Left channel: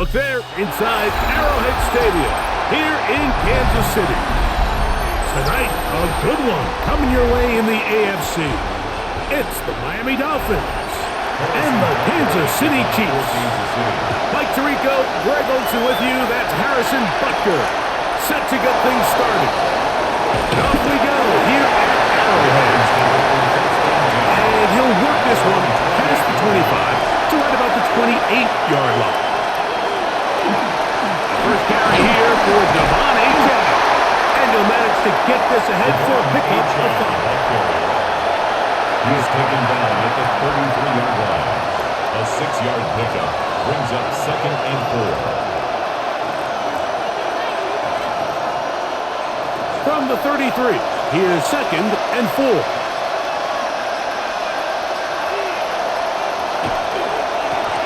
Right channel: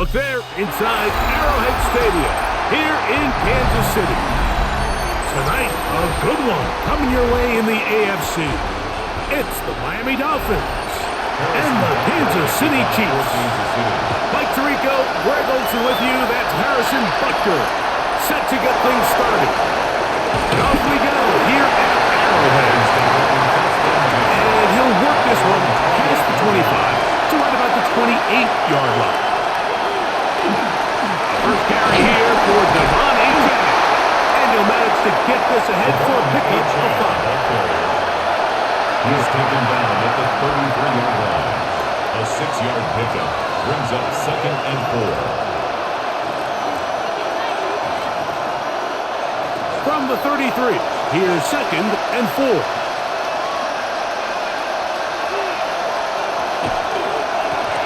Look there, inside Arrowhead Stadium, here in Kansas City. Tonight, a good one coming your way in the AFC. It's the Miami Dolphins and the Kansas City Chiefs. Mike Tirico, Greg Olson with you. That's Harrison Butker, set to get things started. And off we go here at Arrowhead. And he'll work this one past the 25 to right about the 28-yard line. First carry here for Devon Achane. And he'll manage to get this ahead for a pickup of 5. He's taken down at the 33-yard line. A 6-yard pickup brings up 2nd and 4. From the 33, here's 2nd and 4.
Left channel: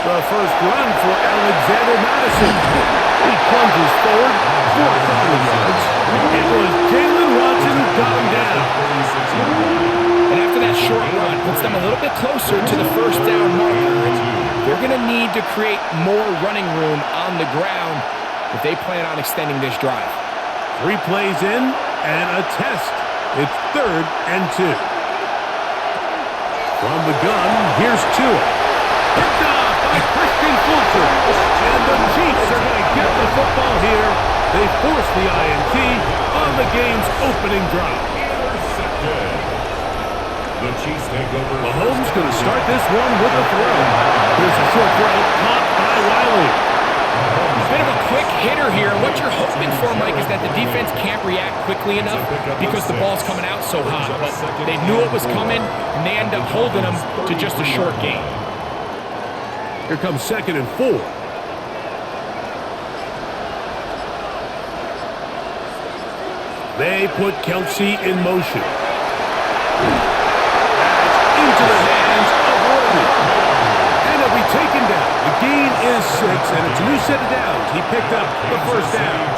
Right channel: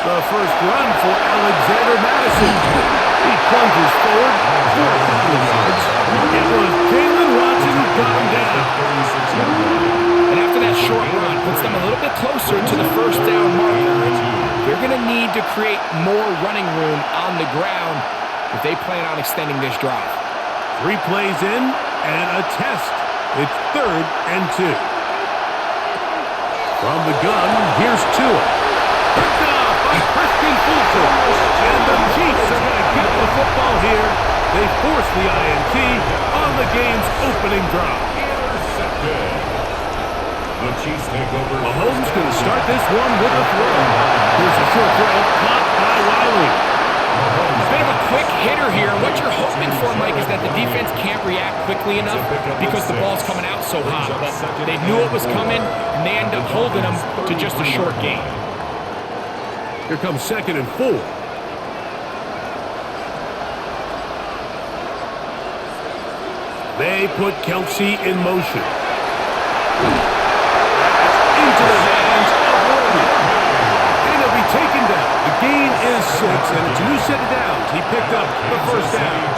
The first run for Alexander Madison. He plunges forward for a couple of yards. It was Jalen Watson who got him down. And after that short run, puts them a little bit closer to the first down marker. And they're going to need to create more running room on the ground if they plan on extending this drive. 3 plays in and a test. It's 3rd and 2. From the gun, here's Tua. Picked off by Christian Fulton. And the Chiefs are going to get the football here. They force the INT on the game's opening drive. Intercepted. The Chiefs take over. Mahomes going to start this one with a throw. Here's a short throw caught by Wiley. A bit of a quick hitter here, and what you're hoping for, Mike, is that the defense can't react quickly enough because the ball's coming out so hot. But they knew it was coming, and they end up holding them to just a short gain. Here comes 2nd and 4. They put Kelsey in motion. That's into the hands of Worthy. And he'll be taken down. The gain is 6, and it's a new set of downs. He picked up the first down.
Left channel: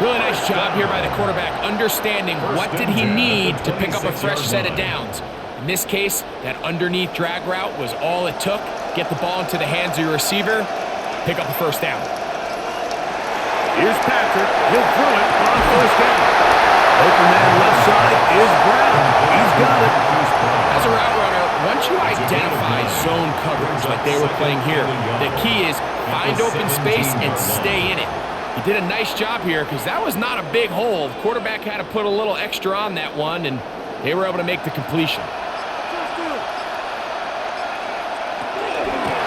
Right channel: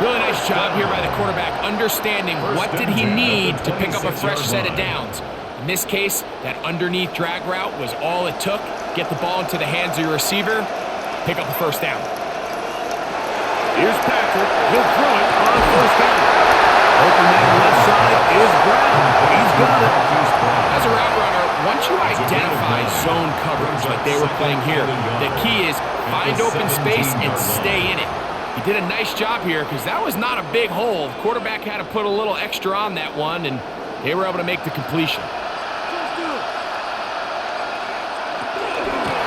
Really nice job here by the quarterback, understanding what did he need to pick up a fresh set of downs. In this case, that underneath drag route was all it took. Get the ball into the hands of your receiver, pick up a first down. Here's Patrick. He'll throw it on first down. Open man left side is Brown. He's got it. As a route runner, once you identify zone coverage like they were playing here, the key is find open space and stay in it. He did a nice job here because that was not a big hole. The quarterback had to put a little extra on that one, and they were able to make the completion.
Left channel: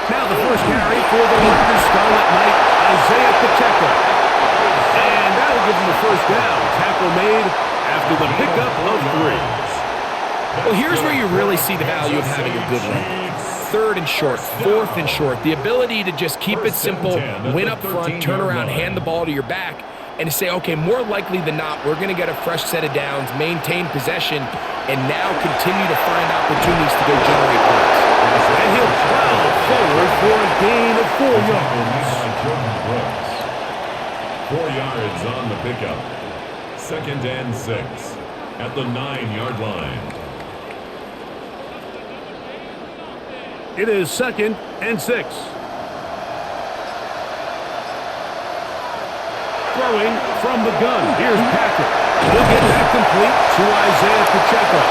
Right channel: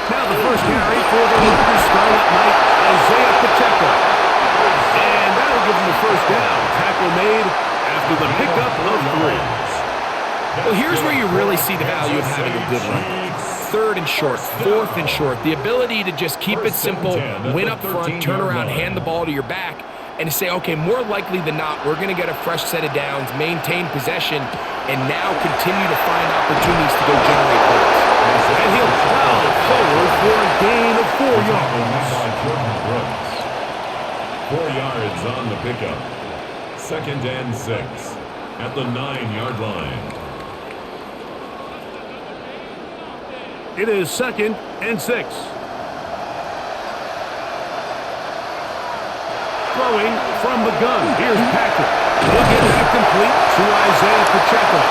Now the first carry for the Rutgers Scarlet Knight, Isaiah Pacheco. And that'll give him the first down. Tackle made after the pickup of 3. Well, here's where you really see the value of having a good run. 3rd and short, 4th and short. The ability to just keep it simple, win up front, turn around, hand the ball to your back, and to say, okay, more likely than not, we're going to get a fresh set of downs, maintain possession, and now continue to find opportunities to go generate points. And he'll plow forward for a gain of 4 yards. 4 yards on the pickup. 2nd and 6 at the 9-yard line. It is 2nd and 6. Throwing from the gun. Here's Patrick. He'll get that complete to Isaiah Pacheco.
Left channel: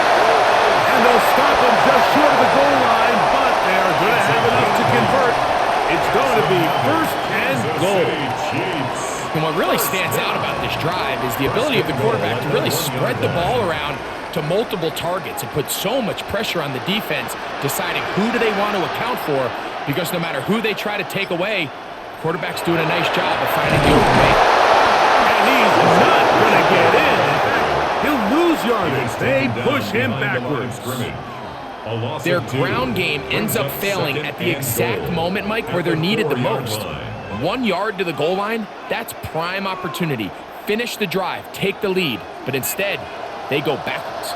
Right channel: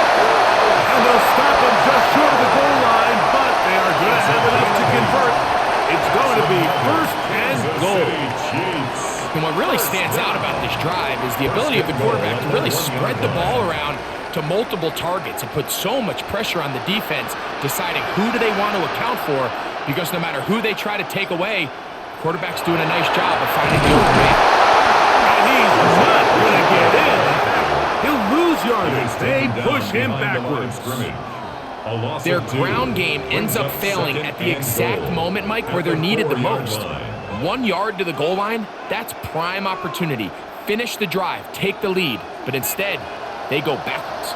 And they'll stop him just short of the goal line, but they are going to have enough to convert. It's going to be 1st and goal. And what really stands out about this drive is the ability of the quarterback to really spread the ball around to multiple targets and put so much pressure on the defense, deciding who do they want to account for, because no matter who they try to take away, the quarterback's doing a nice job of finding the open man. And he's not going to get in. In fact, he'll lose yardage. They push him backwards. Their ground game ends up failing at the exact moment, Mike, where they're needed the most. 1 yard to the goal line, that's prime opportunity. Finish the drive, take the lead, but instead, they go backwards.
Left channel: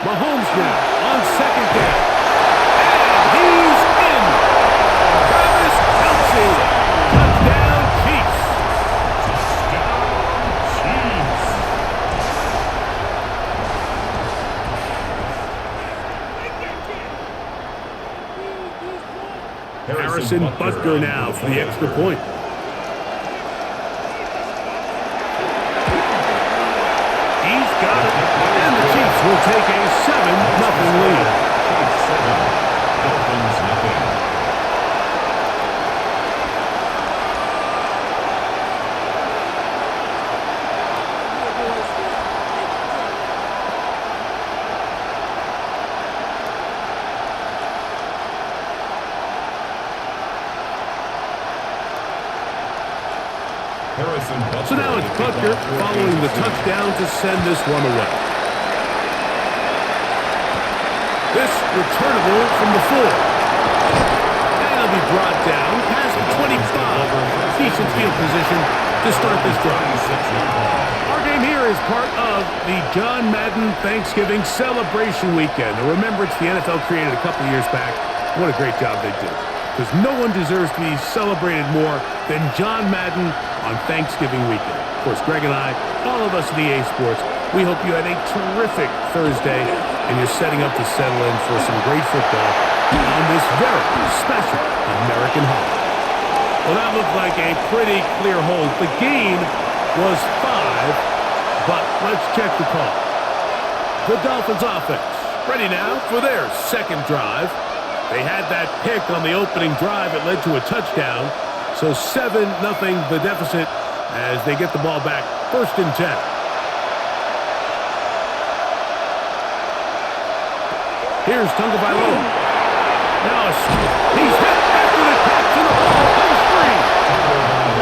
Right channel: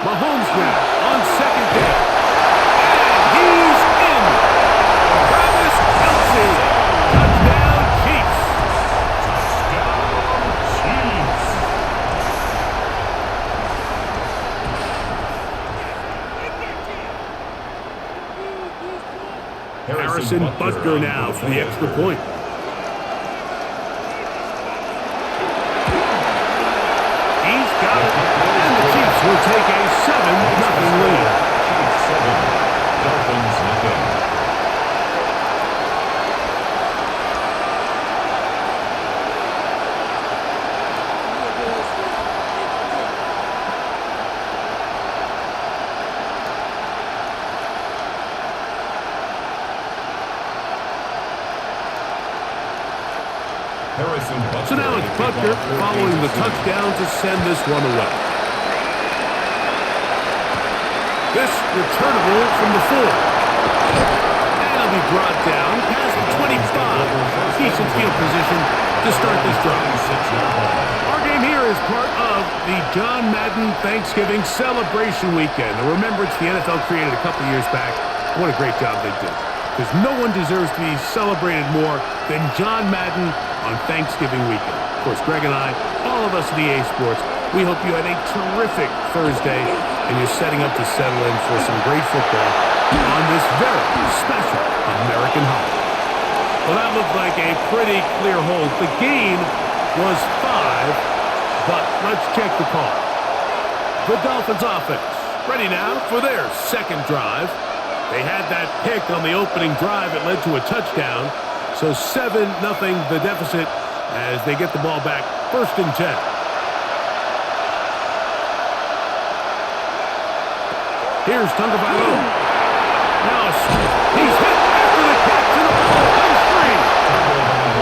Mahomes now on 2nd down. And he's in. Travis Kelce. Touchdown, Chiefs. Touchdown, Chiefs. Harrison Butker now for the extra point. He's got it, and the Chiefs will take a 7-0 lead. Chiefs 7, Dolphins nothing. So now it's Butker following the touchdown to send this one away. This returnable from the 4. And it'll be brought down past the 25. Decent field position to start this drive. Our game here is part of the John Madden Thanksgiving celebration weekend. A remembrance the NFL created a couple years back. What a great job they did. Because no one deserves to be celebrated more than John Madden on Thanksgiving weekend. Of course, Greg and I, all of us at EA Sports, we hope you had a terrific Thursday and you're setting up to settle in for some great football on this very special American holiday. Well, that looked like a pretty clear hold. The gain was 5, but let's check the call. The Dolphins offense ready now for their second drive. They had that pick on the opening drive. It led to a touchdown. So 7-0 the deficit as they get the ball back. 1st and 10. Here's Tagovailoa. Now he's hit after the catch and the ball comes free.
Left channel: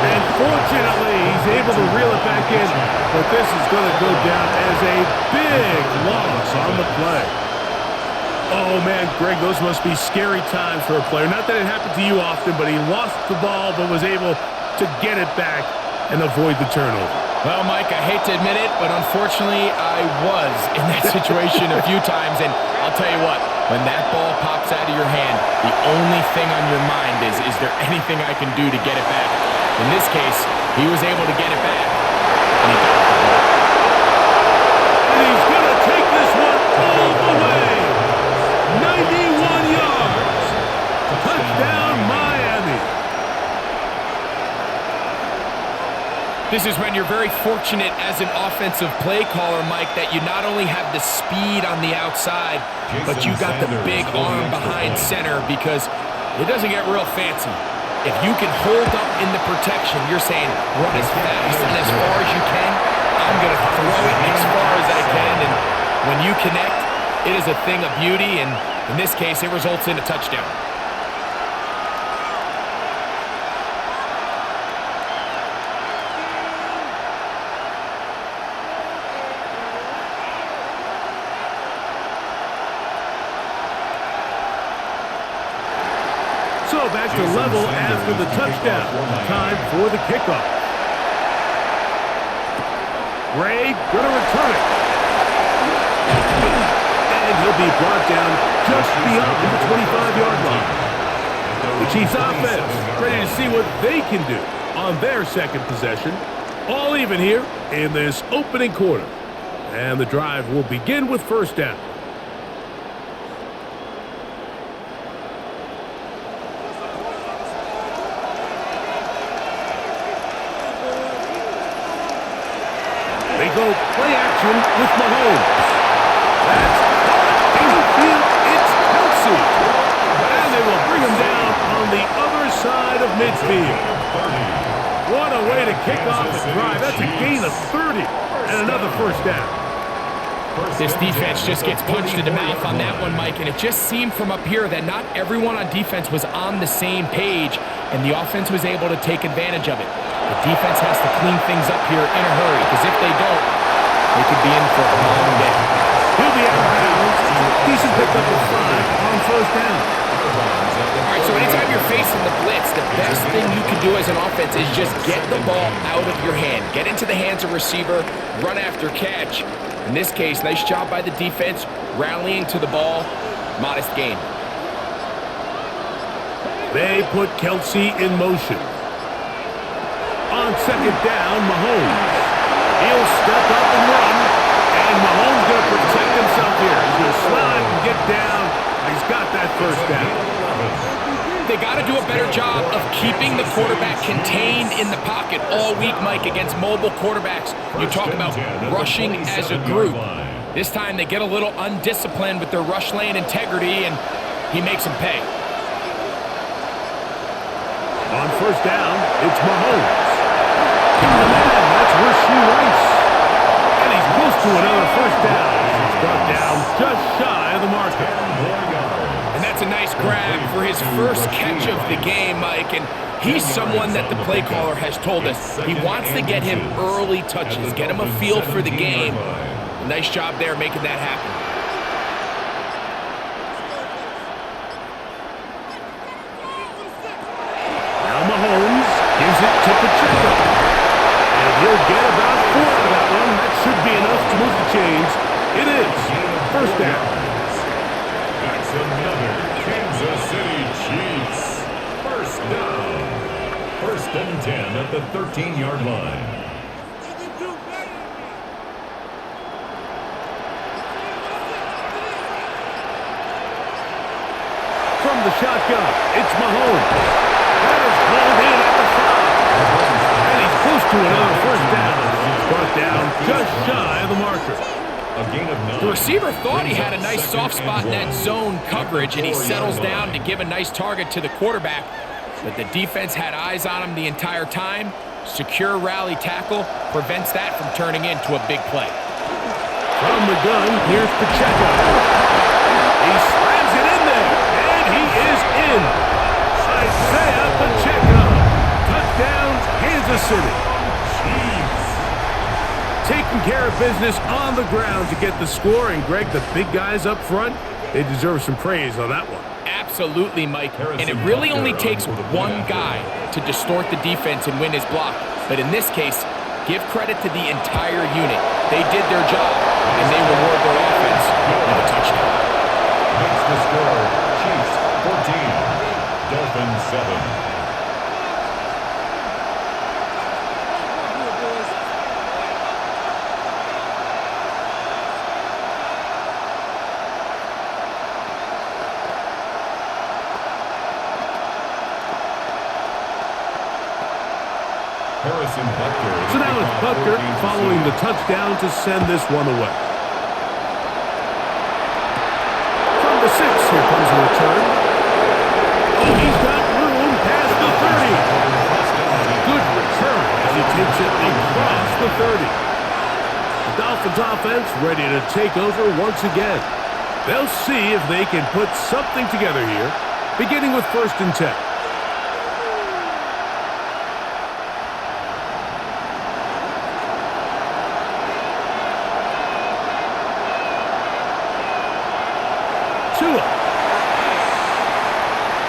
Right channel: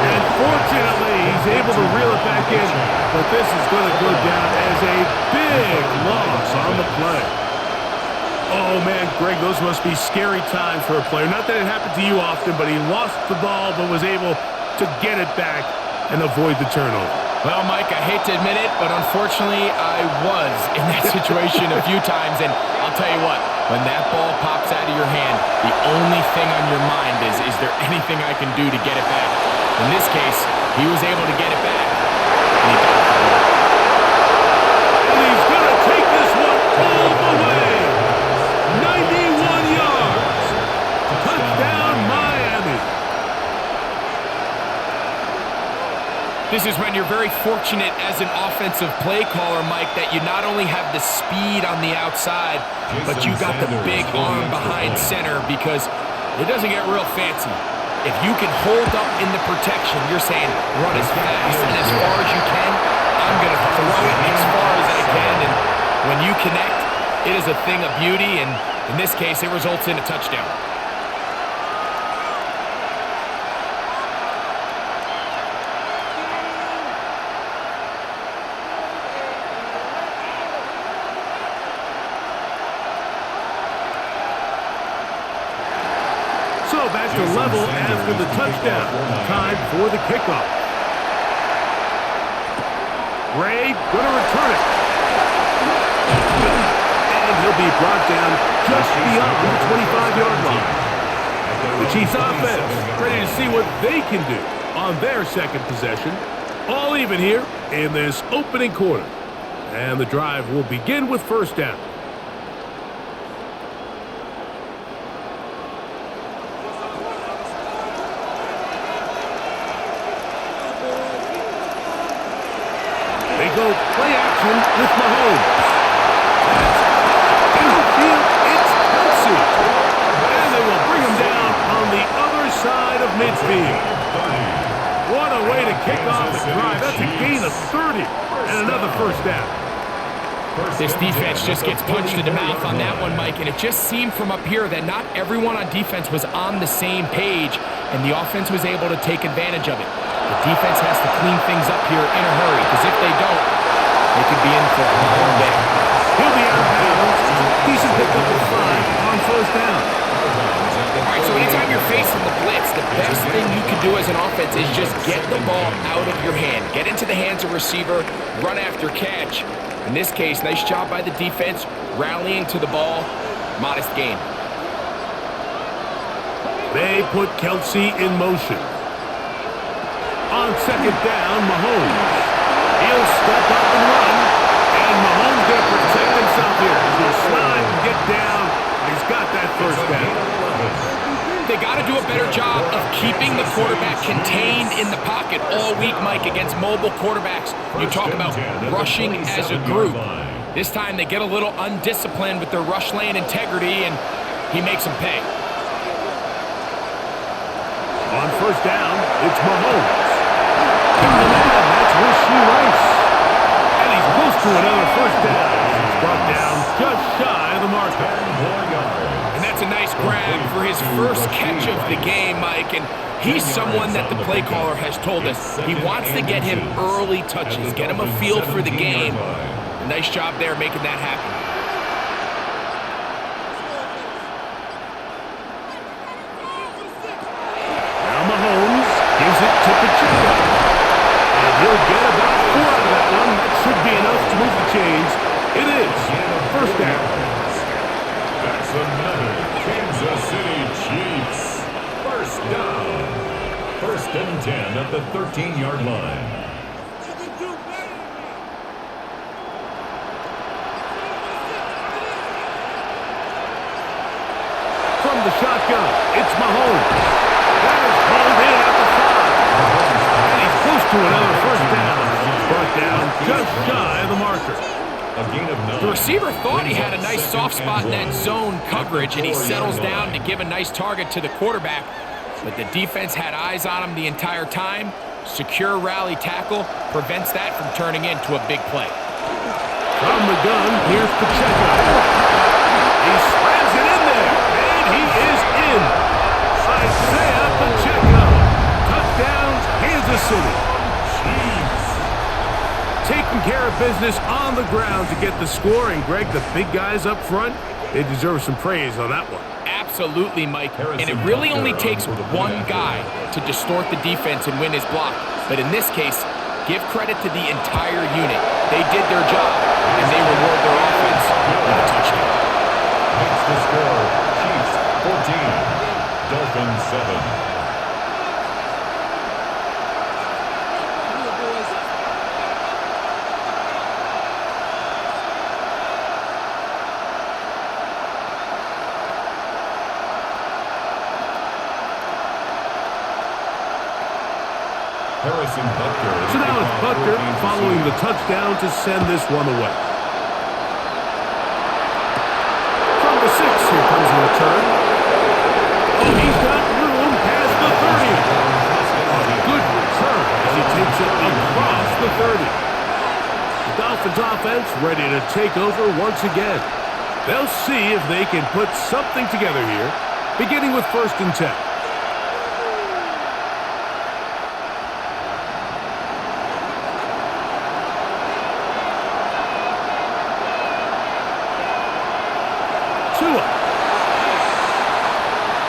And fortunately, he's able to reel it back in. But this is going to go down as a big loss on the play. Oh, man, Greg, those must be scary times for a player. Not that it happened to you often, but he lost the ball but was able to get it back and avoid the turnover. Well, Mike, I hate to admit it, but unfortunately, I was in that situation a few times. And I'll tell you what, when that ball pops out of your hand, the only thing on your mind is there anything I can do to get it back? In this case, he was able to get it back, and he got the ball. And he's going to take this one all the way. 91 yards. Touchdown, Miami. This is when you're very fortunate as an offensive play caller, Mike, that you not only have the speed on the outside, but you got the big arm behind center, because it doesn't get real fancy. If you can hold up in the protection, you're saying run as fast and as far as you can. I'm going to throw it as far as I can, and when you connect, it is a thing of beauty, and in this case, it results in a touchdown. So back to level after the touchdown. Time for the kickoff. Gray going to return it. And he'll be brought down just beyond the 25-yard line. The Chiefs offense ready to see what they can do on their second possession. All even here in this opening quarter. And the drive will begin with 1st down. They go play action with Mahomes. That's caught downfield. It's Kelsey. And they will bring him down on the other side of midfield. What a way to kick off the drive. That's a gain of 30 and another 1st down. This defense just gets punched in the mouth on that one, Mike, and it just seemed from up here that not everyone on defense was on the same page, and the offense was able to take advantage of it. The defense has to clean things up here in a hurry, because if they don't, they could be in for a long day. He'll be out of bounds. Decent pickup of 5 on 1st down. All right, so anytime you're facing the blitz, the best thing you can do as an offense is just get the ball out of your hand. Get into the hands of receiver, run after catch. In this case, nice job by the defense, rallying to the ball. Modest gain. They put Kelsey in motion. On 2nd down, Mahomes. He'll step up and run. And Mahomes going to protect himself here. He's going to slide and get down. And he's got that 1st down. They got to do a better job of keeping the quarterback contained in the pocket all week, Mike, against mobile quarterbacks. You talk about rushing as a group. This time they get a little undisciplined with their rush lane integrity, and he makes them pay. On first down, it's Mahomes. Got a man, that's Rashee Rice. And he's close to another first down. He's brought down just shy of the marker. And that's a nice grab for his first catch of the game, Mike. And he's someone that the play caller has told us he wants to get him early touches, get him a feel for the game. A nice job there making that happen. Now Mahomes gives it to Pacheco. And he'll get about 4 out of that one. That should be enough to move the chains. It is first down. That's another Kansas City Chiefs. First down. First and 10 at the 13-yard line. From the shotgun, it's Mahomes. That is hauled in at the 5. And he's close to another first down. He's brought down just shy of the marker. A gain of 9. The receiver thought he had a nice soft spot in that zone coverage, and he settles down to give a nice target to the quarterback. But the defense had eyes on him the entire time. Secure rally tackle prevents that from turning into a big play. From the gun, here's Pacheco. He slams it in there, and he is in. Isaiah Pacheco. Touchdown, Kansas City. Taking care of business on the ground to get the score. And, Greg, the big guys up front, they deserve some praise on that one. Absolutely, Mike. And it really only takes one guy to distort the defense and win his block. But in this case, give credit to the entire unit. They did their job, and they reward their offense with a touchdown. Makes the score Chiefs 14, Dolphins 7. Harrison Butker. So now it's Butker following the touchdown to send this one away. From the 6, here comes a return. Oh, he's got room past the 30. A good return as he takes it across the 30. The Dolphins offense ready to take over once again. They'll see if they can put something together here, beginning with first and 10.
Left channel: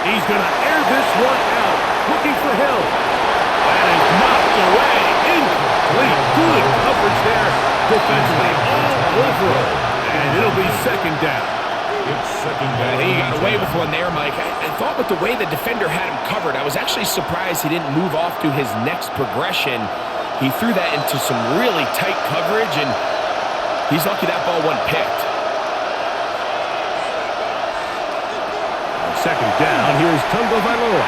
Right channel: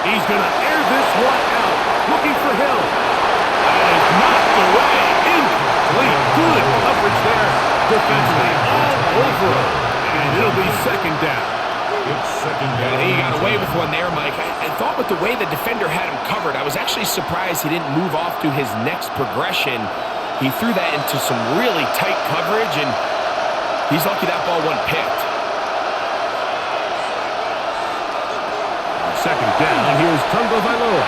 He's going to air this one out, looking for Hill. That is knocked away, incomplete. Good coverage there, defensively all over him. And it'll be second down. It's second down. I think he got away with one there, Mike. I thought with the way the defender had him covered, I was actually surprised he didn't move off to his next progression. He threw that into some really tight coverage, and he's lucky that ball wasn't picked. Second down, here's Tungo Vailoa.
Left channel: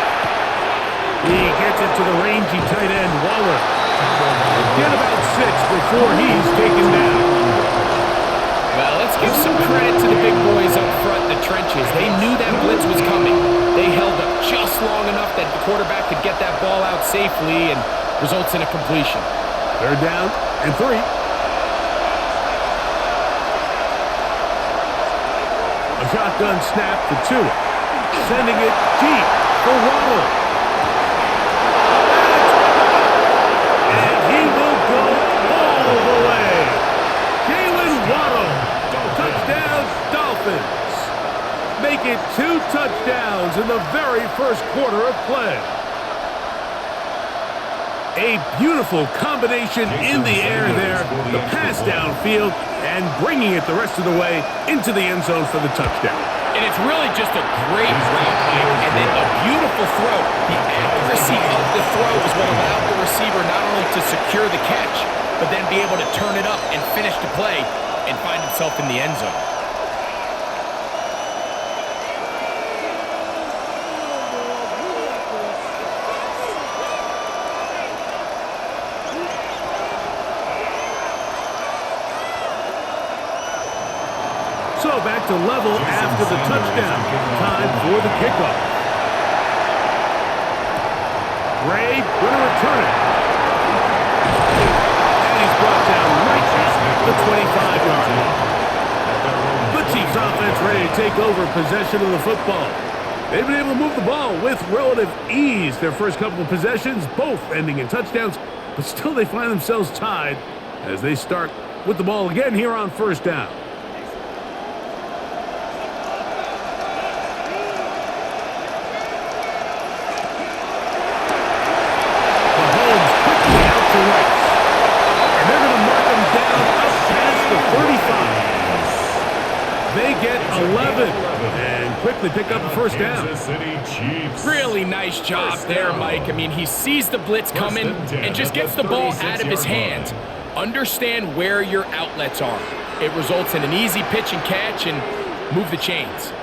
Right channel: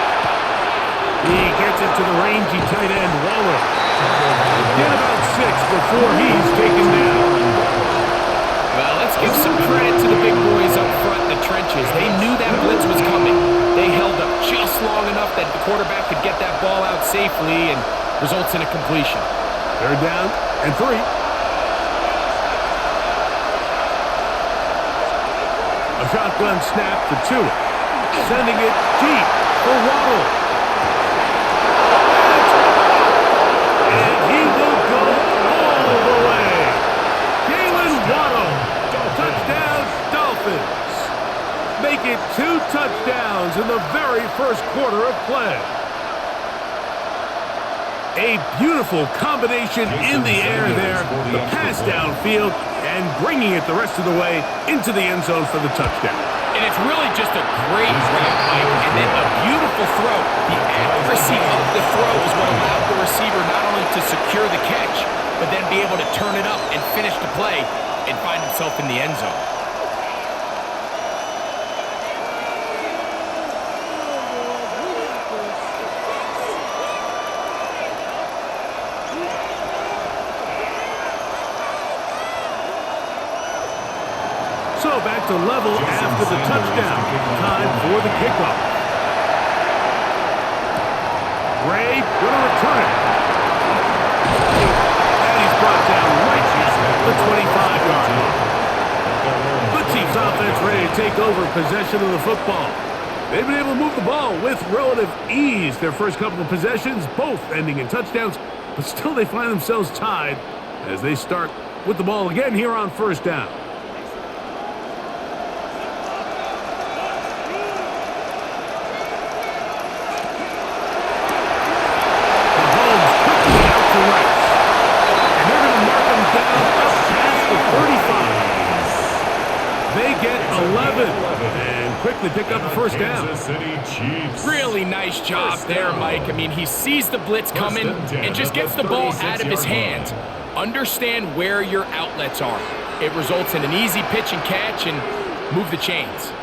He gets it to the rangy tight end, Waller. Get about 6 before he's taken down. Well, let's give some credit to the big boys up front in the trenches. They knew that blitz was coming. They held up just long enough that the quarterback could get that ball out safely, and results in a completion. Third down and 3. A shotgun snap for Tua. Sending it deep for Waddle. That's caught. And he will go all the way. Jalen Waddle. Touchdown, Dolphins. Make it 2 touchdowns in the very first quarter of play. A beautiful combination in the air there. The pass downfield and bringing it the rest of the way into the end zone for the touchdown. And it's really just a great route, Mike, and then a beautiful throw. The accuracy of the throw is what allowed the receiver not only to secure the catch, but then be able to turn it up and finish the play and find himself in the end zone. go back to level after the touchdown. Time for the kickoff. Gray going to return it. And he's brought down right at the 25-yard line. The Chiefs offense ready to take over possession of the football. They've been able to move the ball with relative ease. Their first couple of possessions, both ending in touchdowns, but still they find themselves tied as they start with the ball again here on first down. Mahomes quickly out to right. And they're going to mark him down up past the 35. They get 11 and quickly pick up the first down. Really nice job there, Mike. I mean, he sees the blitz coming and just gets the ball out of his hands. Understand where your outlets are. It results in an easy pitch and catch and move the chains.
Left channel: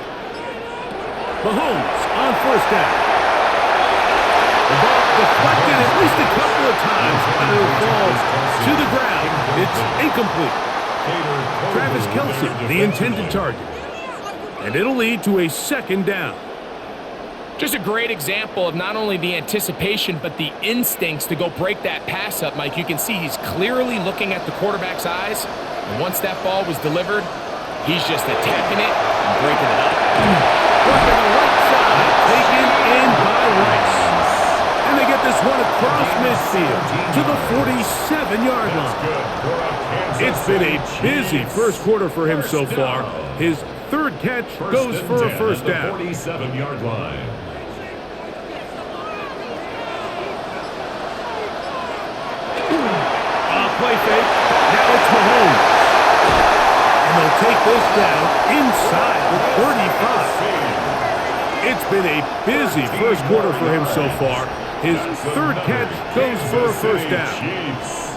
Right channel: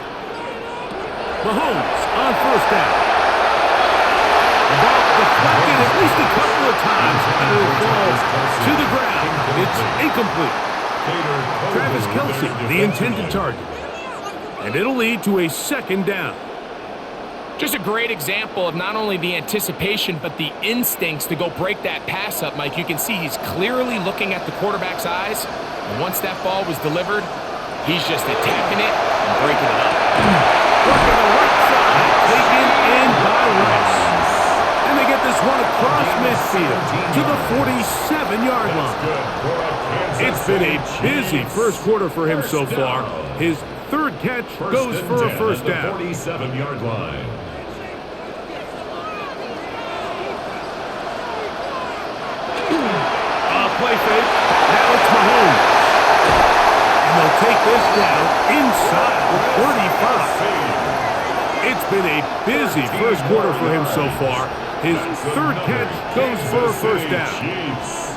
Mahomes on first down. The ball deflected at least a couple of times, but it'll fall to the ground. It's incomplete. Travis Kelce, the intended target. And it'll lead to a second down. Just a great example of not only the anticipation, but the instincts to go break that pass up, Mike. You can see he's clearly looking at the quarterback's eyes. And once that ball was delivered, he's just attacking it and breaking it up. Working the right side, taken in by Rice. And they get this one across midfield to the 47-yard line. It's been a busy first quarter for him so far. His third catch goes for a first down. 47-yard line. Play fake. Now it's Mahomes. And they'll take this down inside the 35. It's been a busy first quarter for him so far. His third catch goes for a first down.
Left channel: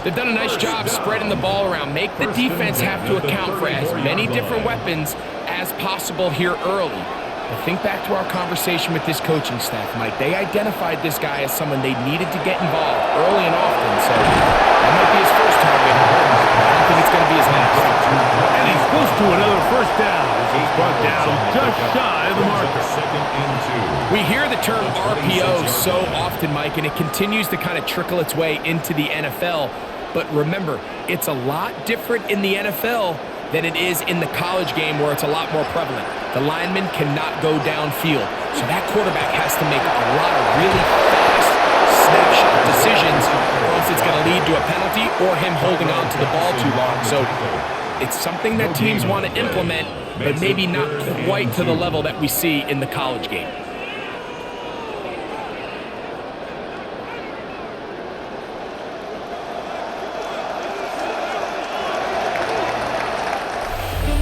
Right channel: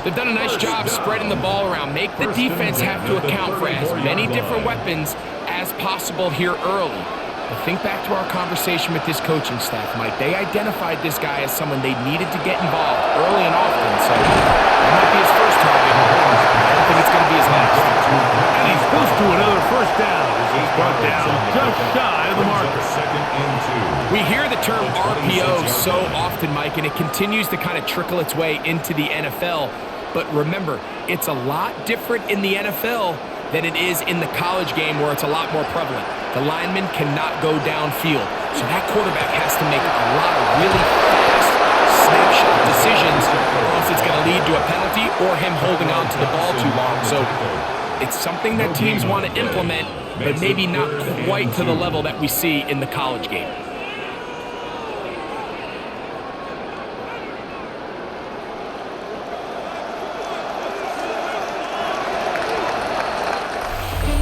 They've done a nice job spreading the ball around. Make the defense have to account for as many different weapons as possible here early. But think back to our conversation with this coaching staff, Mike. They identified this guy as someone they needed to get involved early and often. So that might be his first target. I don't think it's going to be his last. And he's close to another first down as he's brought down just shy of the marker. We hear the term RPO so often, Mike, and it continues to kind of trickle its way into the NFL. But remember, it's a lot different in the NFL than it is in the college game where it's a lot more prevalent. The lineman cannot go downfield, so that quarterback has to make a lot of really fast snapshot decisions, or else it's going to lead to a penalty or him holding on to the ball too long. So it's something that teams want to implement, but maybe not quite to the level that we see in the college game.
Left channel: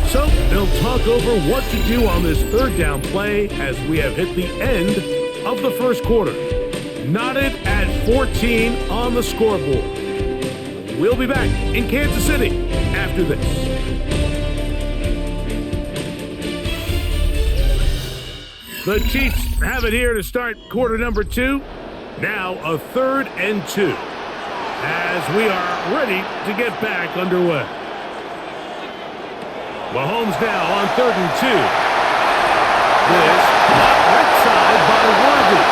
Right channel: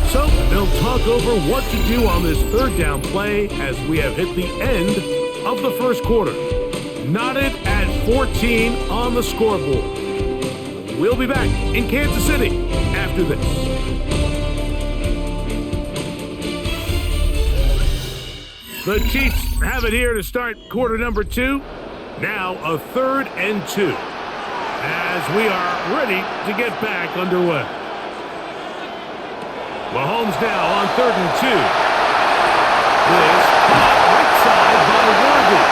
So they'll talk over what to do on this third down play as we have hit the end of the first quarter. Knotted at 14 on the scoreboard. We'll be back in Kansas City after this. The Chiefs have it here to start quarter number 2. Now a 3rd and 2 as we are ready to get back underway. Mahomes now on 3rd and 2. This caught right side by Worthy.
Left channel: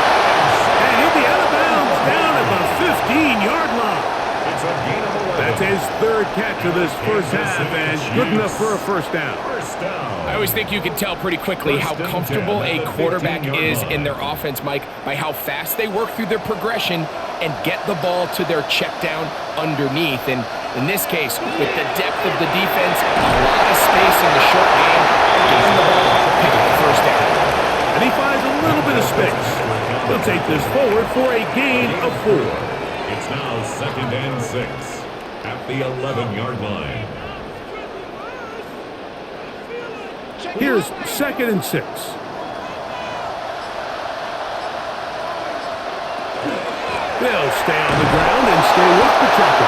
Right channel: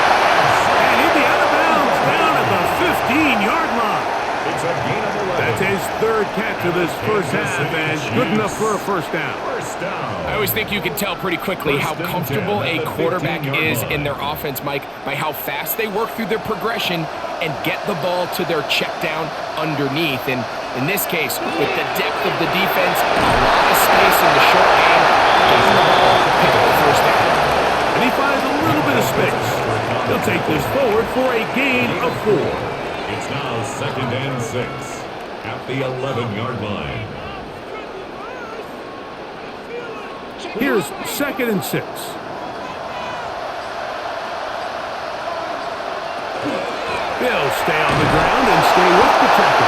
And he'll be out of bounds down at the 15-yard line. It's a gain of 11. That's his 3rd catch of this first half and good enough for a first down. I always think you can tell pretty quickly how comfortable a quarterback is in their offense, Mike, by how fast they work through their progression and get the ball to their check down underneath. And in this case, with the depth of the defense, a lot of space in the short game, get him the ball, pick up the first down. And he finds a little bit of space. He'll take this forward for a gain of 4. It's now 2nd and 6 at the 11-yard line. Here's 2nd and 6. They'll stay on the ground and stay with Pacheco.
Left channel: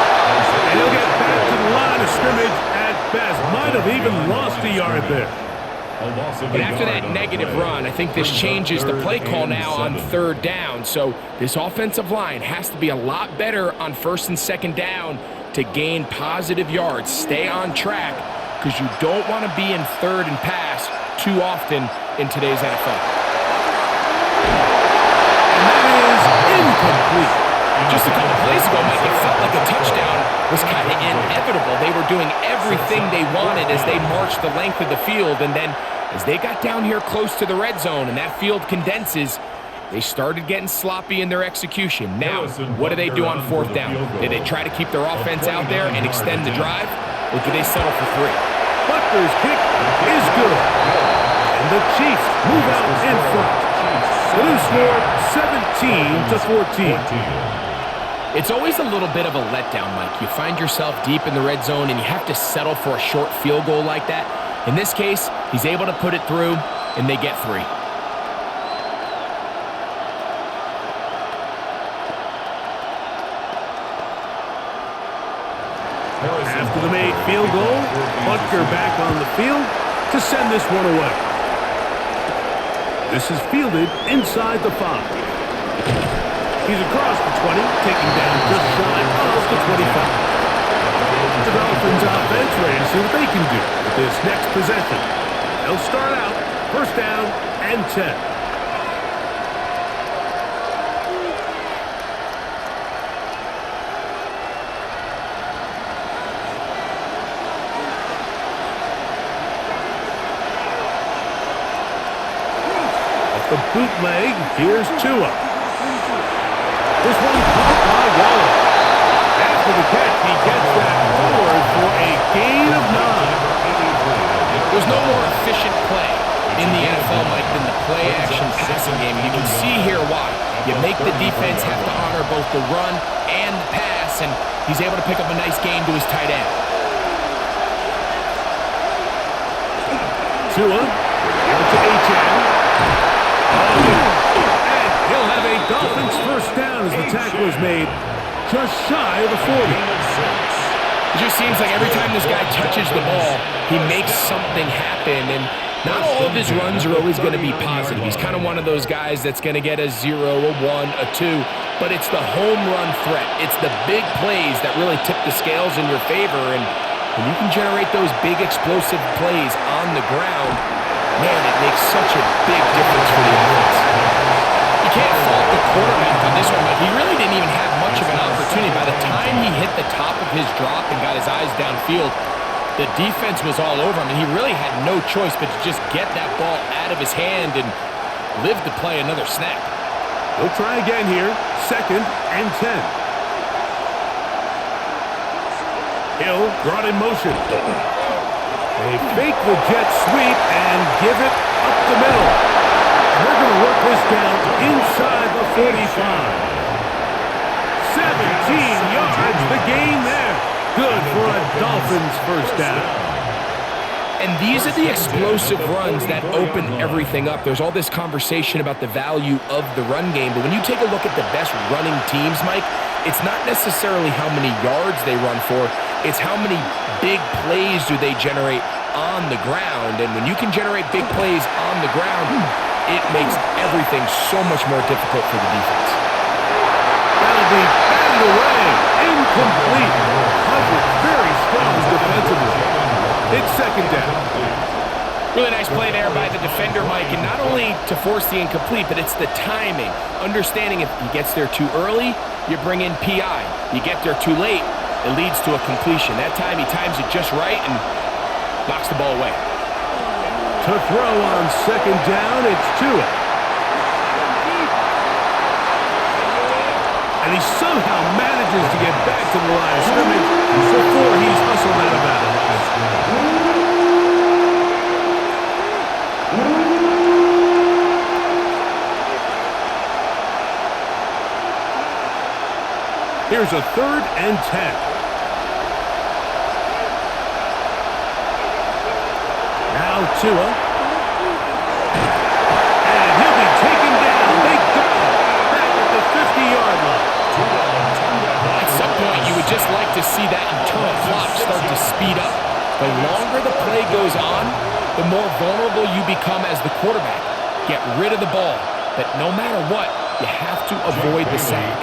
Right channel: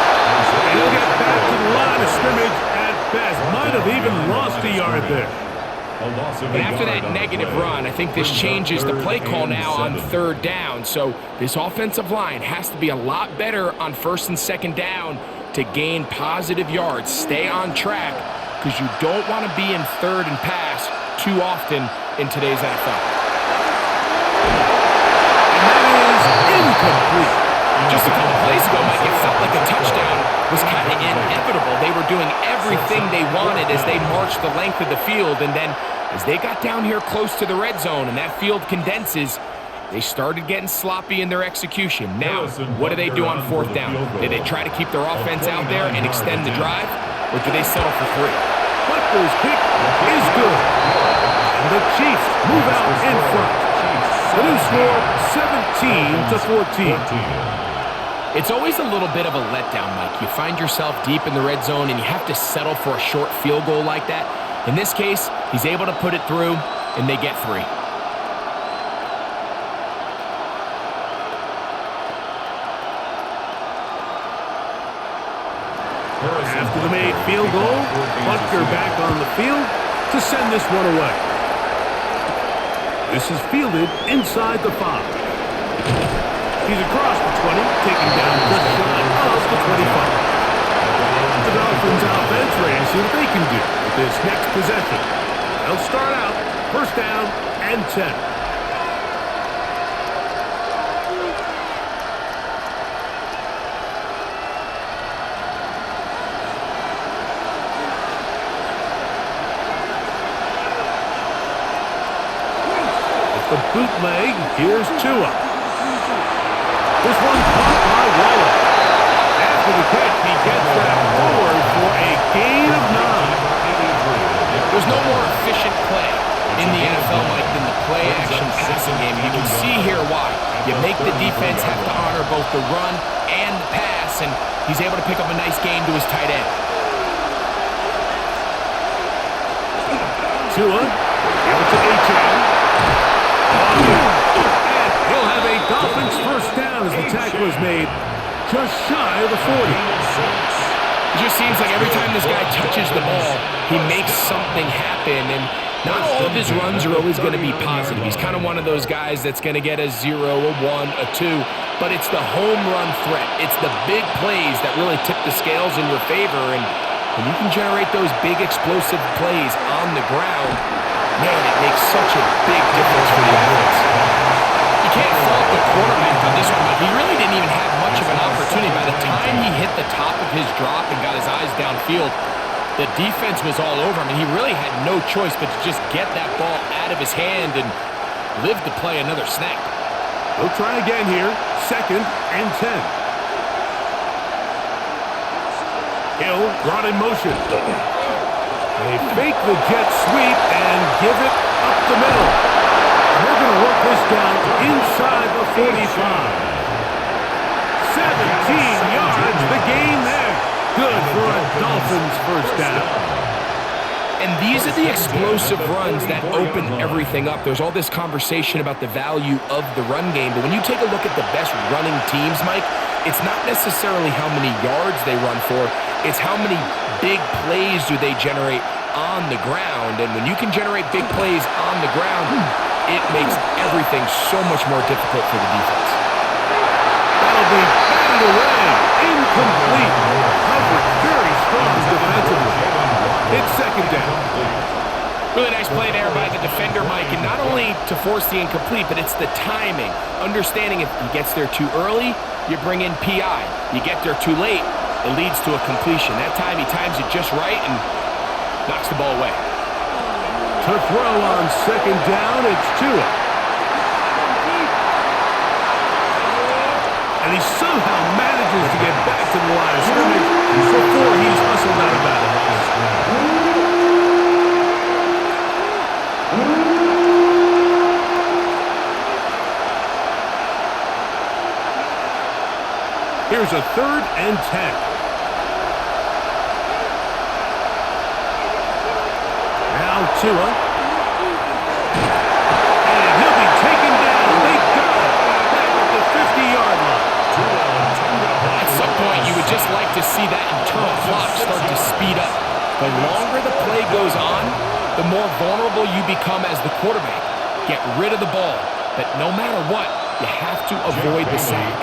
And he'll get back to the line of scrimmage at best. Might have even lost a yard there. And after that negative run, I think this changes the play call now on 3rd down. So this offensive line has to be a lot better on 1st and 2nd down to gain positive yards. Stay on track, because you don't want to be in third and pass too often in today's NFL. And that is incomplete. Just a couple plays ago, Mike, it felt like a touchdown was kind of inevitable. They were doing everything they wanted as they marched the length of the field, and then as they got down here close to the red zone and that field condenses, they started getting sloppy in their execution. Now, what do they do on fourth down? Did they try to keep their offense out there and extend the drive, or do they settle for 3? Butker's kick is good. And the Chiefs move out in front. The new score, 17-14. It's always a little bit of a letdown, Mike. You find yourself deep in the red zone and you have to settle for a short field goal like that. In this case, he's able to put it through, and they get 3. After the made field goal, Butker back on the field to send this one away. This is fielded inside the 5. He's across the 20, taking down just shy of the 25. The Dolphins offense ready to see what they can do with this next possession. They'll start out first down and 10. Off the bootleg, here's Tua. This one caught by Waller. After the catch, he gets that forward for a gain of 9. There's no more efficient play in the NFL, Mike, than the play-action passing game. You can see here why. You make the defense have to honor both the run and the pass, and he's able to pick up a nice gain to his tight end. Tua, give it to Achane. Oh, yeah. He'll have a Dolphins first down as the tackle is made just shy of the 40. It just seems like every time this guy touches the ball, he makes something happen, and not all of his runs are always going to be positive. He's kind of one of those guys that's going to get a 0, a 1, a 2, but it's the home run threat. It's the big plays that really tip the scales in your favor, and when you can generate those big explosive plays on the ground, man, it makes such a big difference for the offense. You can't fault the quarterback on this one, Mike. He really didn't even have much of an opportunity. By the time he hit the top of his drop and got his eyes downfield, the defense was all over him, and he really had no choice but to just get that ball out of his hand and live to play another snap. They'll try again here, second and 10. Hill brought in motion. They fake the jet sweep and give it up the middle. And they're going to work this down inside the 45. 17 yards, the gain there. Good for a Dolphins first down. And these are the explosive runs that open everything up. There's all this conversation about the value of the run game, but when you take a look at the best running teams, Mike, it's not necessarily how many yards they run for, it's how many big plays do they generate on the ground. And when you can generate big plays on the ground, it makes everything so much more difficult for the defense. That'll be batted away. Incomplete. Coverage very strong defensively. It's second down. Really nice play there by the defender, Mike, and not only to force the incomplete, but it's the timing. Understanding if he gets there too early, you bring in PI. You get there too late, it leads to a completion. That time he times it just right and knocks the ball away. To throw on second down, it's Tua. And he somehow manages to get back to the line of scrimmage before he's hustled out of bounds. Here's a third and 10. Now Tua. And he'll be taken down. They got him. Back at the 50-yard line. At some point, you would just like to see that internal clock start to speed up. The longer the play goes on, the more vulnerable you become as the quarterback. Get rid of the ball. But no matter what, you have to avoid the sack.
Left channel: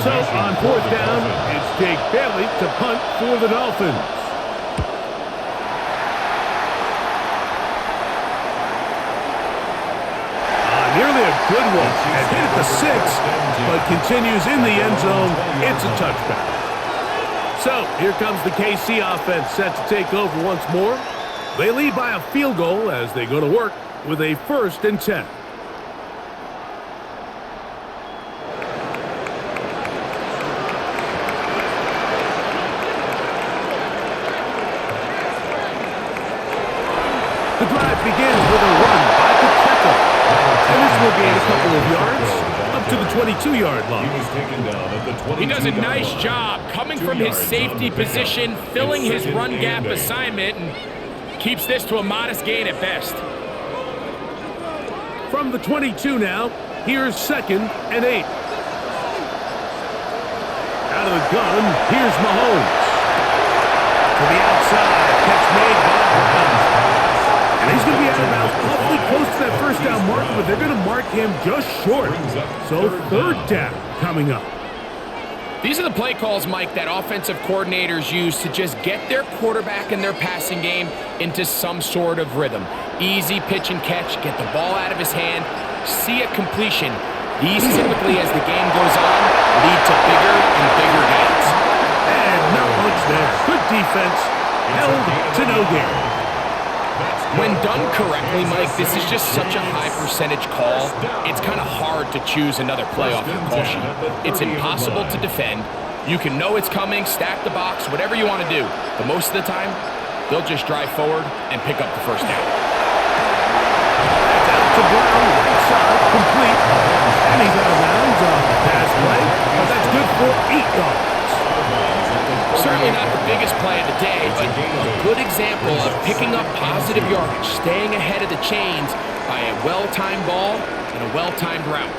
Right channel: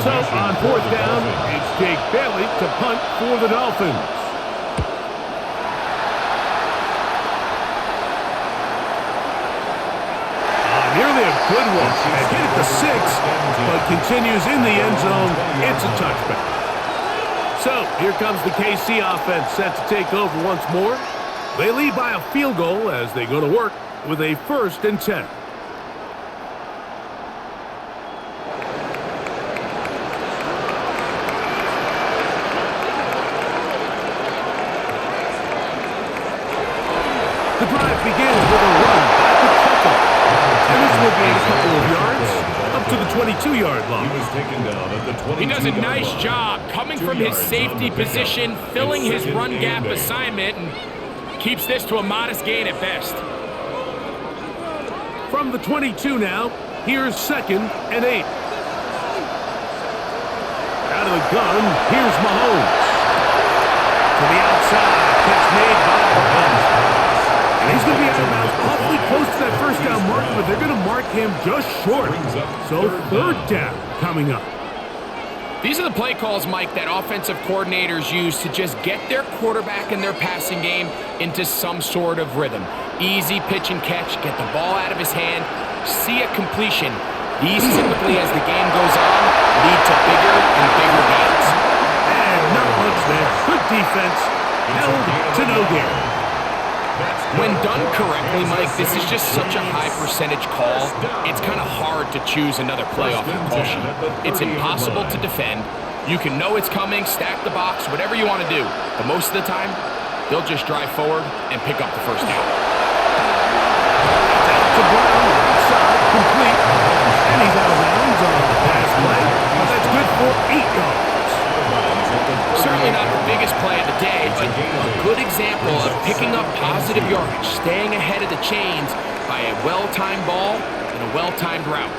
So on fourth down, it's Jake Bailey to punt for the Dolphins. nearly a good one. And hit at the 6, but continues in the end zone. It's a touchback. So here comes the KC offense set to take over once more. They lead by a field goal as they go to work with a 1st and 10. The drive begins with a run by Pacheco. And this will gain a couple of yards up to the 22-yard line. He was taken down at the 22-yard line. He does a nice job coming from his safety position, filling his run gap assignment, and keeps this to a modest gain at best. From the 22 now, here's 2nd and 8. Out of the gun, here's Mahomes. To the outside, catch made by Brown. And he's going to be out of bounds awfully close to that 1st down mark, but they're going to mark him just short. So 3rd down coming up. These are the play calls, Mike, that offensive coordinators use to just get their quarterback and their passing game into some sort of rhythm. Easy pitch and catch, get the ball out of his hand, see a completion. These typically, as the game goes on, lead to bigger and bigger gains. And not much there. Good defense, held to no gain. When done correctly, Mike, this is just such a high percentage call. It's kind of hard to choose another play off your call sheet. It's impossible to defend. You can know it's coming, stack the box, whatever you want to do. But most of the time, they'll just drive forward and pick up the 1st down. That's out to Brown, right side, complete. And he's out of bounds on the pass play, but that's good for 8 yards. Certainly not the biggest play of the day, but a good example of picking up positive yardage, staying ahead of the chains by a well-timed ball and a well-timed route.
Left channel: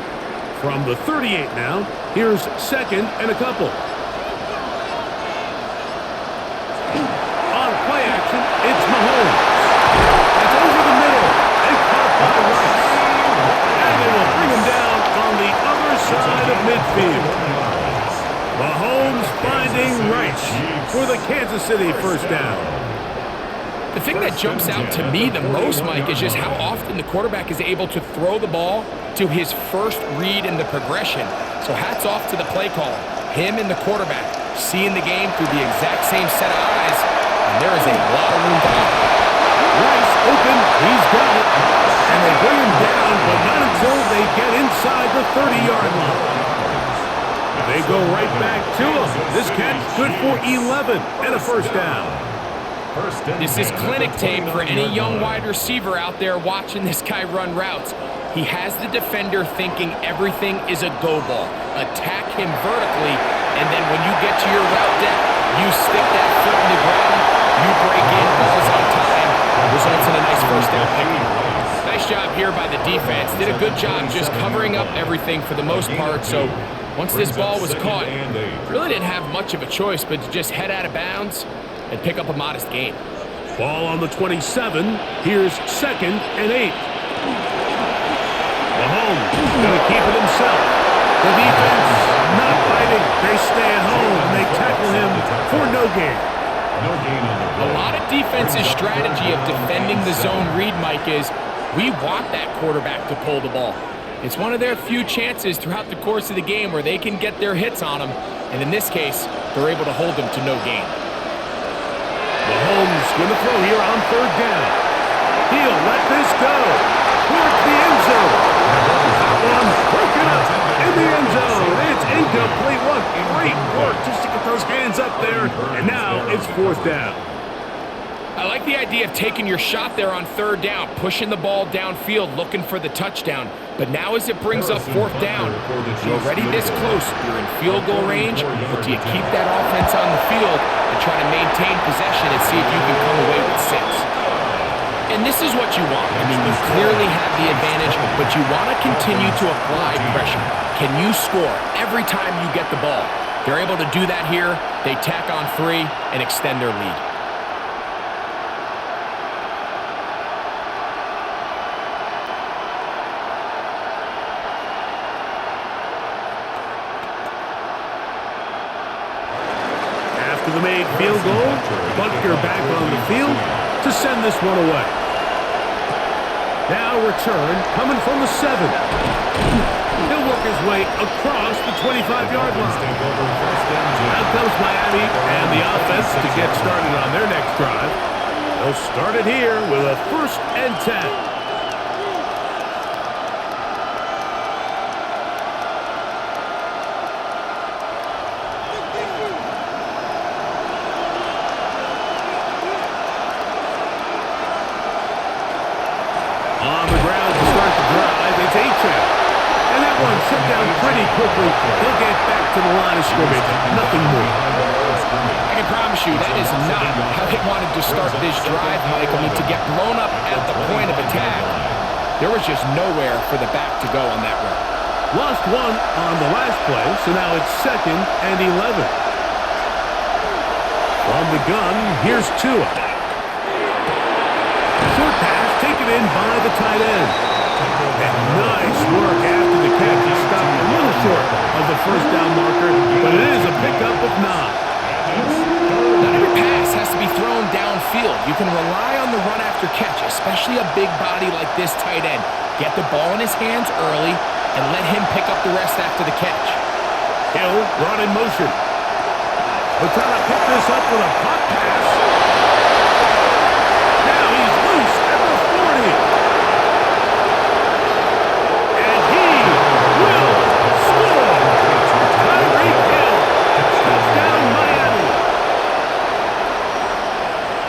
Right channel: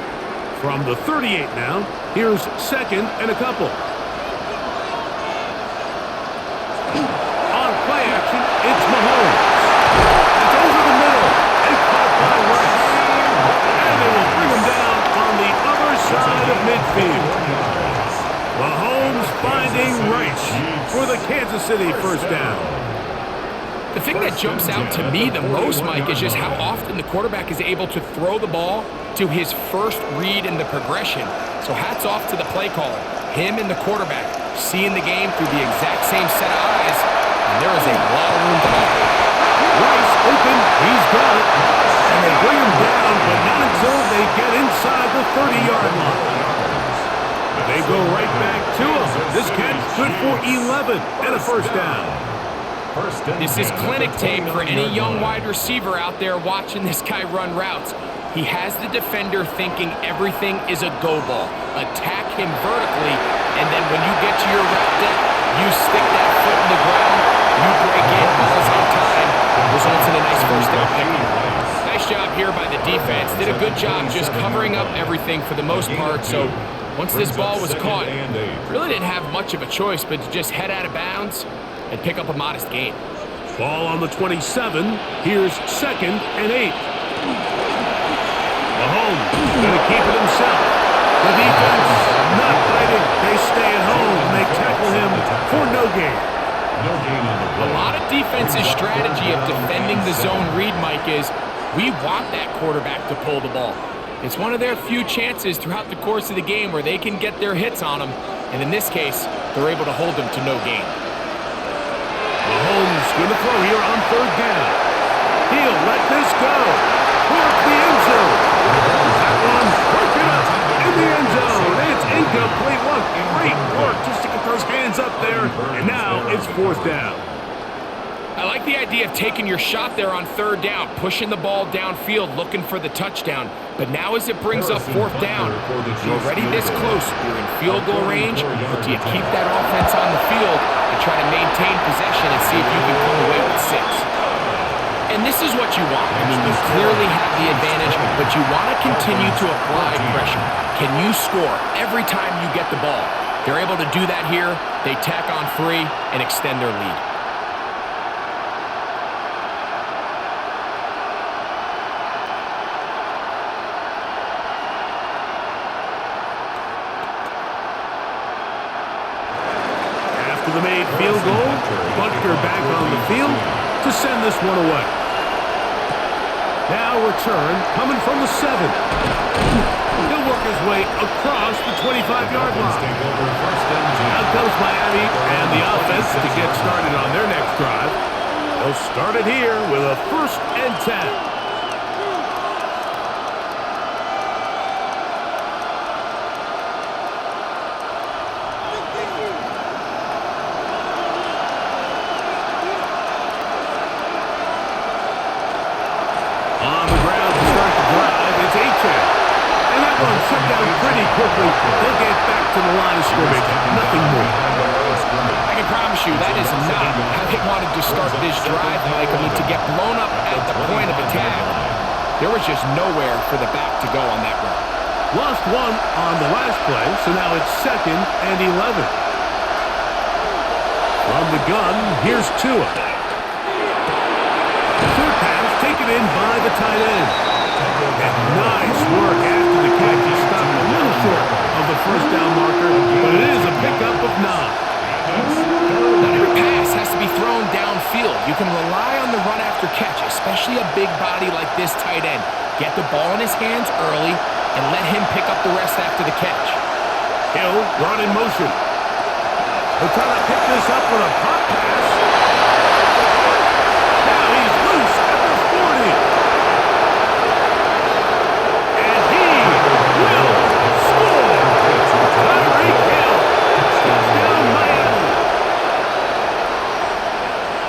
From the 38 now, here's 2nd and a couple. On play action, it's Mahomes. That's over the middle and caught by Rice. And they will bring him down on the other side of midfield. Mahomes finding Rice for the Kansas City 1st down. The thing that jumps out to me the most, Mike, is just how often the quarterback is able to throw the ball to his first read in the progression. So hats off to the play caller. Him and the quarterback seeing the game through the exact same set of eyes, and there is a lot of room to operate. Rice open, he's got it. And they bring him down, but not until they get inside the 30-yard line. They go right back to him. This catch good for 11 and a 1st down. This is clinic tape for any young wide receiver out there watching this guy run routes. He has the defender thinking everything is a go ball. Attack him vertically, and then when you get to your route depth, you stick that foot in the ground, you break in, balls on time, results in a nice 1st down pick. Nice job here by the defense. Did a good job just covering up everything for the most part, so once this ball was caught, really didn't have much of a choice but to just head out of bounds and pick up a modest gain. Ball on the 27. Here's 2nd and 8. Mahomes going to keep it himself. The defense not fighting. They stay at home and they tackle him for no gain. A lot of defense's strategy of defending the zone read, Mike, is we want that quarterback to pull the ball. It's one of their few chances throughout the course of the game where they can get their hits on them, and in this case, they're able to hold them to no gain. Mahomes going to throw here on 3rd down. He'll let this go towards the end zone. That one broken up in the end zone. It's incomplete. What great work just to get those hands up there, and now it's 4th down. I like the idea of taking your shot there on 3rd down, pushing the ball downfield, looking for the touchdown. But now as it brings up 4th down, you're already this close. You're in field goal range, but do you keep that offense on the field and try to maintain possession and see if you can come away with 6? And this is what you want. I mean, you clearly have the advantage, but you want to continue to apply pressure. Can you score every time you get the ball? They're able to do that here. They tack on 3 and extend their lead. After the made field goal, Butker back on the field to send this one away. Now return coming from the 7. He'll work his way across the 25-yard line. Out comes Miami and the offense to get started on their next drive. They'll start it here with a 1st and 10. On the ground to start the drive, it's Achak. And that one shut down pretty quickly. He'll get back to the line of scrimmage. Nothing more. I can promise you that is not how they wanted to start this drive, Mike. I mean, to get blown up at the point of attack, there was just nowhere for the back to go on that run. Lost one on the last play, so now it's 2nd and 11. From the gun, here's Tua. Short pass taken in by the tight end. And nice work after the catch. He stopped a little short of the 1st down marker, but it is a pickup of 9. Not every pass has to be thrown downfield. You can rely on the run after catch, especially a big body like this tight end. Get the ball in his hands early and let him pick up the rest after the catch. Hill run in motion. He'll try to pick this up with a pop pass. Now he's loose at the 40. And he will score. Tyreek Hill. Touchdown Miami.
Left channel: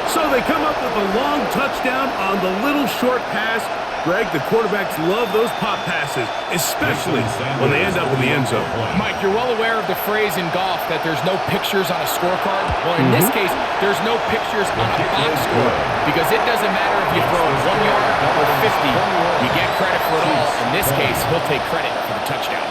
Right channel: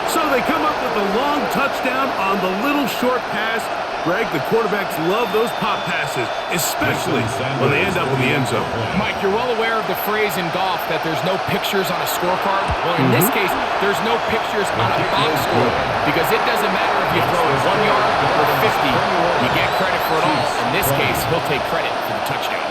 So they come up with a long touchdown on the little short pass. Greg, the quarterbacks love those pop passes, especially when they end up in the end zone. Mike, you're well aware of the phrase in golf that there's no pictures on a scorecard. Well, in this case, there's no pictures on a box score because it doesn't matter if you throw it 1 yard or 50. You get credit for it all. In this case, he'll take credit for the touchdown.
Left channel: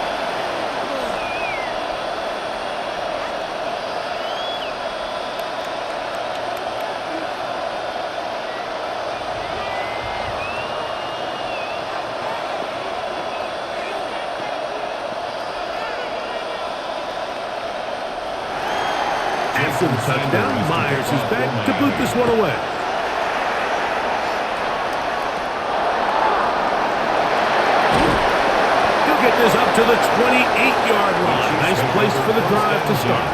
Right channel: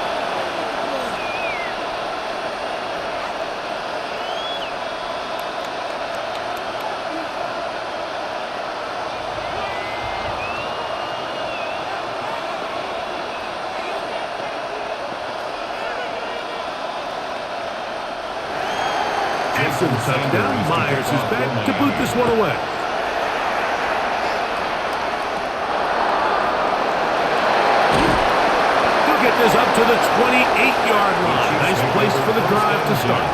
After the touchdown, Myers is back to boot this one away. He'll get this up to the 28-yard line. Nice place for the drive to start.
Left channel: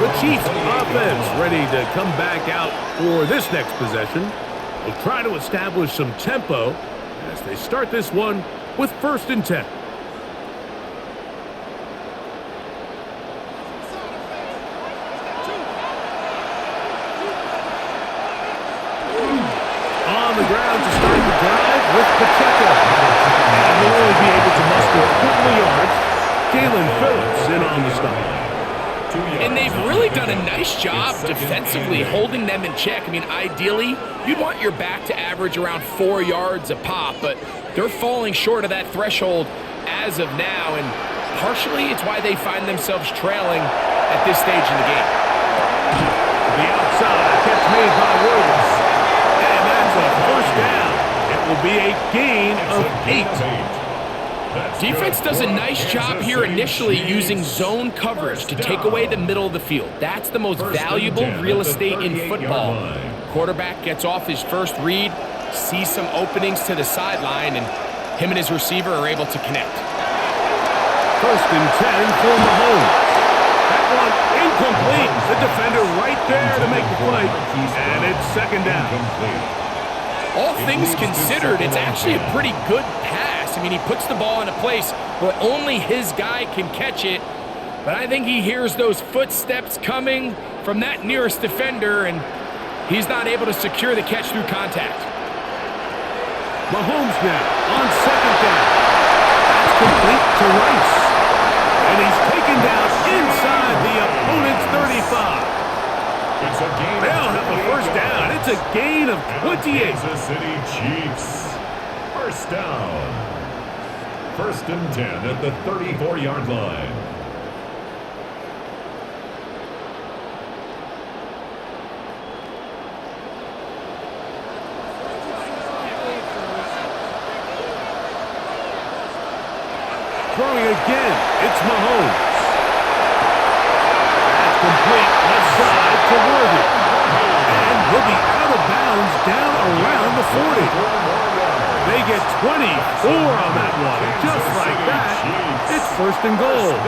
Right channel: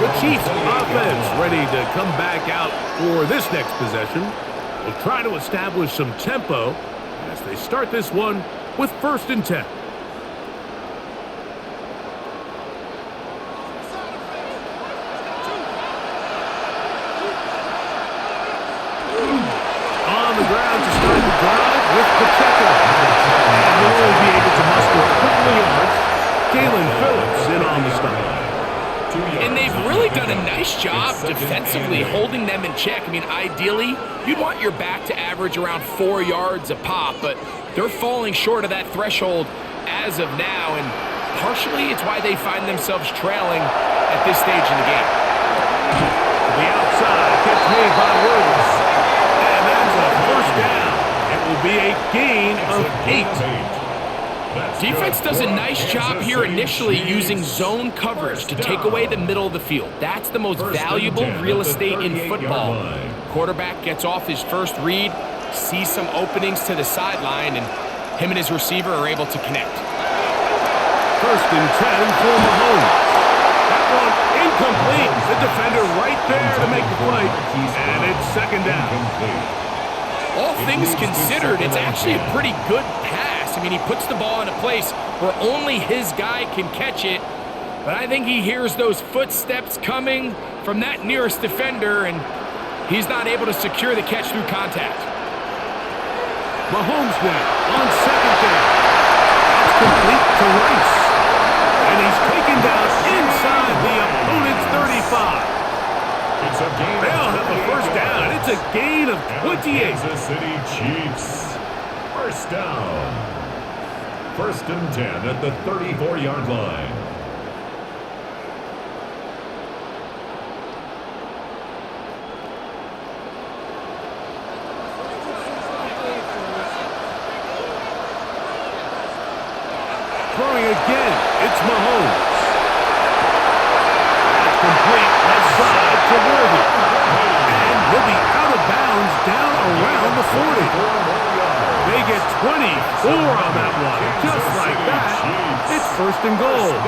The Chiefs offense ready to come back out for this next possession. They'll try to establish some tempo as they start this one with 1st and 10. On the ground to start the drive with Pacheco. And he'll only be able to muster a couple of yards. Jalen Phillips in on the stop. And they've really done a nice job defensively holding them in check. I mean, ideally, you'd want your back to average around 4 yards a pop, but they're falling short of that threshold as of now, and partially it's why they find themselves trailing at this stage in the game. The outside catch made by Worthy. And that's a 1st down. It will be a gain of 8. Defense does a nice job here initially using zone coverage to take away the middle of the field. That's the most valuable real estate in football. Quarterback gets off his first read, sees some openings to the sideline, and him and his receiver are able to connect. 1st and 10 for Mahomes. That one incomplete. The defender right there to make the play. And it's 2nd down. All things considered, it's actually a pretty good pass. I mean, he puts the ball in a place where only his guy can catch it. But I think he hears those footsteps coming from that nearest defender, and he's not able to secure the catch through contact. Mahomes now on 2nd down. That's complete to Rice. And he's taken down inside the opponent's 35. It's a gain. They'll have a 1st down. It's a gain of 28. Kansas City Chiefs. 1st down. 1st and 10 at the 34-yard line. Throwing again, it's Mahomes. That's complete left side to Worthy. And he'll be out of bounds down around the 40. 4 more yards. They get 24 on that one. And just like that, it's 1st and goal.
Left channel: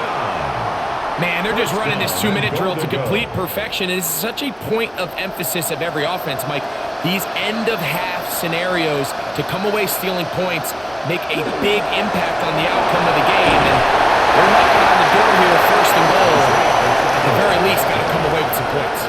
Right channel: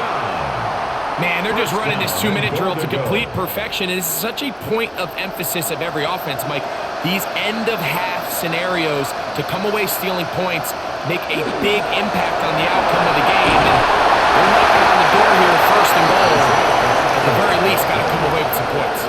Man, they're just running this 2-minute drill to complete perfection. And it's such a point of emphasis of every offense, Mike. These end-of-half scenarios to come away stealing points make a big impact on the outcome of the game. And they're knocking on the door here, 1st and goal. At the very least, got to come away with some points.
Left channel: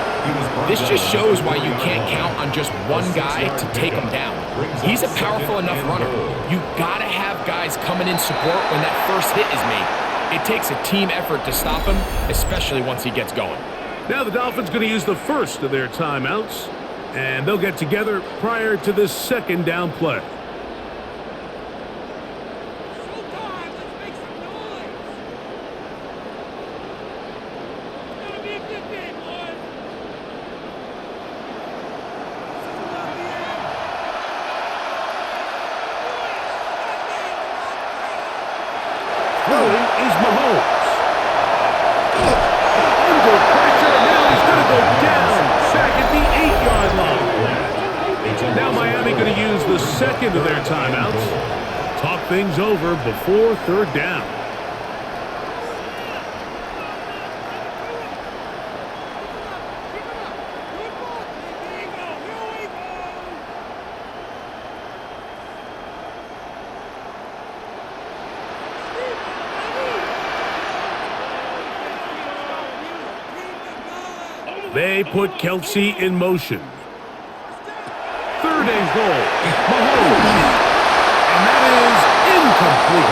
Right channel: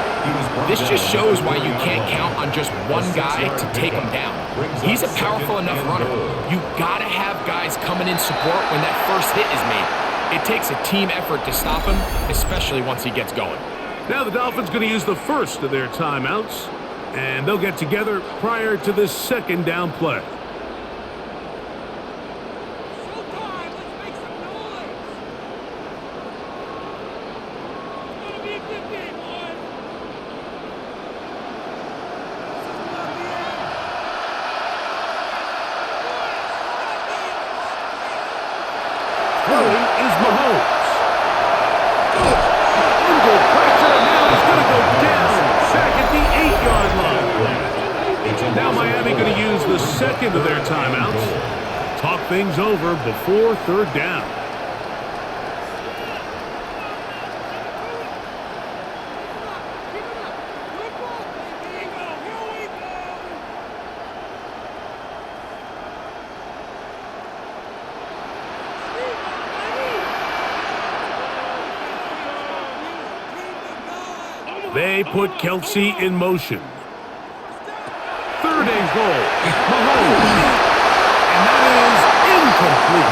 This just shows why you can't count on just one guy to take him down. He's a powerful enough runner. You got to have guys coming in support when that first hit is made. It takes a team effort to stop him, especially once he gets going. Now the Dolphins going to use the first of their timeouts, and they'll get together prior to this 2nd down play. Showtime! Let's make some noise! It's gonna be a good game, boys! This is not the end! Throwing is Mahomes. Under pressure, and now he's going to go down back at the 8-yard line. Now Miami going to use the 2nd of their timeouts. Talk things over before 3rd down. Keep it up! Good ball, baby! Here we go! They put Kelsey in motion. 3rd and goal. Mahomes. And that is incomplete.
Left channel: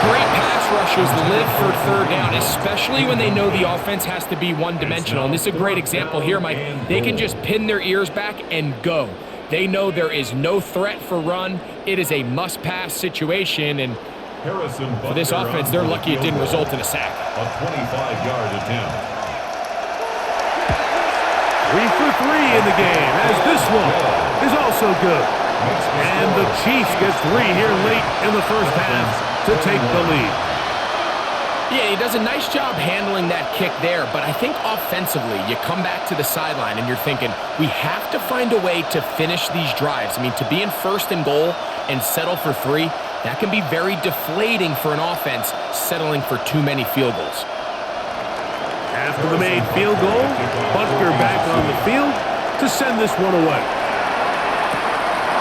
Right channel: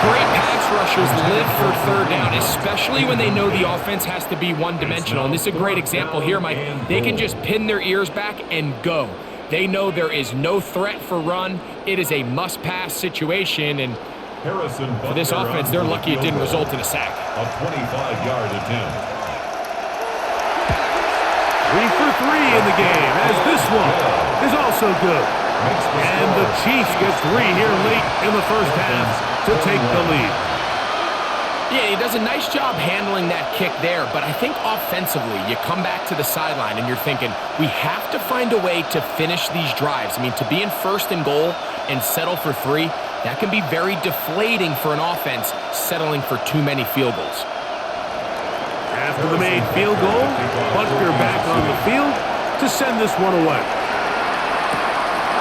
Great pass rushers live for 3rd down, especially when they know the offense has to be one-dimensional. And this is a great example here, Mike. They can just pin their ears back and go. They know there is no threat for run. It is a must-pass situation, and for this offense, they're lucky it didn't result in a sack. A 25-yard attempt. 3 for 3 in the game, as this one is also good. And the Chiefs get 3 here late in the first half to take the lead. Yeah, he does a nice job handling that kick there, but I think offensively, you come back to the sideline and you're thinking, we have to find a way to finish these drives. I mean, to be in 1st and goal and settle for 3, that can be very deflating for an offense settling for too many field goals. After the made field goal, Butker back on the field to send this one away.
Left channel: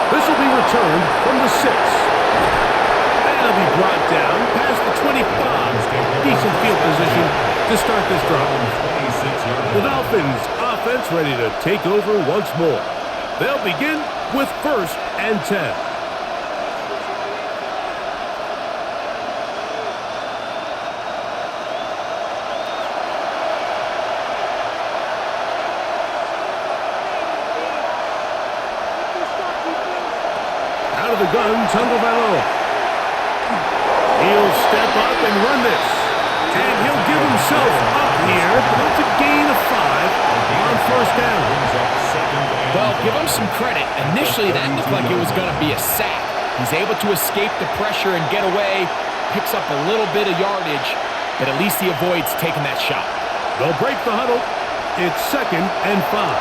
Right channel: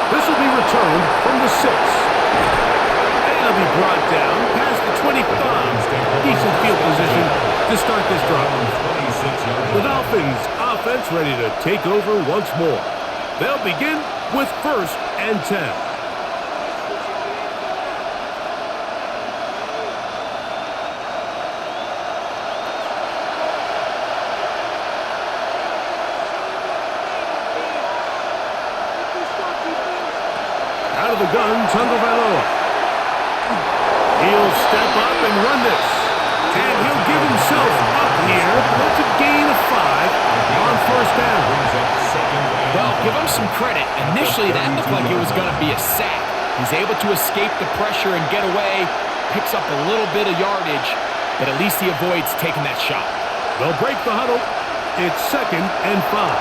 This will be returned from the 6. And it'll be brought down past the 25. Decent field position to start this drive. The Dolphins offense ready to take over once more. They'll begin with 1st and 10. Out of the gun, Tagovailoa. He'll step up and run this. And he'll give himself up here, but that's a gain of 5 on 1st down. Well, give him some credit. Initially, that looked like it was going to be a sack. He's able to escape the pressure and get away, picks up a little bit of yardage, but at least he avoids taking that shot. They'll break the huddle. It's 2nd and 5.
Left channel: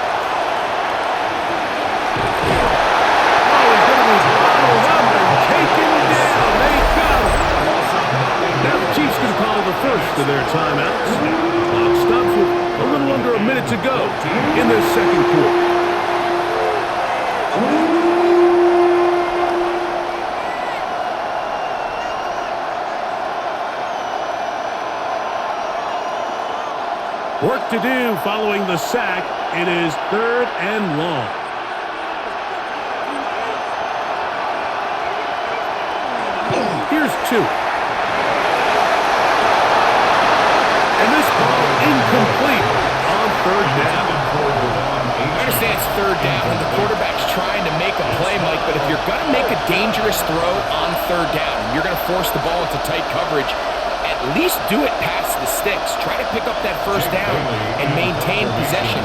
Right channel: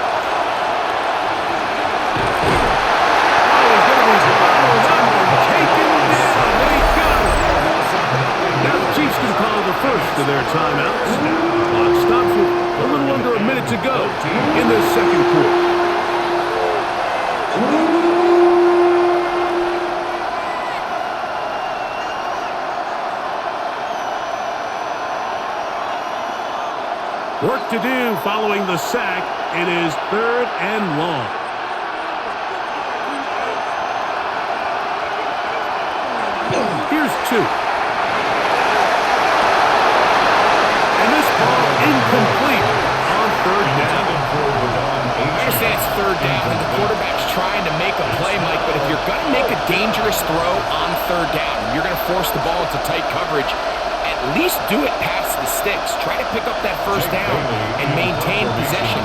He's going to be bottled up and taken down. They got him. Now the Chiefs can call the first of their timeouts. Clock stops with a little under a minute to go in this 2nd quarter. Work to do following the sack. It is 3rd and long. Here's 2. And this ball incomplete on 3rd down. I understand it's 3rd down and the quarterback's trying to make a play, Mike, but if you're going to make a dangerous throw on 3rd down and you're going to force the ball into tight coverage, at least do it past the sticks. Try to pick up that 1st down and maintain possession.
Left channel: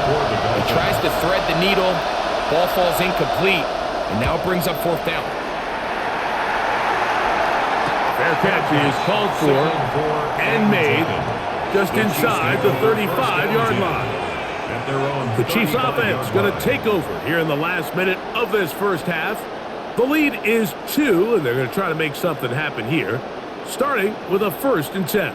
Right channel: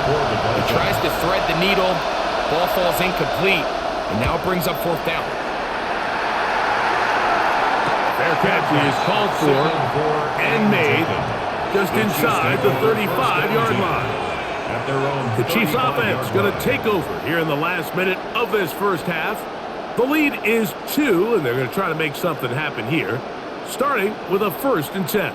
He tries to thread the needle. Ball falls incomplete, and now it brings up 4th down. Fair catch is called for and made just inside the 35-yard line. The Chiefs offense going to take over here in the last minute of this first half. The lead is 2, and they're going to try to make something happen here, starting with a 1st and 10.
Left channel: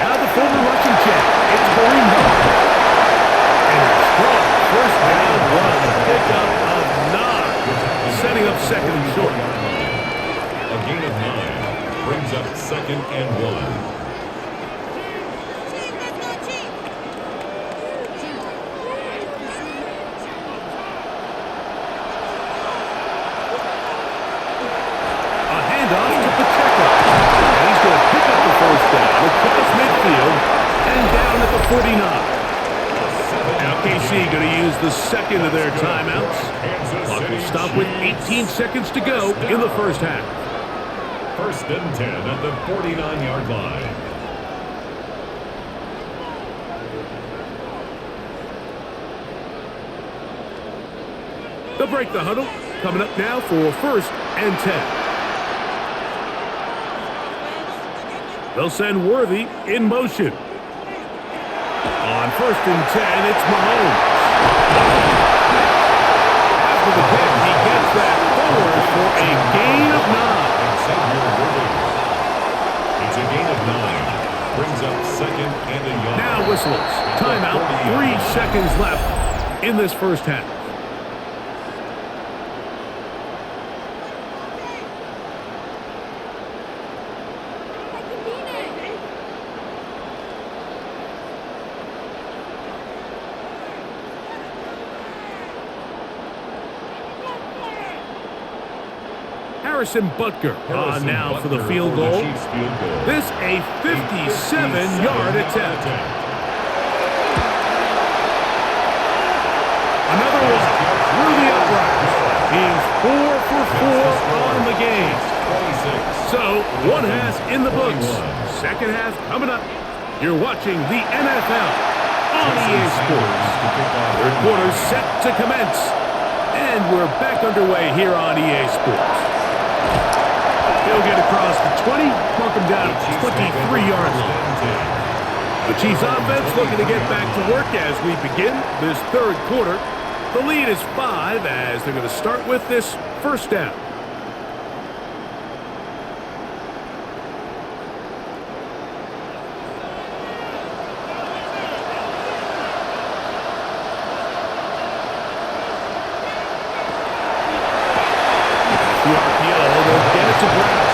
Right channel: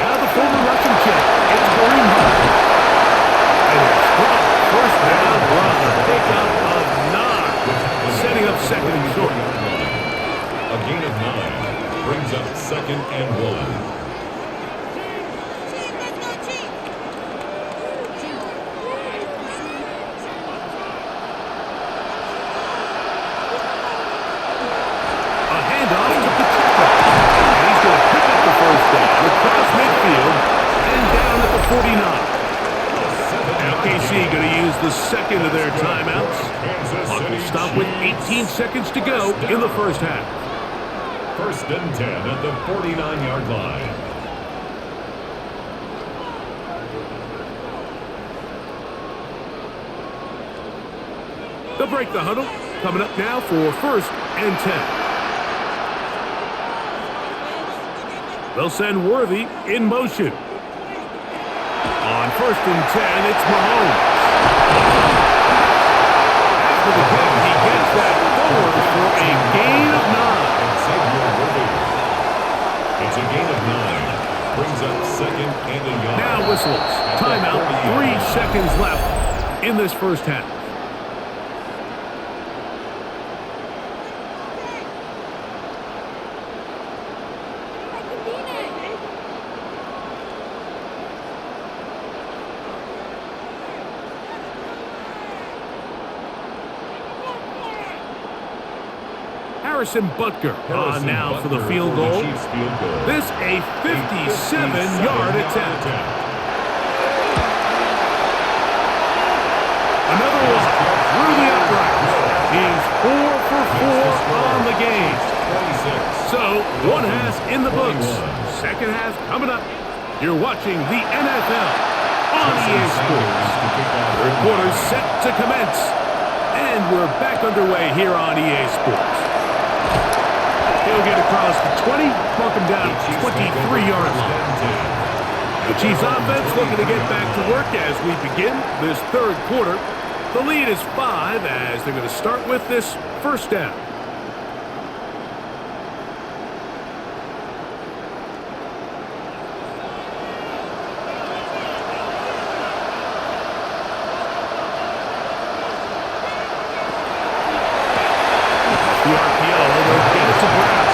Now the former Russian champ, it's Kareem Hunt. And a strong 1st down run, a pickup of 9, setting up 2nd and short. A gain of 9 brings up 2nd and 1. Off to Pacheco, and he's going to pick up the 1st down across midfield and down at the 49. Now KC going to use the 2nd of their timeouts. Clock will stop with 18 seconds to go in the 1st half. 1st and 10 at the 49-yard line. They'll break the huddle. Coming up now for 1st and 10. They'll send Worthy in motion. On 1st and 10, it's Mahomes. After the catch, he gets that forward for a gain of 9. It's a gain of 9. Brings up 2nd and a yard. Now whistles. Timeout. 3 seconds left in this 1st half. Harrison Butker on now for the field goal. This a 57-yard attempt. Another one through the upright. He's 4 for 4 on the game. So 1 half in the books. 2nd half coming up. You're watching the NFL on EA Sports. 3rd quarter set to commence. And we're back underway here on EA Sports. He'll get across the 20, mark him down at the 23-yard line. The Chiefs offense looking to get back to work as we begin this 3rd quarter. The lead is 5 as they're going to start with this 1st down. The RPO, they'll get it to Brown.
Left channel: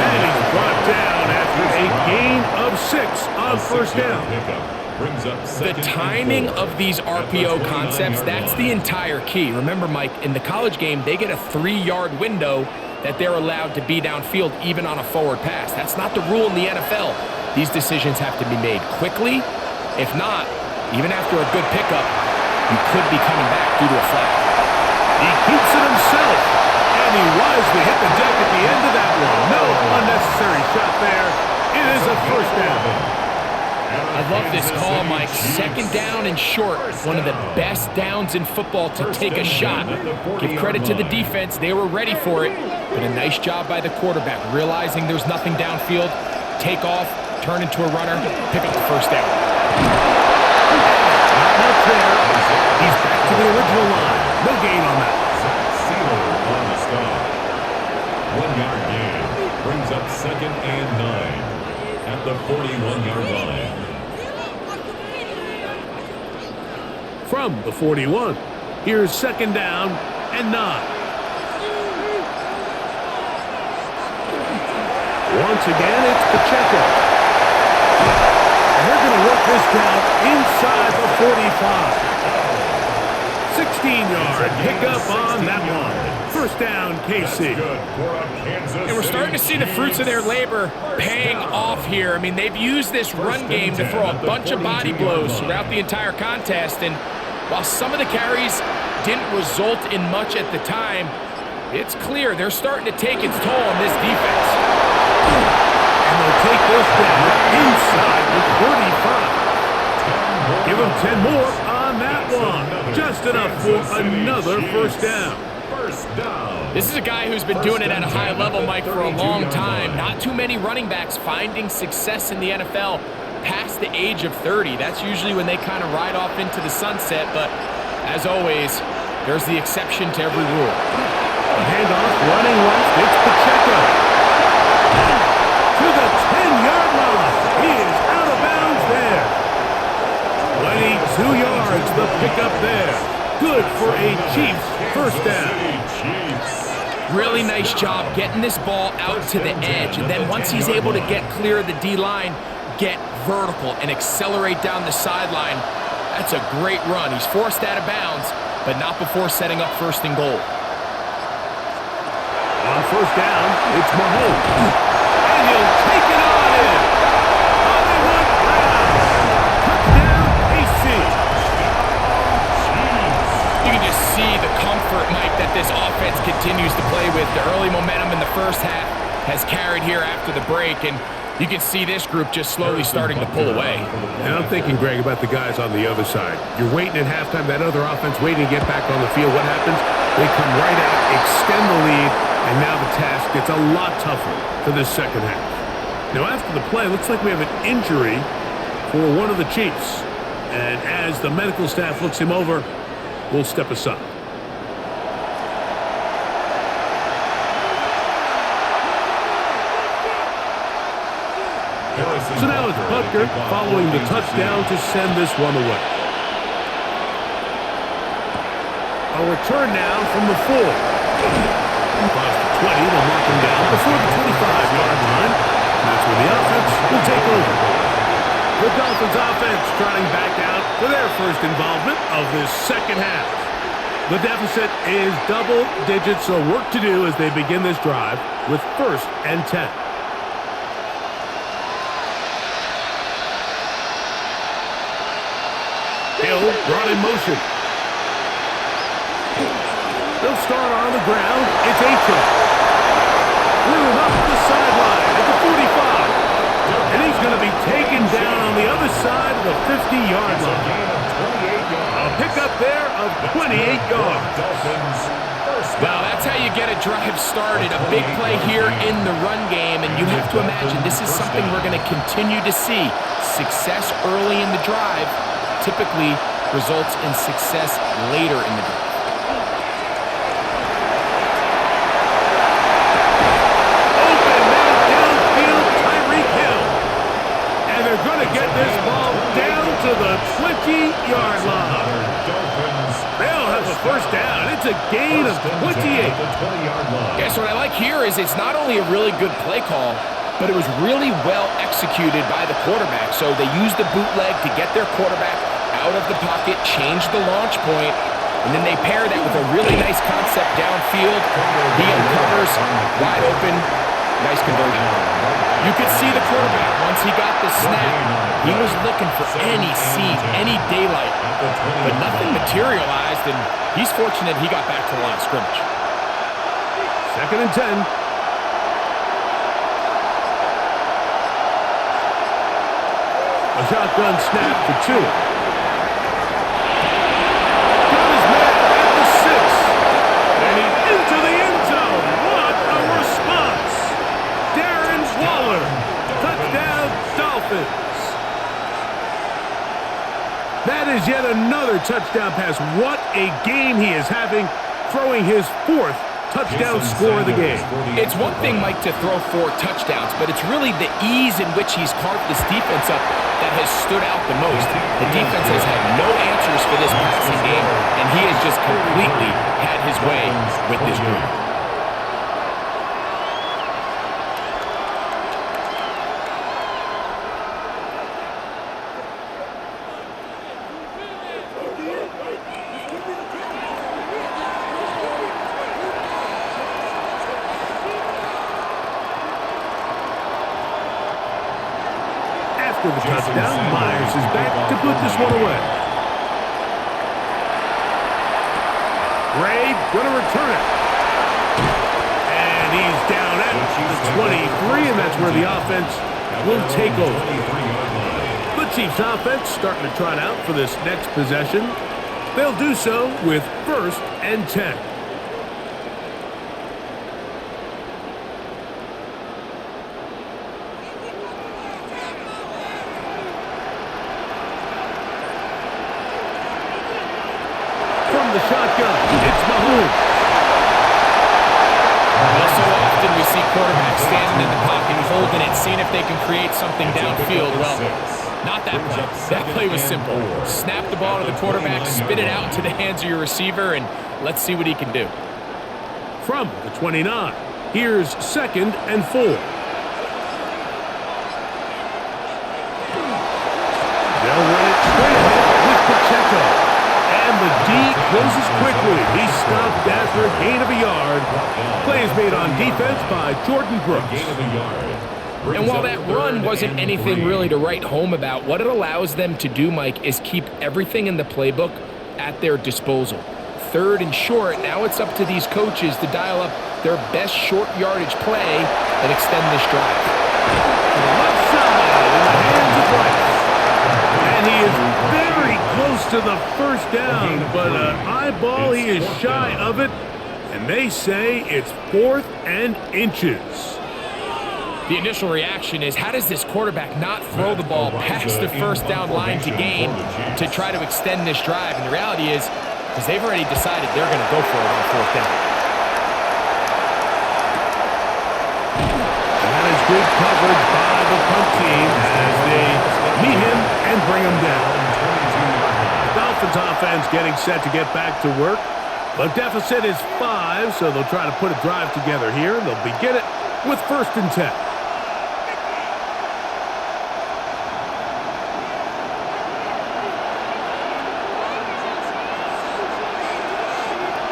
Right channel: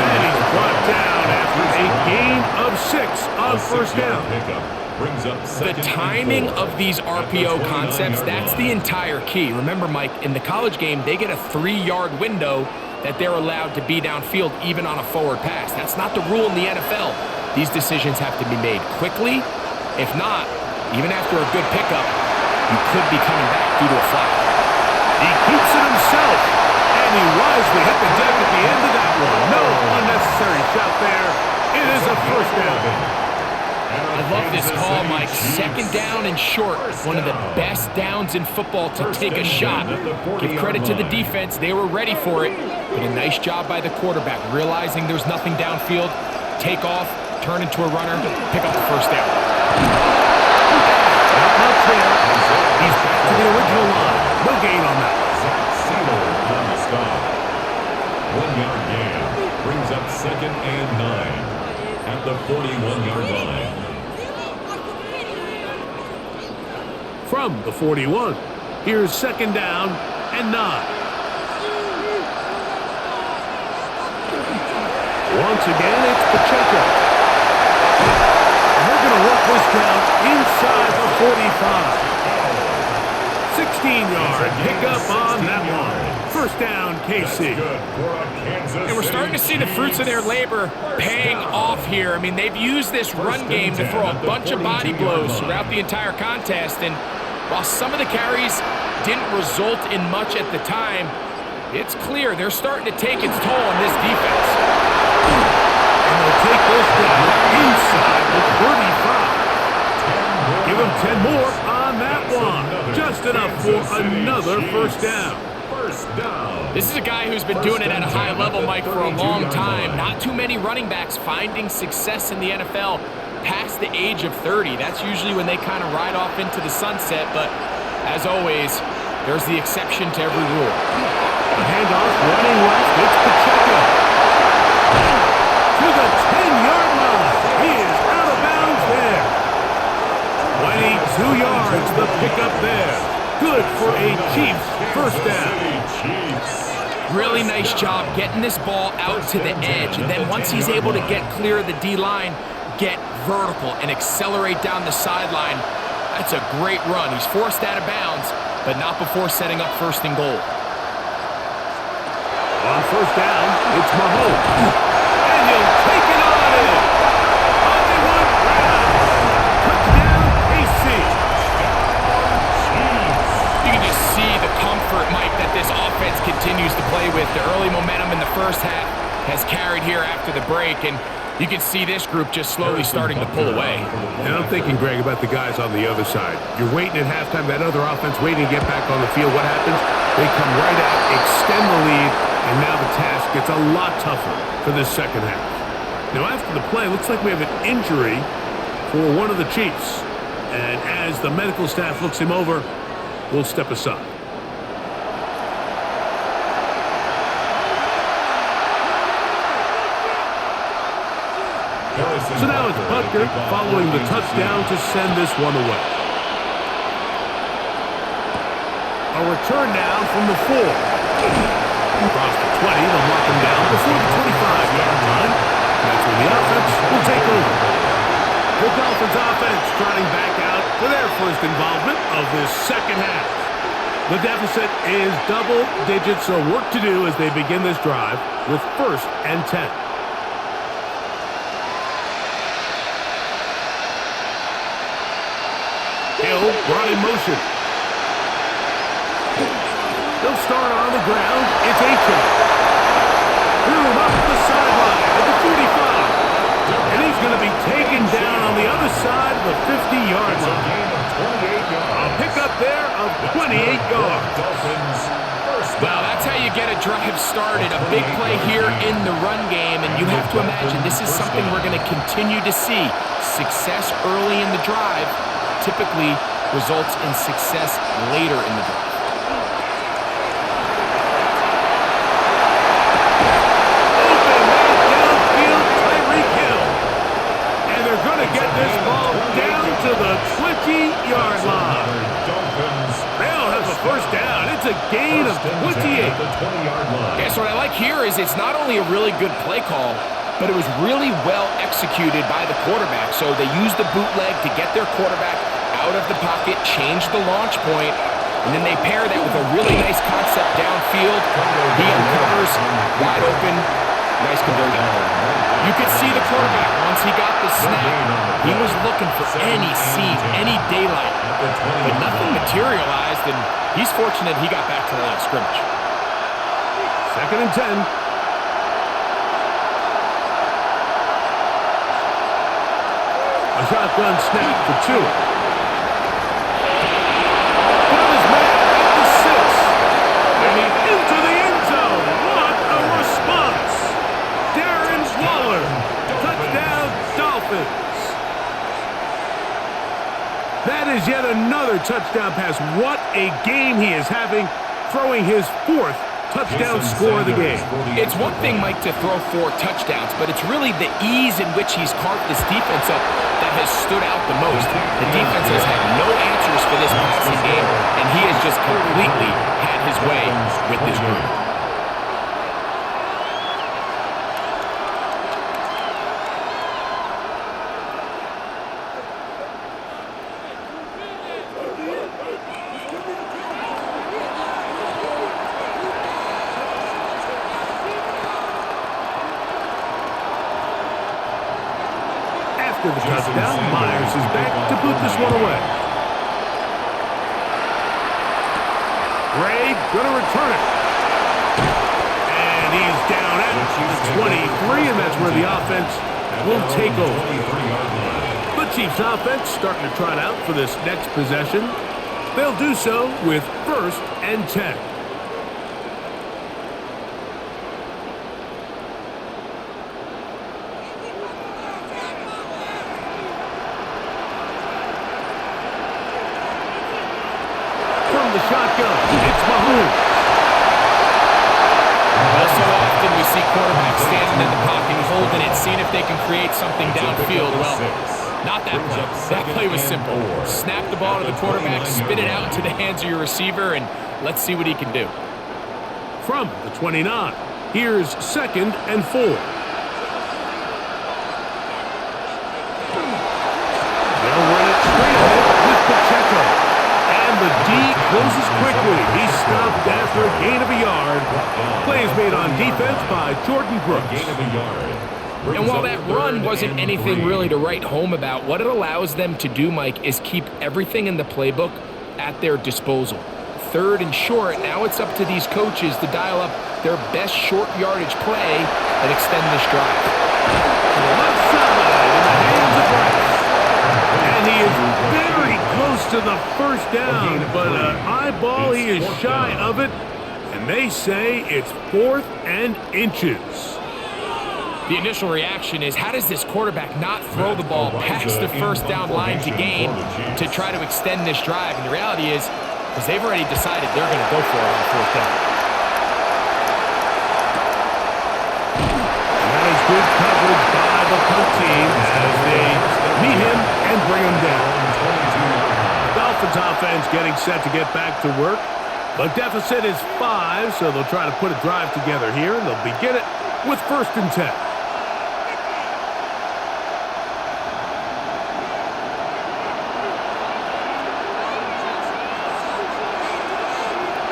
And he's brought down after a gain of 6 on 1st down. The timing of these RPO concepts, that's the entire key. Remember, Mike, in the college game, they get a 3-yard window that they're allowed to be downfield even on a forward pass. That's not the rule in the NFL. These decisions have to be made quickly. If not, even after a good pickup, you could be coming back due to a flag. He keeps it himself. And he wisely hit the deck at the end of that one. No unnecessary shot there. It is a 1st down. I love this call, Mike. 2nd down and short. One of the best downs in football to take a shot. Give credit to the defense. They were ready for it. But a nice job by the quarterback, realizing there's nothing downfield. Take off, turn into a runner, pick up the 1st down. Not much there. He's back to the original line. No gain on that. Sealer on the stop. 1-yard gain brings up 2nd and 9 at the 41-yard line. From the 41, here's 2nd down and 9. Once again, it's Pacheco. And they're going to work this down inside the 45. 16-yard pickup on that one. 1st down, KC. And we're starting to see the fruits of their labor paying off here. I mean, they've used this run game to throw a bunch of body blows throughout the entire contest. And while some of the carries didn't result in much at the time, it's clear they're starting to take its toll on this defense. And they'll take this down inside the 35. Give him 10 more on that one. Just enough for another 1st down. first down. This is a guy who's been doing it at a high level, Mike, for a long time. Not too many running backs finding success in the NFL past the age of 30. That's usually when they kind of ride off into the sunset, but as always, there's the exception to every rule. A handoff running left. It's Pacheco. To the 10-yard line. He is out of bounds there. 22 yards, the pickup there. Good for a Chiefs first down. Really nice job getting this ball out to the edge, and then once he's able to get clear of the D-line, get vertical and accelerate down the sideline. That's a great run. He's forced out of bounds, but not before setting up first and goal. On first down, it's Mahomes. And he'll take it on in. Hollywood Brown. Touchdown, KC. You can just see the comfort, Mike, that this offense continues to play with. The early momentum in the first half has carried here after the break, and you can see this group just slowly starting to pull away. And I'm thinking, Greg, about the guys on the other side. You're waiting at halftime, that other offense waiting to get back on the field. What happens? They come right out, extend the lead, and now the task gets a lot tougher for this second half. Now, after the play, it looks like we have an injury for one of the Chiefs. And as the medical staff looks him over, we'll step aside. So now it's Butker following the touchdown to send this one away. A return now from the 4. Across the 20, they'll mark him down before the 25-yard line. And that's where the offense will take over. The Dolphins offense trotting back out for their first involvement of this second half. The deficit is double digits, so work to do as they begin this drive with 1st and 10. Hill brought in motion. They'll start on the ground. It's A-10. Room up the sideline at the 45. And he's going to be taken down on the other side of the 50-yard line. A gain of 28 yards. A pickup there of 28 yards. Dolphins first down. Well, that's how you get a drive started. A big play here in the run game, and you have to imagine this is something we're going to continue to see. Success early in the drive typically results in success later in the drive. They're going to get this ball down to the 20-yard line. They'll have a first down. It's a gain of 28. Yeah, so what I like here is it's not only a really good play call, but it was really well executed by the quarterback. So they used the bootleg to get their quarterback out of the pocket, change the launch point, and then they pair that with a really nice concept downfield. He uncovers, wide open. Nice conversion. You could see the quarterback, once he got the snap, he was looking for any seam, any daylight, but nothing materialized, and he's fortunate he got back to the line of scrimmage. 2nd and 10. A shotgun snap for Tua. Got his man at the 6. And he's into the end zone. What a response. Waller, touchdown Dolphins. That is yet another touchdown pass. What a game he is having, throwing his 4th touchdown score of the game. It's one thing, Mike, to throw 4 touchdowns, but it's really the ease in which he's carved this defense up that has stood out the most. The defense has had no answers for this passing game, and he has just completely had his way with this group. After the touchdown, Myers is back to put this one away. Ray gonna return it. And he's down at the 23, and that's where the offense will take over. The Chiefs offense starting to trot out for this next possession. They'll do so with 1st and 10. from the shotgun, it's Mahomes. Well, so often we see quarterbacks standing in the pocket, holding it, seeing if they can create something downfield. Well, not that play. That play was simple. Snap the ball to the quarterback, spit it out into the hands of your receiver, and let's see what he can do. From the 29, here's 2nd and 4. They'll run it straight ahead with Pacheco. And the D closes quickly. He stopped after a gain of a yard. Play is made on defense by Jordan Brooks. And while that run wasn't anything really to write home about, what it allows them to do, Mike, is keep everything in the playbook at their disposal. 3rd and short, now it's up to these coaches to dial up their best short yardage play and extend this drive. To the left side in the hands of Rice. And he is very close to the first down, but an eyeball, he is shy of it, and they say it's 4th and inches. The initial reaction is, how does this quarterback not throw the ball past the first down line to gain to try to extend this drive? And the reality is, because they've already decided they're going to go for it on 4th down. And that is good coverage by the punt team as they meet him and bring him down. The Dolphins offense getting set to get back to work. The deficit is 5, so they'll try to put a drive together here, and they'll begin it with 1st and 10.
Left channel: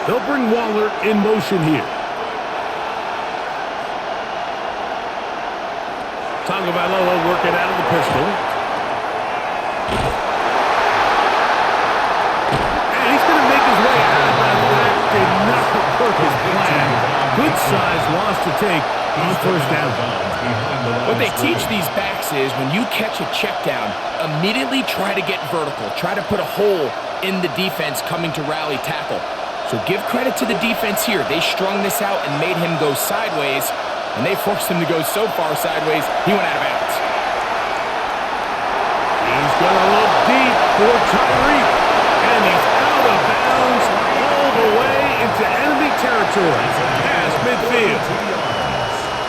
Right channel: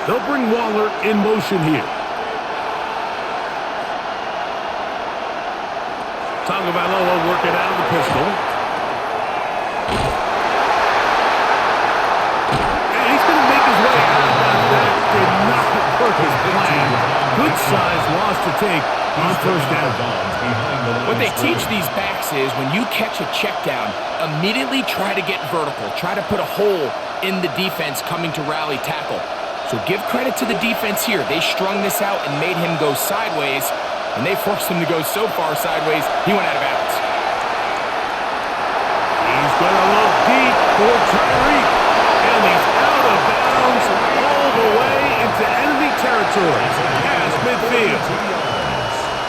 They'll bring Waller in motion here. Tagovailoa working out of the pistol. And he's going to make his way out of that. That did not work as planned. Good size loss to take on 1st down. What they teach these backs is when you catch a check down, immediately try to get vertical. Try to put a hole in the defense coming to rally tackle. So give credit to the defense here. They strung this out and made him go sideways. And they forced him to go so far sideways, he went out of bounds. He's going to look deep for Tyreek. And he's out of bounds all the way into enemy territory. Past midfield.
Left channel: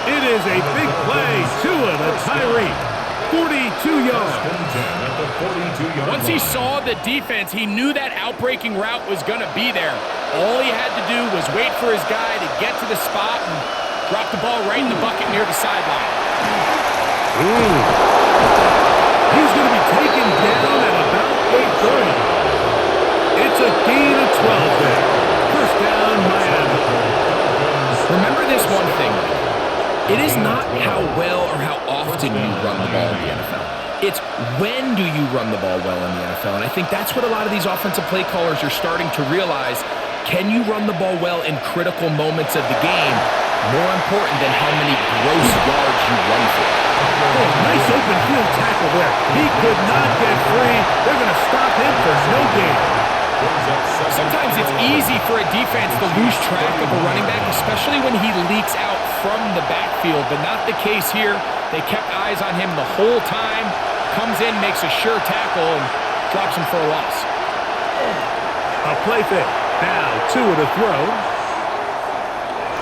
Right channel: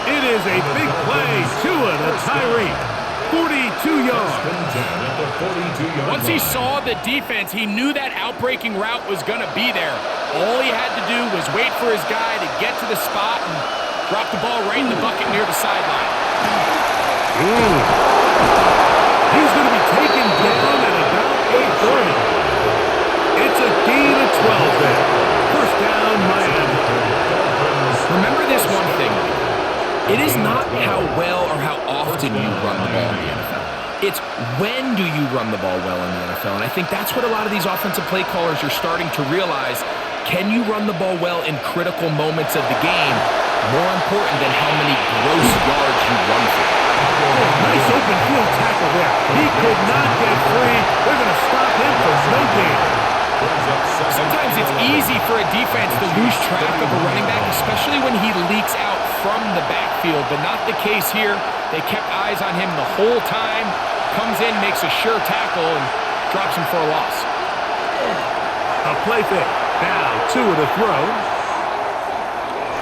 It is a big play. Tua to Tyreek. 42 yards. Once he saw the defense, he knew that outbreaking route was going to be there. All he had to do was wait for his guy to get to the spot and drop the ball right in the bucket near the sideline. He's going to be taken down at about the 30. It's a gain of 12 there. 1st down, Miami. Remember this one thing, Mike. It is not how well or how often you run the ball in the NFL. It's when do you run the ball well in the NFL. And I think that's what a lot of these offensive play callers are starting to realize. Can you run the ball well in critical moments of the game? More important than how many gross yards you run for. Oh, nice open field tackle there. He could not get free. They're going to stop him for no gain. Sometimes it's easy for a defense to lose track of a running back, especially when he leaks out from the backfield, but not the case here. They kept eyes on him the whole time. Comes in, makes a sure tackle, and drops him for a loss. A play fake. Now Tua to throw.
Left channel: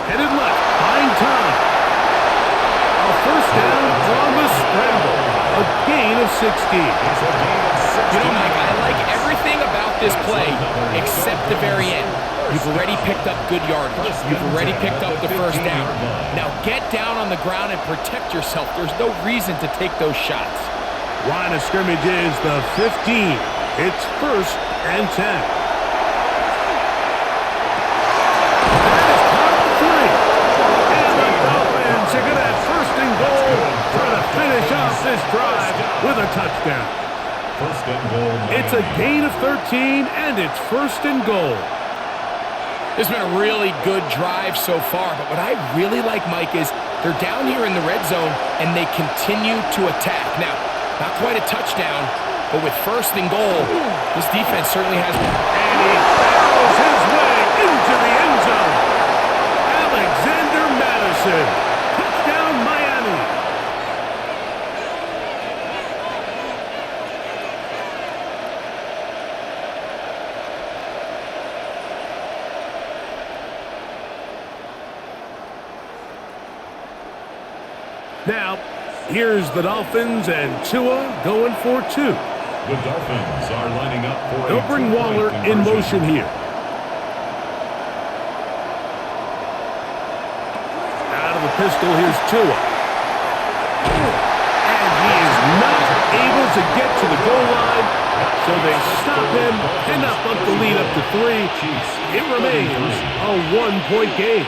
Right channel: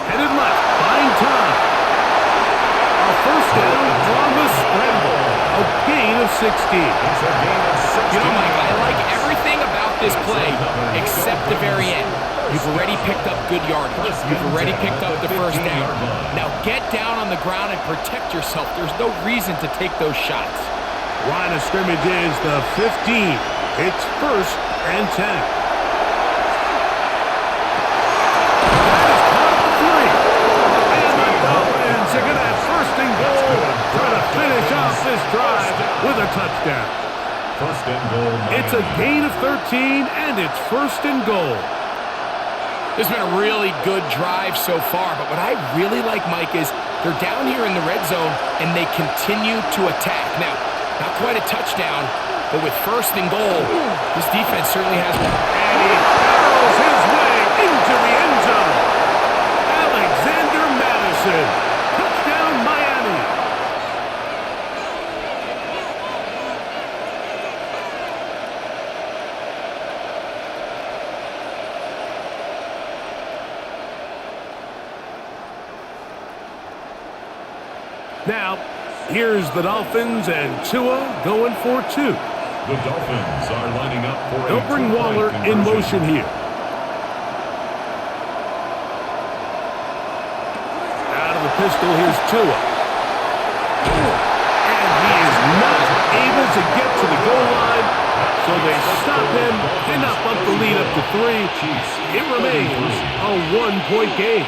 Headed left, buying time. A 1st down on the scramble. A gain of 16. You know, Mike, I like everything about this play except the very end. You've already picked up good yardage. You've already picked up the 1st down. Now get down on the ground and protect yourself. There's no reason to take those shots. Line of scrimmage is the 15. It's 1st and 10. They're going to have 1st and goal, try to finish off this drive with a touchdown. 1st and goal. Miami. It's a gain of 13, and it's 1st and goal. This has been a really good drive so far, but what I really like, Mike, is they're down here in the red zone, and they continue to attack. Now, not quite a touchdown, but with 1st and goal, this defense certainly has one. And he barrels his way into the end zone. Alexander Madison. Touchdown, Miami. Now, here's the Dolphins and Tua going for 2. The Dolphins are lining up for They'll bring Waller in motion here. Out of the pistol, here's Tua. And he is not able to get to the goal line, so they stop him and not bump the lead up to 3. It remains a 1-point game.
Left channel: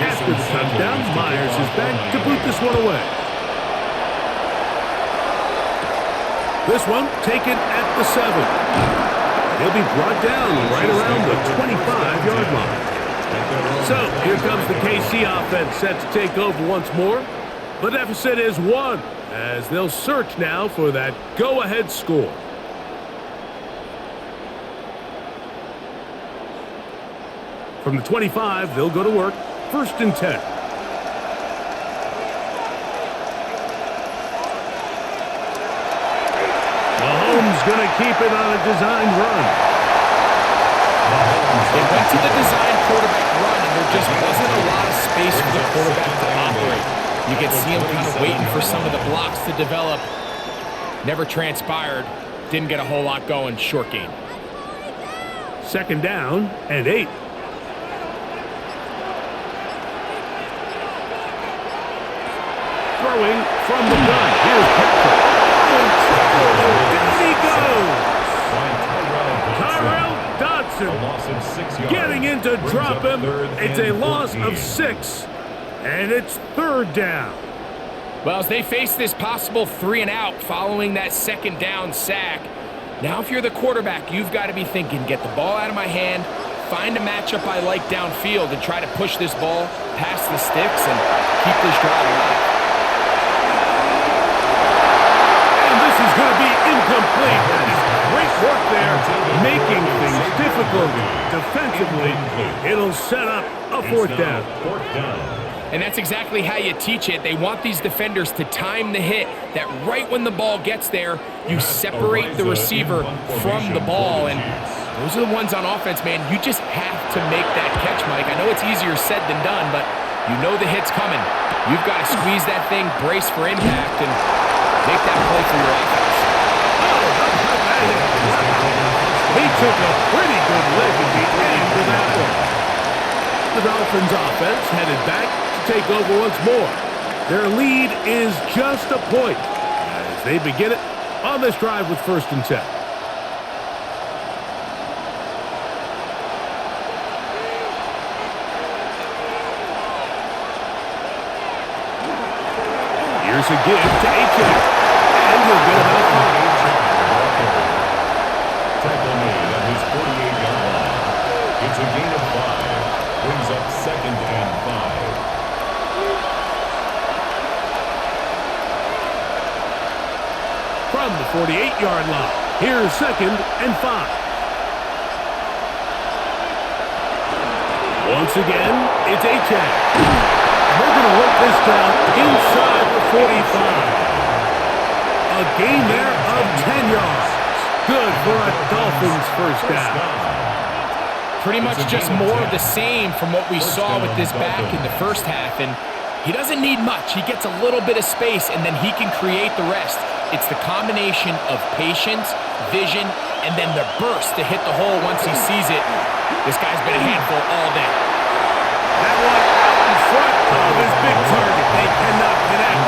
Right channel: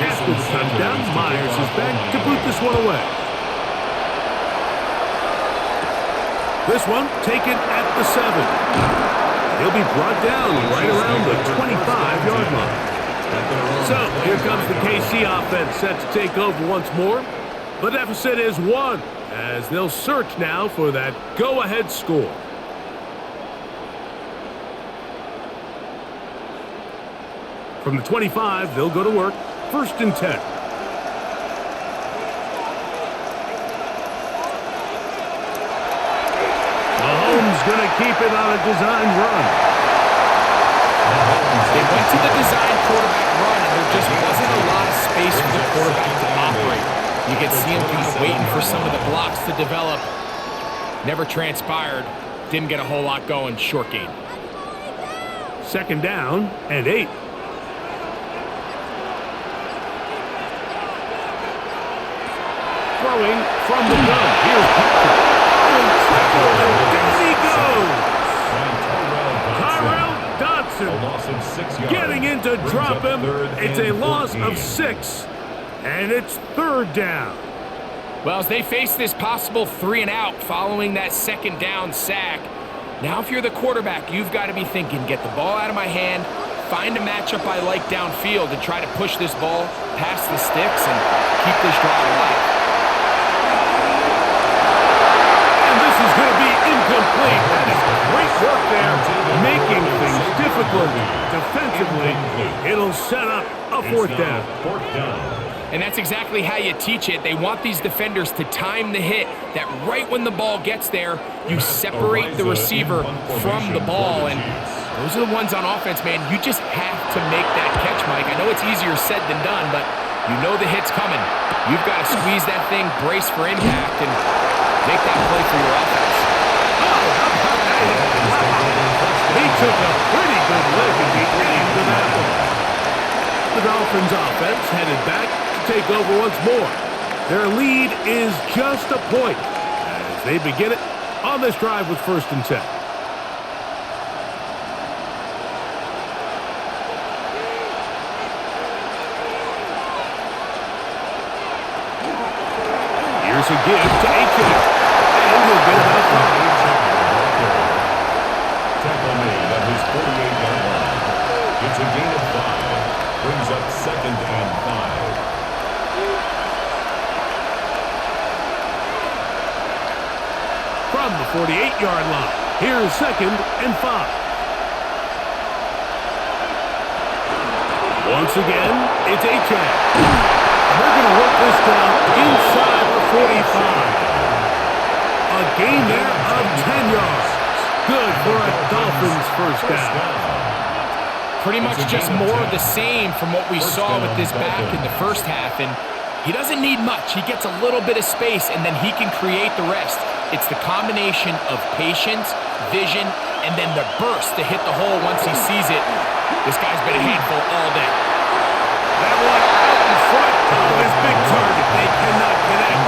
After the touchdown, Myers is back to boot this one away. This one taken at the 7. He'll be brought down right around the 25-yard line. So here comes the KC offense set to take over once more. The deficit is 1 as they'll search now for that go-ahead score. From the 25, they'll go to work. 1st and 10. Mahomes going to keep it on a designed run. They went to the designed quarterback run, and there just wasn't a lot of space for the quarterback to operate. You could see him kind of waiting for some of the blocks to develop. Never transpired. Didn't get a whole lot going. Short gain. 2nd down and 8. Throwing from the gun. Here's Patrick. Oh, in trouble, and down he goes. Tyrell Dodson A loss of 6 yards. getting in to drop him. It's a loss of 6, and it's 3rd down. Well, as they face this possible 3 and out following that 2nd down sack, now if you're the quarterback, you've got to be thinking, get the ball out of my hand, find a matchup I like downfield, and try to push this ball past the sticks and keep this drive alive. And this is going to be incomplete. That is great work there, making things difficult defensively. It'll set up a 4th down. 4th down. And that's exactly how you teach it. They want these defenders to time the hit, that right when the ball gets there, you separate the receiver from the ball. And those are the ones on offense, man. You just have to make that catch, Mike. I know it's easier said than done, but you know the hit's coming. You've got to squeeze that thing, brace for impact, and make that play for your offense. Oh, how about that hit? Wow. He took a pretty good lick at the end of that one. The Dolphins offense headed back to take over once more. Their lead is just a point as they begin it on this drive with 1st and 10. Here's a give to Achane, and he'll get about 5. Tackle made at his 48-yard line. It's a gain of 5. Brings up 2nd and 5. From the 48-yard line, here's 2nd and 5. Once again, it's Achane. And they're going to work this down inside the 45. A gain there of 10 yards. Good for a Dolphins 1st down. Pretty much just more of the same from what we saw with this back in the 1st half. And he doesn't need much. He gets a little bit of space, and then he can create the rest. It's the combination of patience, vision, and then the burst to hit the hole once he sees it. This guy's been a handful all day. That one out in front of his big target. They cannot connect.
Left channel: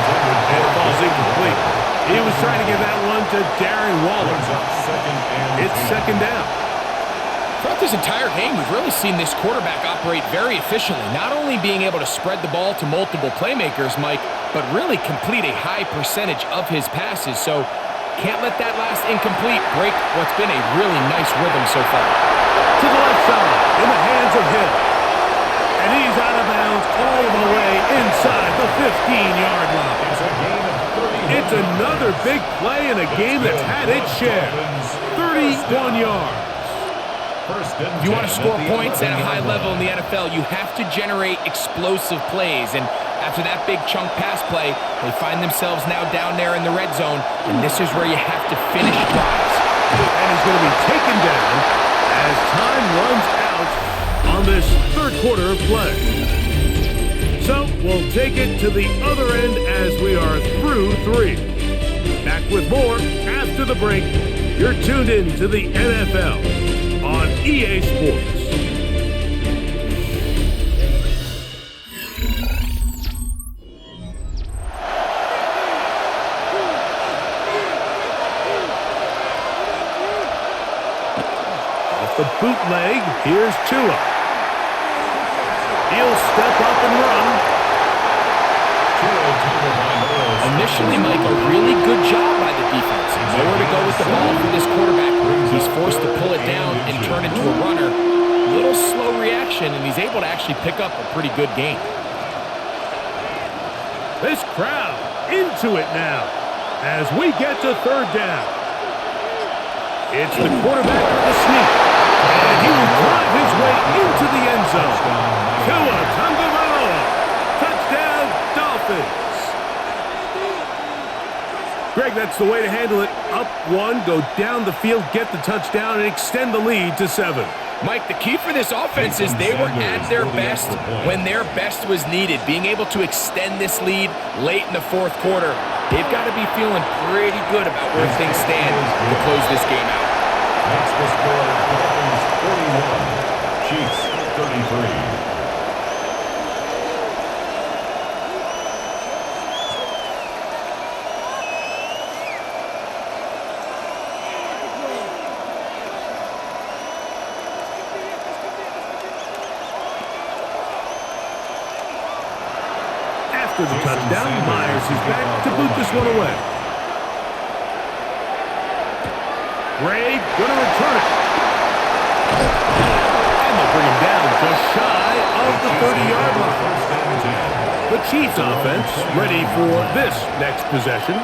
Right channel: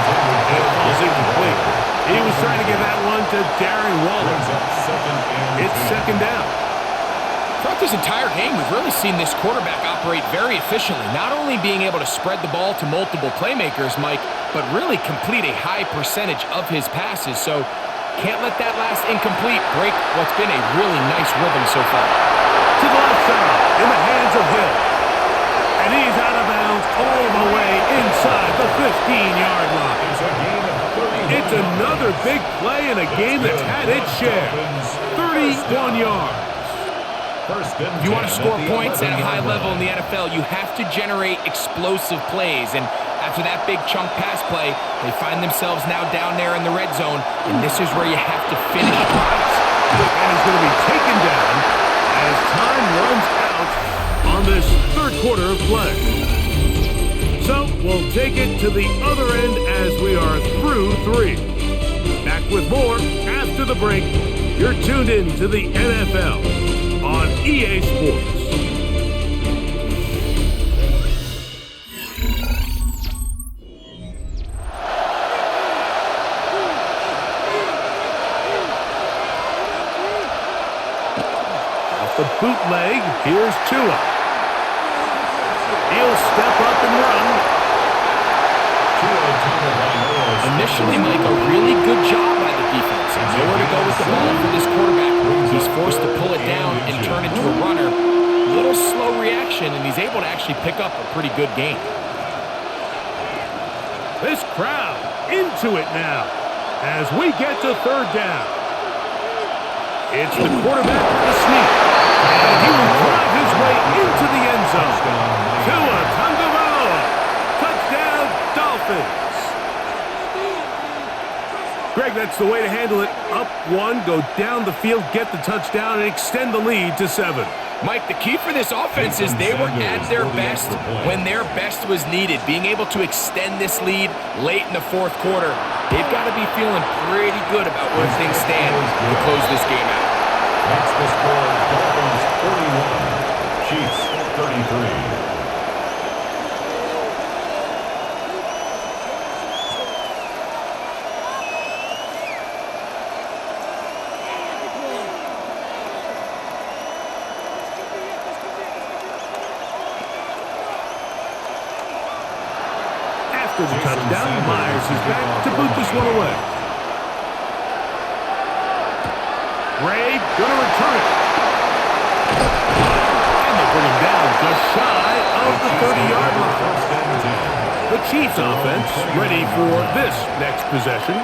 And it falls incomplete. He was trying to give that one to Darren Waller. It's 2nd down. Throughout this entire game, we've really seen this quarterback operate very efficiently, not only being able to spread the ball to multiple playmakers, Mike, but really complete a high percentage of his passes. So can't let that last incomplete break what's been a really nice rhythm so far. To the left side, in the hands of Hill. And he's out of bounds all the way inside the 15-yard line. It's a gain of 31 It's another big play in a game that's had its share. 31 yards. First and 10 If you want to score points at a high 11-yard level in the line. NFL, you have to generate explosive plays. And after that big chunk pass play, they find themselves now down there in the red zone, and this is where you have to finish drives. And he's going to be taken down as time runs out on this third quarter of play. So we'll take it to the other end as we are through 3. Back with more after the break. You're tuned in to the NFL on EA Sports. Off the bootleg, here's Tua. He'll step up and run. Initially, Mike, a really good job by the defense. Nowhere to go with the ball for this quarterback. He's forced to pull it down and turn into a runner. A little slow reaction, and he's able to actually pick up a pretty good gain. This crowd into it now as we get to third down. It's the quarterback with the sneak, and he will drive his way into the end zone. Tua Tagovailoa. Touchdown, Dolphins. Greg, that's the way to handle it. Up 1, go down the field, get the touchdown, and extend the lead to 7. Mike, the key for this offense is they were at their best when their best was needed. Being able to extend this lead late in the fourth quarter, they've got to be feeling pretty good about where things stand to close this game out. Next the score, Dolphins 41, Chiefs 33. After the touchdown, Myers is back to boot this one away. Gray gonna return it. And they'll bring him down just shy of the 30-yard line. The Chiefs offense ready for this next possession.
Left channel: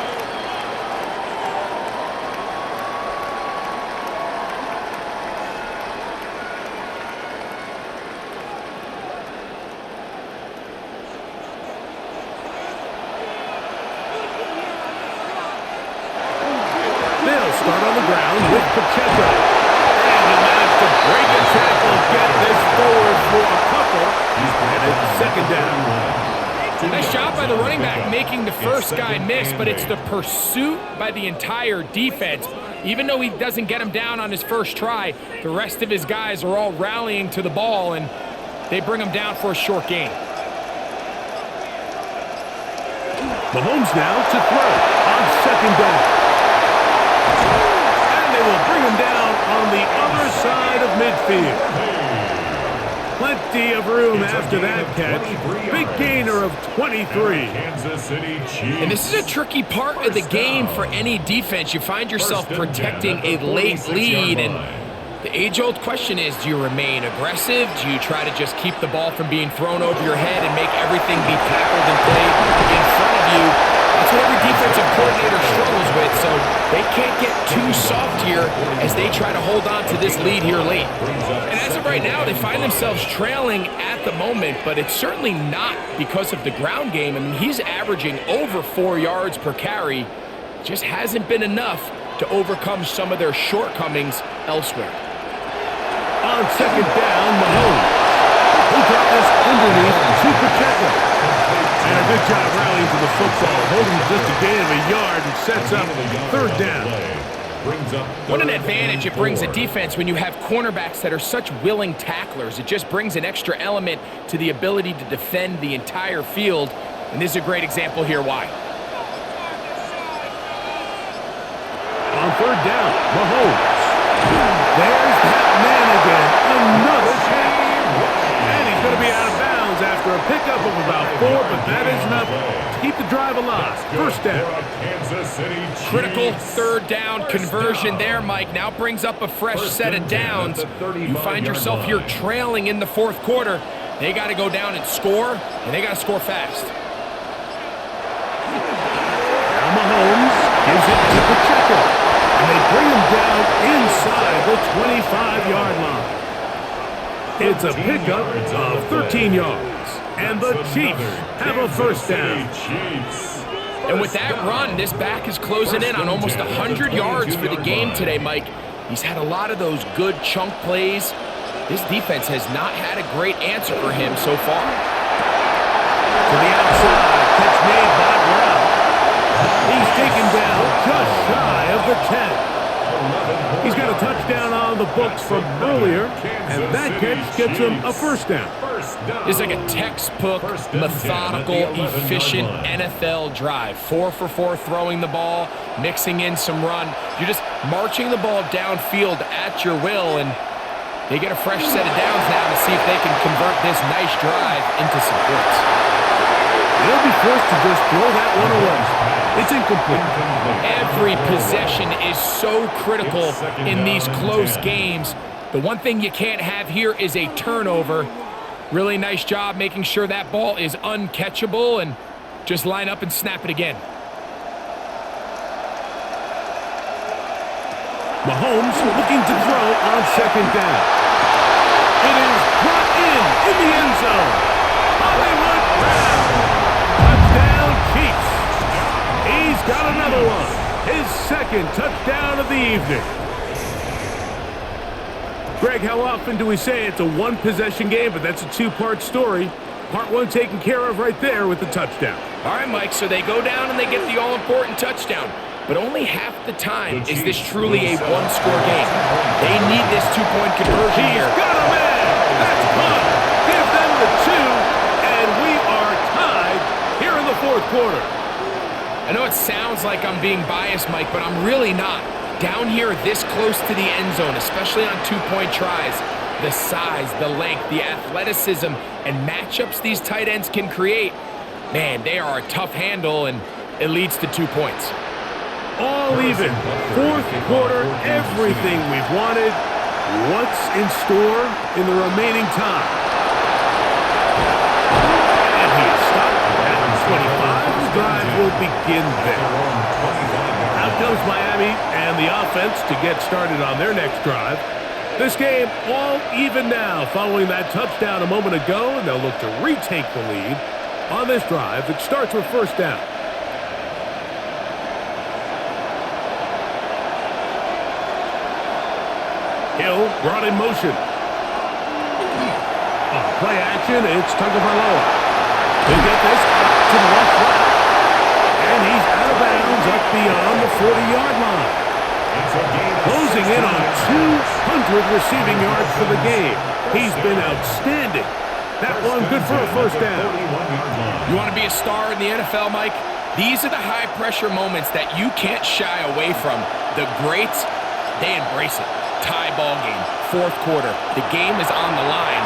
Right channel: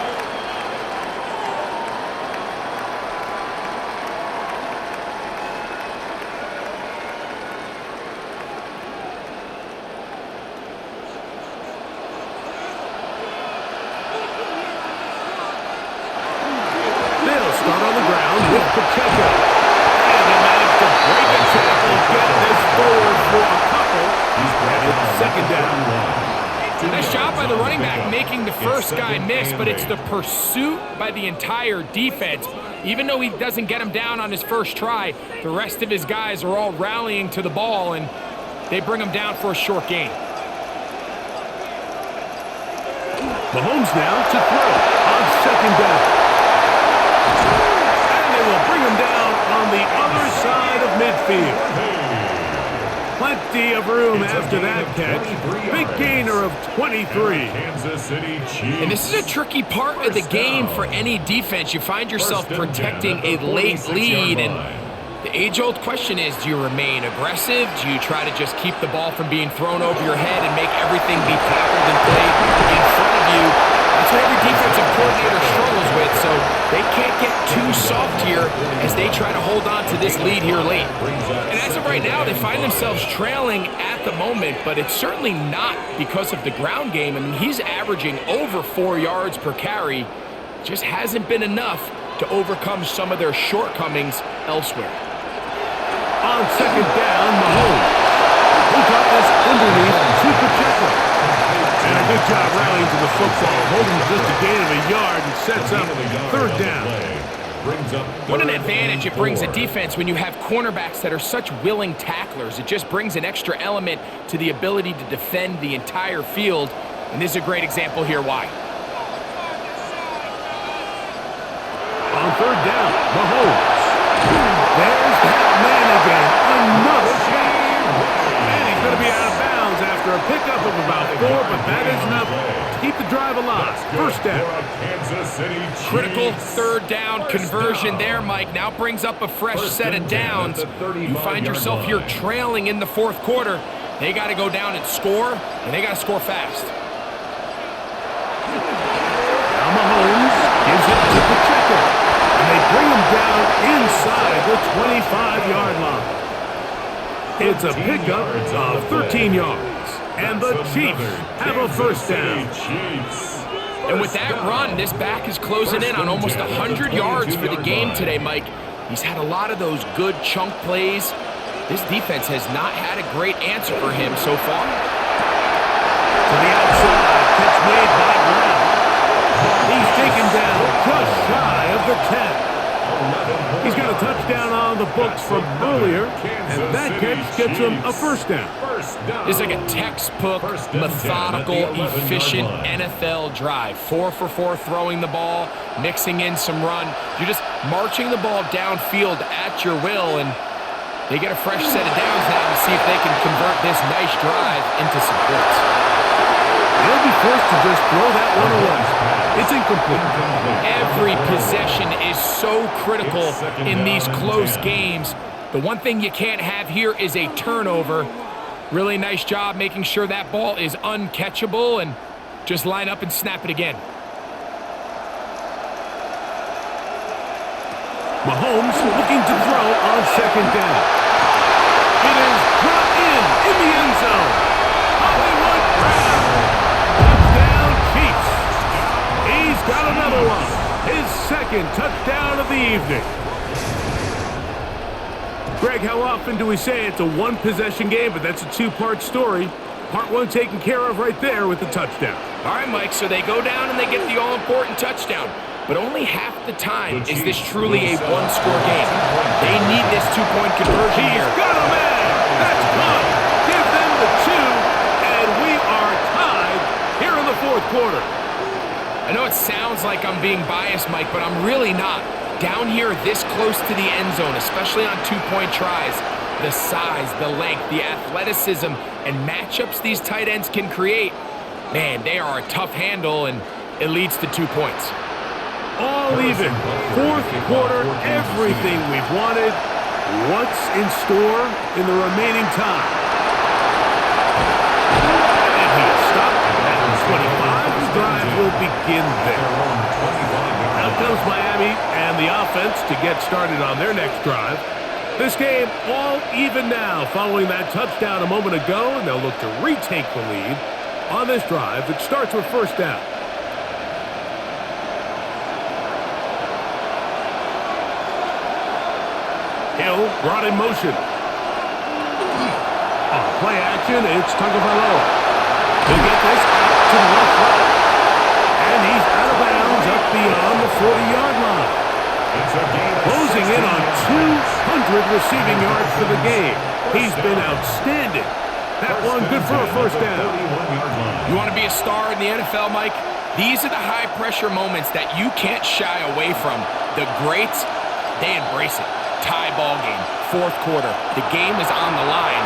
Start on the ground with Pacheco. And he managed to break a tackle, get this forward for a couple. And it's second down. Nice job by the running back making the first guy miss, but it's the pursuit by the entire defense. Even though he doesn't get him down on his first try, the rest of his guys are all rallying to the ball, and they bring him down for a short gain. Mahomes now to throw on second down. And they will bring him down on the other side of midfield. Plenty of room after that catch. Big gainer of 23. Kansas City Chiefs. And this is a tricky part of the game for any defense. You find yourself protecting a late lead, and the age-old question is, do you remain aggressive? Do you try to just keep the ball from being thrown over your head and make everything be tackled and played in front of you? That's what every defensive coordinator struggles with, so they can't get too soft here as they try to hold on to this lead here late. And as of right now, they find themselves trailing at the moment, but it's certainly not because of the ground game. I mean, he's averaging over 4 yards per carry. Just hasn't been enough to overcome some of their shortcomings elsewhere. On second down, Mahomes. Who got this underneath to Pacheco. And a good job rallying to the football, holding just a gain of a yard and sets up third down. What an advantage it brings a defense when you have cornerbacks that are such willing tacklers. It just brings an extra element to the ability to defend the entire field. And this is a great example here why. On third down, Mahomes. There's that man again. Another catch. And he's going to be out of bounds after a pickup of about 4, but that is enough to keep the drive alive. First down. Critical third down conversion there, Mike. Now brings up a fresh set of downs. You find yourself here trailing in the fourth quarter. They got to go down and score, and they got to score fast. Now Mahomes gives it to Pacheco. And they bring him down inside the 25-yard line. It's a pickup of 13 yards. And the Chiefs have a first down. And with that run, this back is closing in on almost 100 yards for the game today, Mike. He's had a lot of those good chunk plays. This defense has not had a great answer for him so far. To the outside, catch made by Brown. He's taken down just shy of the 10. He's got a touchdown on the books from earlier, and that catch gets him a first down. It's like a textbook, methodical, efficient NFL drive. 4 for 4 throwing the ball, mixing in some run. You're just marching the ball downfield at your will, and they get a fresh set of downs now to see if they can convert this nice drive into some points. They'll be forced to just throw that one away. It's incomplete. Every possession is so critical in these close games. The one thing you can't have here is a turnover. Really nice job making sure that ball is uncatchable, and just line up and snap it again. Mahomes looking to throw on second down. It is brought in the end zone. Hollywood Brown. Touchdown Chiefs. He's got another one. His second touchdown of the evening. Greg, how often do we say it's a one-possession game, but that's a two-part story? Part one taken care of right there with the touchdown. All right, Mike, so they go down and they get the all-important touchdown. But only half the time is this truly a one-score game. They need this two-point conversion here. He's got a man. That's caught. Give them the 2, and we are tied here in the fourth quarter. I know it sounds like I'm being biased, Mike, but I'm really not. Down here this close to the end zone, especially on two-point tries, the size, the length, the athleticism, and matchups these tight ends can create, man, they are a tough handle, and it leads to 2 points. All even. Fourth quarter, everything we've wanted. What's in store in the remaining time? And he is stopped at 25. The drive will begin there. Out comes Miami and the offense to get started on their next drive. This game all even now following that touchdown a moment ago, and they'll look to retake the lead on this drive that starts with first down. Hill brought in motion. On play action, it's Tagovailoa. He'll get this out to the left. And he's out of bounds up beyond the 40-yard line. Closing in on 200 receiving yards for the game. He's been outstanding. That one good for a first down. You want to be a star in the NFL, Mike? These are the high-pressure moments that you can't shy away from. The greats, they embrace it. Tie ball game, fourth quarter. The game is on the line.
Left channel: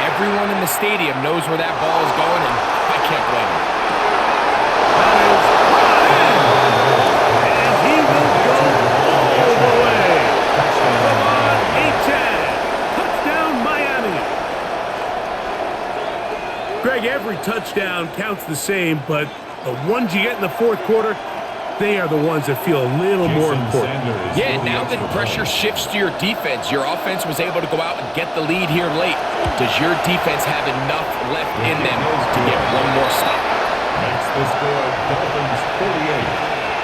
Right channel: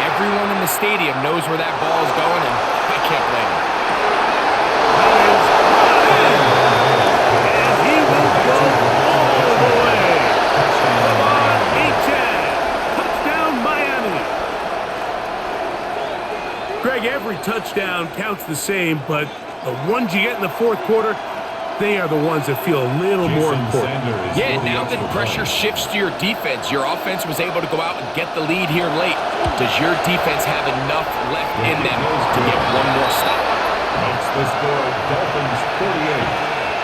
Everyone in the stadium knows where that ball is going, and I can't blame them. That is brought in, and he will go all the way. Devon Achane, touchdown Miami. Greg, every touchdown counts the same, but the ones you get in the fourth quarter, they are the ones that feel a little more important. Yeah, now that pressure shifts to your defense, your offense was able to go out and get the lead here late. Does your defense have enough left in them to get one more stop? Makes the score Dolphins 48,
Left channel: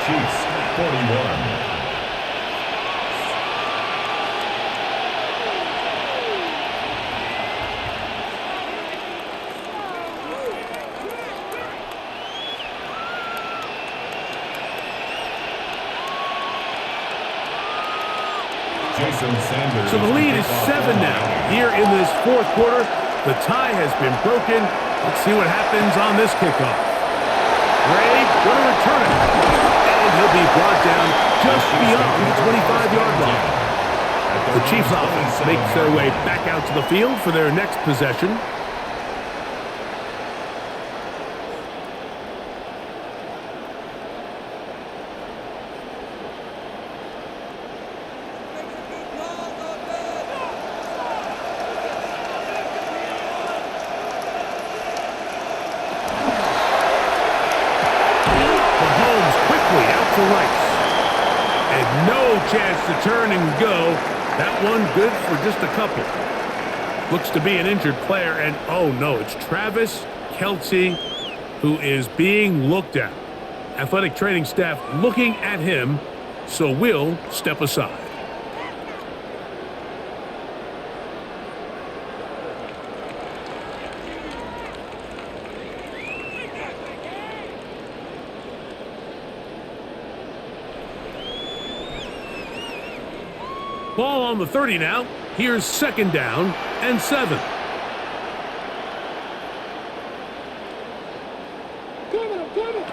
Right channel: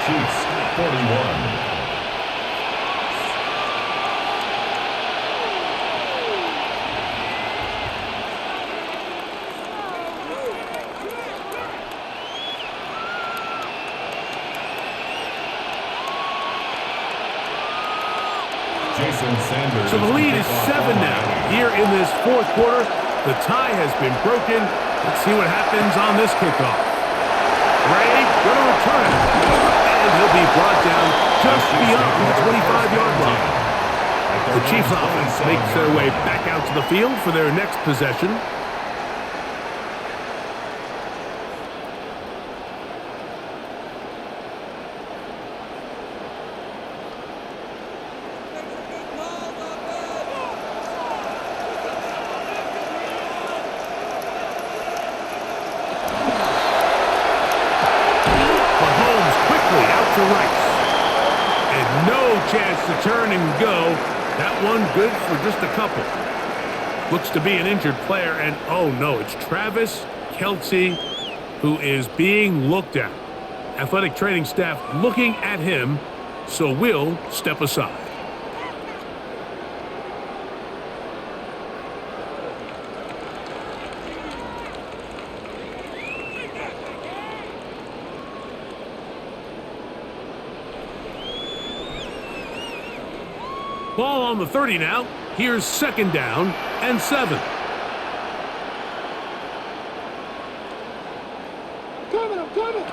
Chiefs 41. So the lead is 7 now. Here in this fourth quarter, the tie has been broken. Let's see what happens on this kickoff. Ray going to return it. And he'll be brought down just beyond the 25-yard line. The Chiefs offense makes their way back out to the field for their next possession. Mahomes quickly out to Rice. And no chance to turn and go. That one good for just a couple. Looks to be an injured player, and oh no, it's Travis Kelce who is being looked at. Athletic training staff looking at him, so we'll step aside. Ball on the 30 now. Here's 2nd down and 7. I'm coming.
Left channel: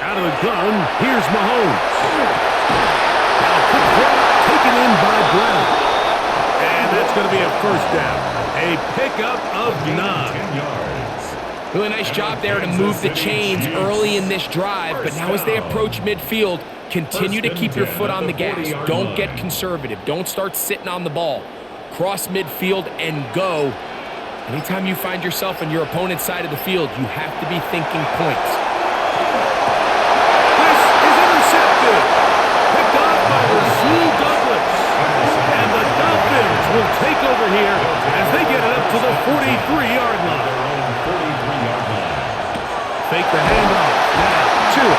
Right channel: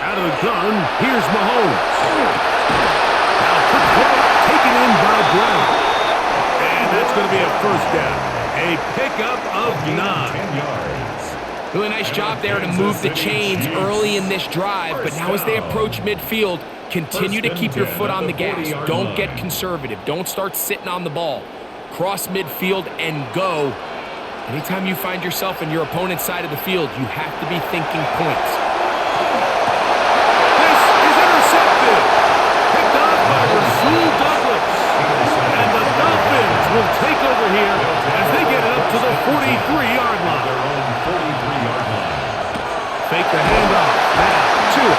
Out of the gun, here's Mahomes. Now quick throw taken in by Brown. And that's going to be a 1st down. A pickup of 9. 10 yards. Really nice job there to move the chains early in this drive, but now as they approach midfield, continue to keep your foot on the gas. Don't get conservative. Don't start sitting on the ball. Cross midfield and go. Anytime you find yourself on your opponent's side of the field, you have to be thinking points. This is intercepted. Picked off by Rasul Douglas. And the Dolphins will take over here as they get it up to the 43-yard line. Their own 43-yard line. Fake the handoff. Now, Tua.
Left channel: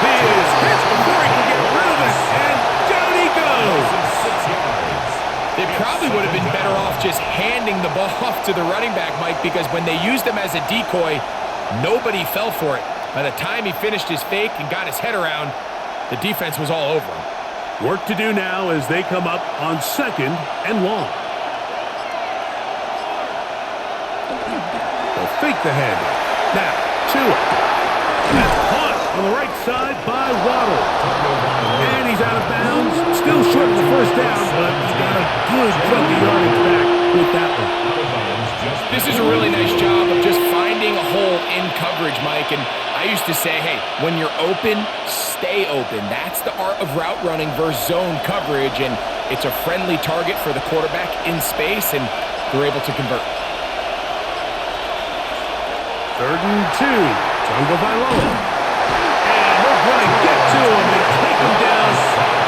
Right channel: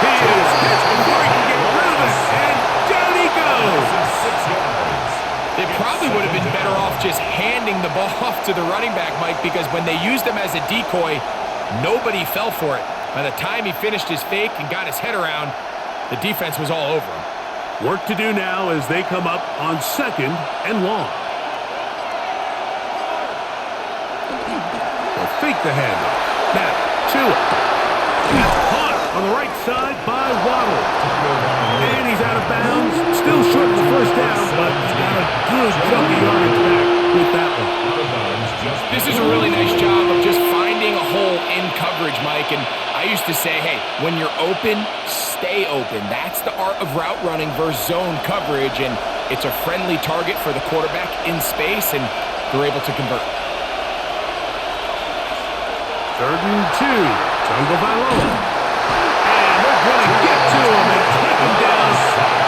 He is hit before he can get rid of it, and down he goes. 6 yards. They probably would have been better off just handing the ball off to the running back, Mike, because when they used him as a decoy, nobody fell for it. By the time he finished his fake and got his head around, the defense was all over him. Work to do now as they come up on 2nd and long. They'll fake the handoff. Now, Tua. That's caught on the right side by Waddle. And he's out of bounds. Still short of the 1st down, but he's got a good chunk of yardage back with that one. This is a really nice job of just finding a hole in coverage, Mike. And I used to say, hey, when you're open, stay open. That's the art of route running versus zone coverage. And it's a friendly target for the quarterback in space, and they're able to convert. 3rd and 2. Jungle Valo. And they're going to get to him and take him down,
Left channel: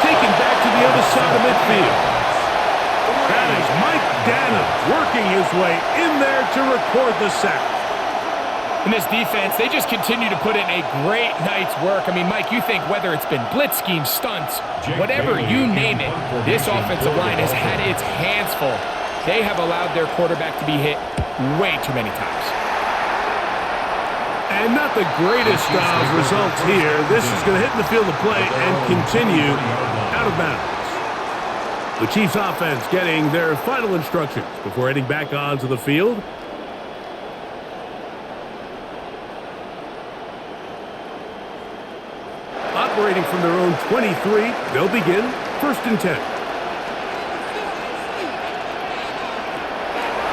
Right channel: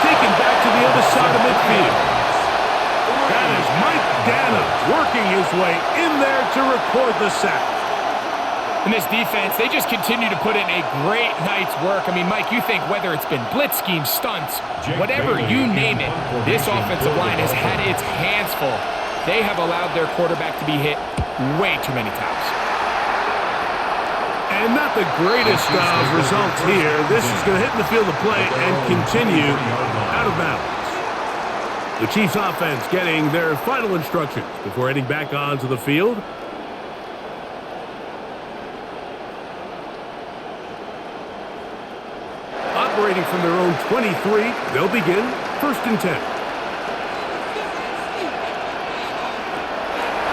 taken back to the other side of midfield. That is Mike Danham working his way in there to record the sack. In this defense, they just continue to put in a great night's work. I mean, Mike, you think whether it's been blitz schemes, stunts, whatever you name it, this offensive line has had its hands full. They have allowed their quarterback to be hit way too many times. And not the greatest of results here. This is going to hit in the field of play and continue out of bounds. The Chiefs offense getting their final instructions before heading back onto the field. Operating from their own 23, they'll begin 1st and 10.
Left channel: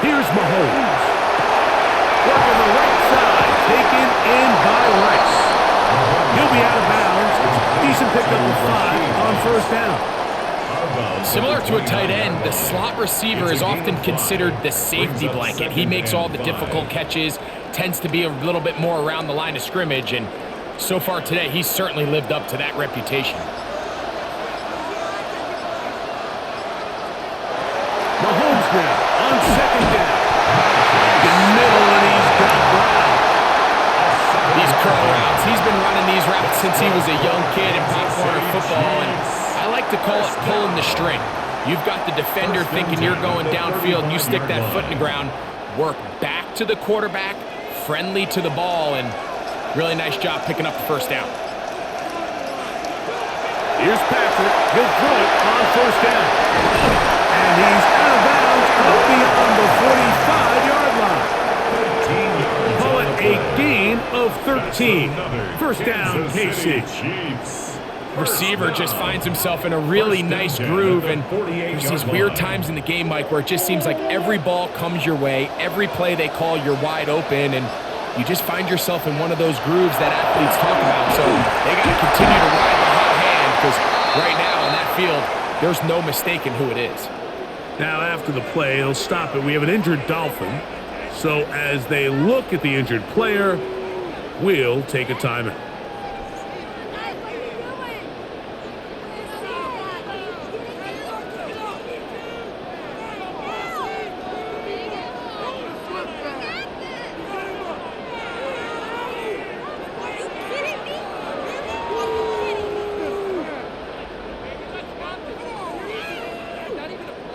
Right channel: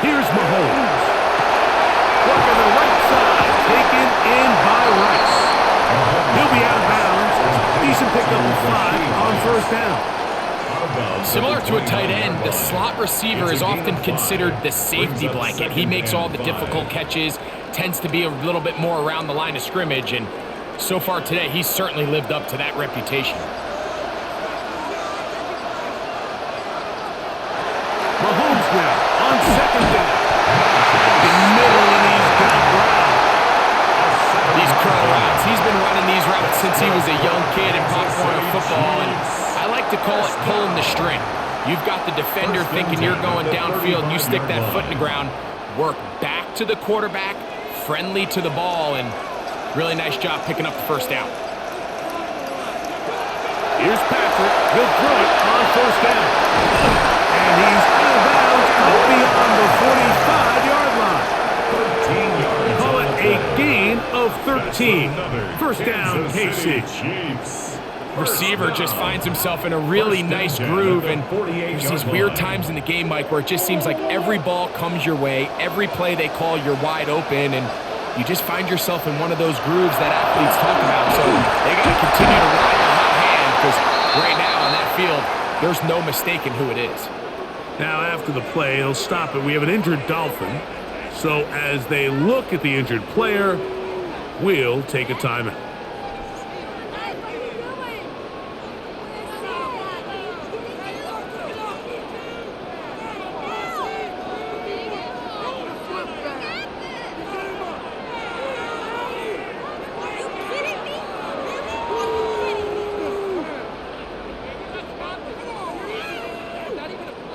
Here's Mahomes. Working the right side, taken in by Rice. He'll be out of bounds. Decent pickup of 5 on 1st down. Similar to a tight end, the slot receiver is often considered the safety blanket. He makes all the difficult catches, tends to be a little bit more around the line of scrimmage, and so far today, he's certainly lived up to that reputation. Mahomes now on 2nd down. In the middle, and he's got Brown. These curl routes, he's been running these routes since he was a young kid in Pop Warner football, and I like to call it pulling the string. You've got the defender thinking you're going downfield, and you stick that foot in the ground, work back to the quarterback, friendly to the ball, and really nice job picking up the 1st down. Here's Patrick. He'll throw it on 1st down. And he's out of bounds up beyond the 45-yard line. 13 yards. Call it a gain of 13. 1st down, KC. Receiver just finds himself in a really nice groove, and there's these weird times in the game, Mike, where it just seems like every ball comes your way, every play they call, you're wide open, and you just find yourself in one of those grooves that athletes talk about. So they got to continue to ride the hot hand, because right now on that field, there's no mistaking who it is. Now after the play, they'll stop it. We have an injured Dolphin. So as they look at the injured player, we'll take a timeout.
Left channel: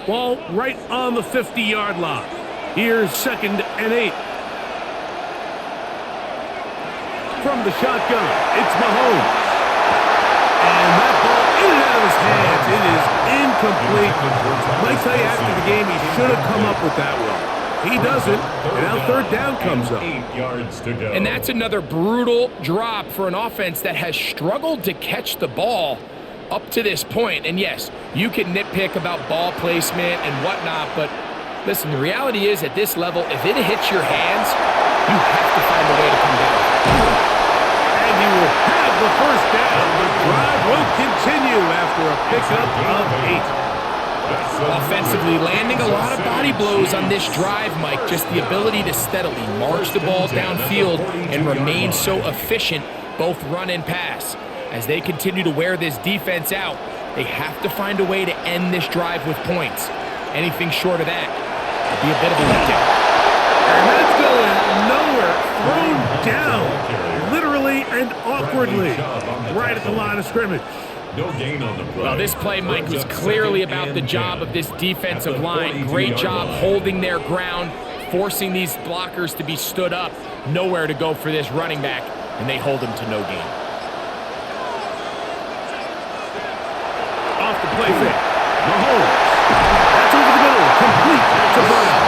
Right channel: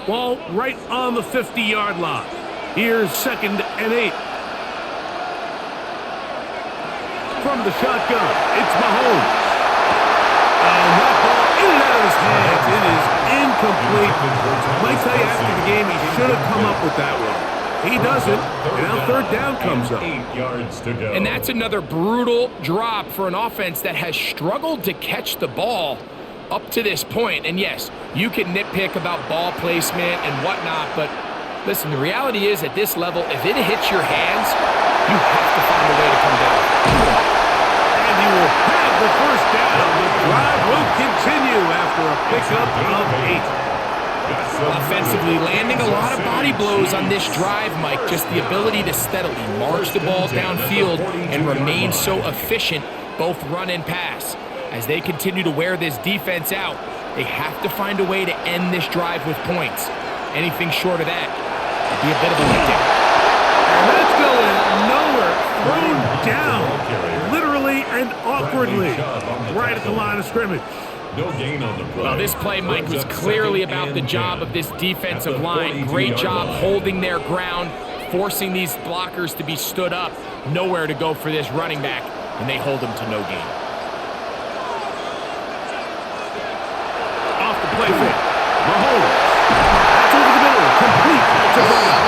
Ball right on the 50-yard line. Here's 2nd and 8. From the shotgun, it's Mahomes. And that ball in and out of his hands. It is incomplete. Might tell you after the game he should have come up with that one. He doesn't, and now 3rd down comes up. 8 yards to go. And that's another brutal drop for an offense that has struggled to catch the ball up to this point. And yes, you can nitpick about ball placement and whatnot, but listen, the reality is at this level, if it hits your hands, you have to find a way to come down. And he will have the 1st down. The drive will continue after a pickup of 8. Offensively landing a lot of body blows on this drive, Mike. Just the ability to steadily march the ball downfield and remain so efficient, both run and pass. As they continue to wear this defense out, they have to find a way to end this drive with points. Anything short of that would be a bit of a letdown. And that's going nowhere. Thrown down, literally and awkwardly, right at the line of scrimmage. No gain on the play. Well, this play, Mike, was clearly about the job of this defensive line. Great job holding their ground, forcing these blockers to be stood up. Nowhere to go for this running back, and they hold him to no gain. Off the play fake. Mahomes. That's over the middle. Complete to Brown.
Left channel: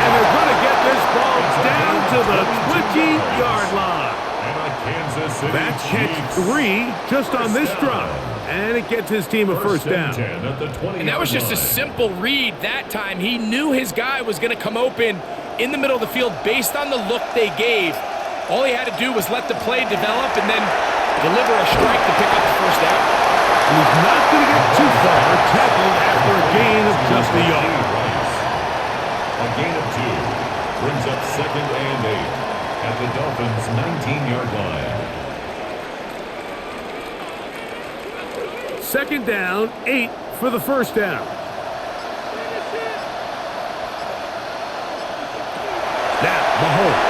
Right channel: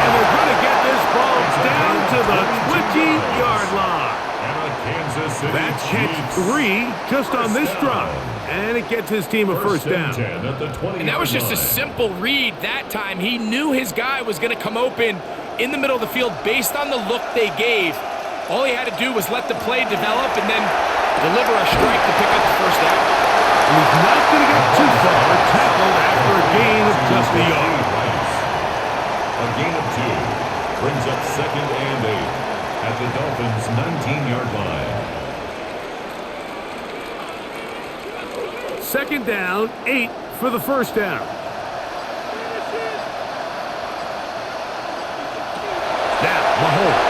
And they're going to get this ball down to the 20-yard line. And a Kansas City That's catch 3 just on this drive. And it gets his team a 1st down. And that was just a simple read that time. He knew his guy was going to come open in the middle of the field based on the look they gave. All he had to do was let the play develop and then deliver a strike to pick up the 1st down. And he's not going to get too far, tackled after a gain of just a yard. A gain of 2 brings up 2nd and 8 at the Dolphins' 19-yard line. 2nd down, 8 for the 1st down. Now, Mahomes.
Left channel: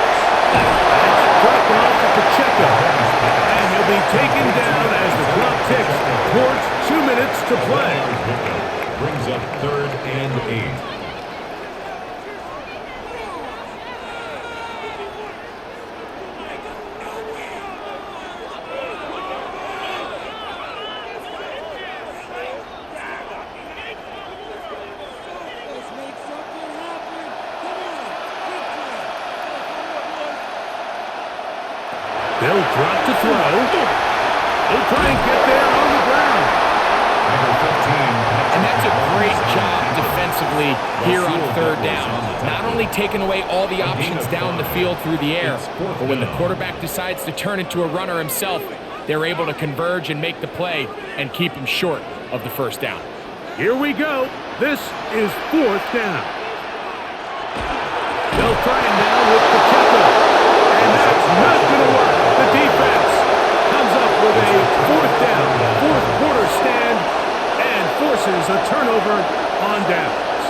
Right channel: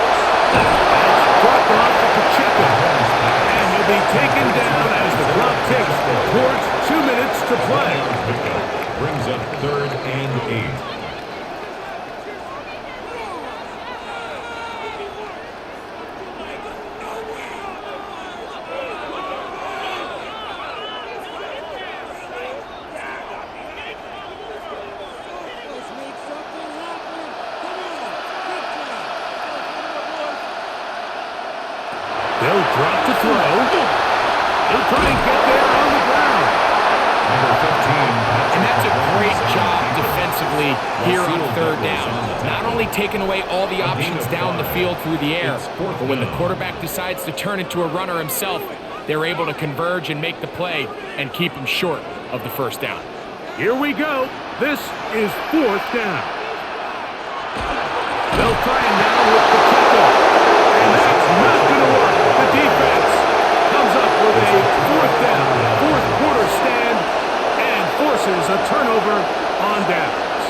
That's dropped off for Pacheco. And he'll be taken down as the clock ticks towards 2 minutes to play. Pickup brings up 3rd and 8. They'll drop to throw. He'll try and get there on the ground. Number 15. And that's a great job defensively here on 3rd down. Not only taking away all the options down the field through the air, but when the quarterback decides to turn into a runner himself, they're able to converge and make the play and keep him short of the 1st down. Here we go. This is 4th down. They'll try it now with Pacheco. And that's not going to work. The defense comes up with a 4th down, 4th quarter stand, and forces a turnover on downs.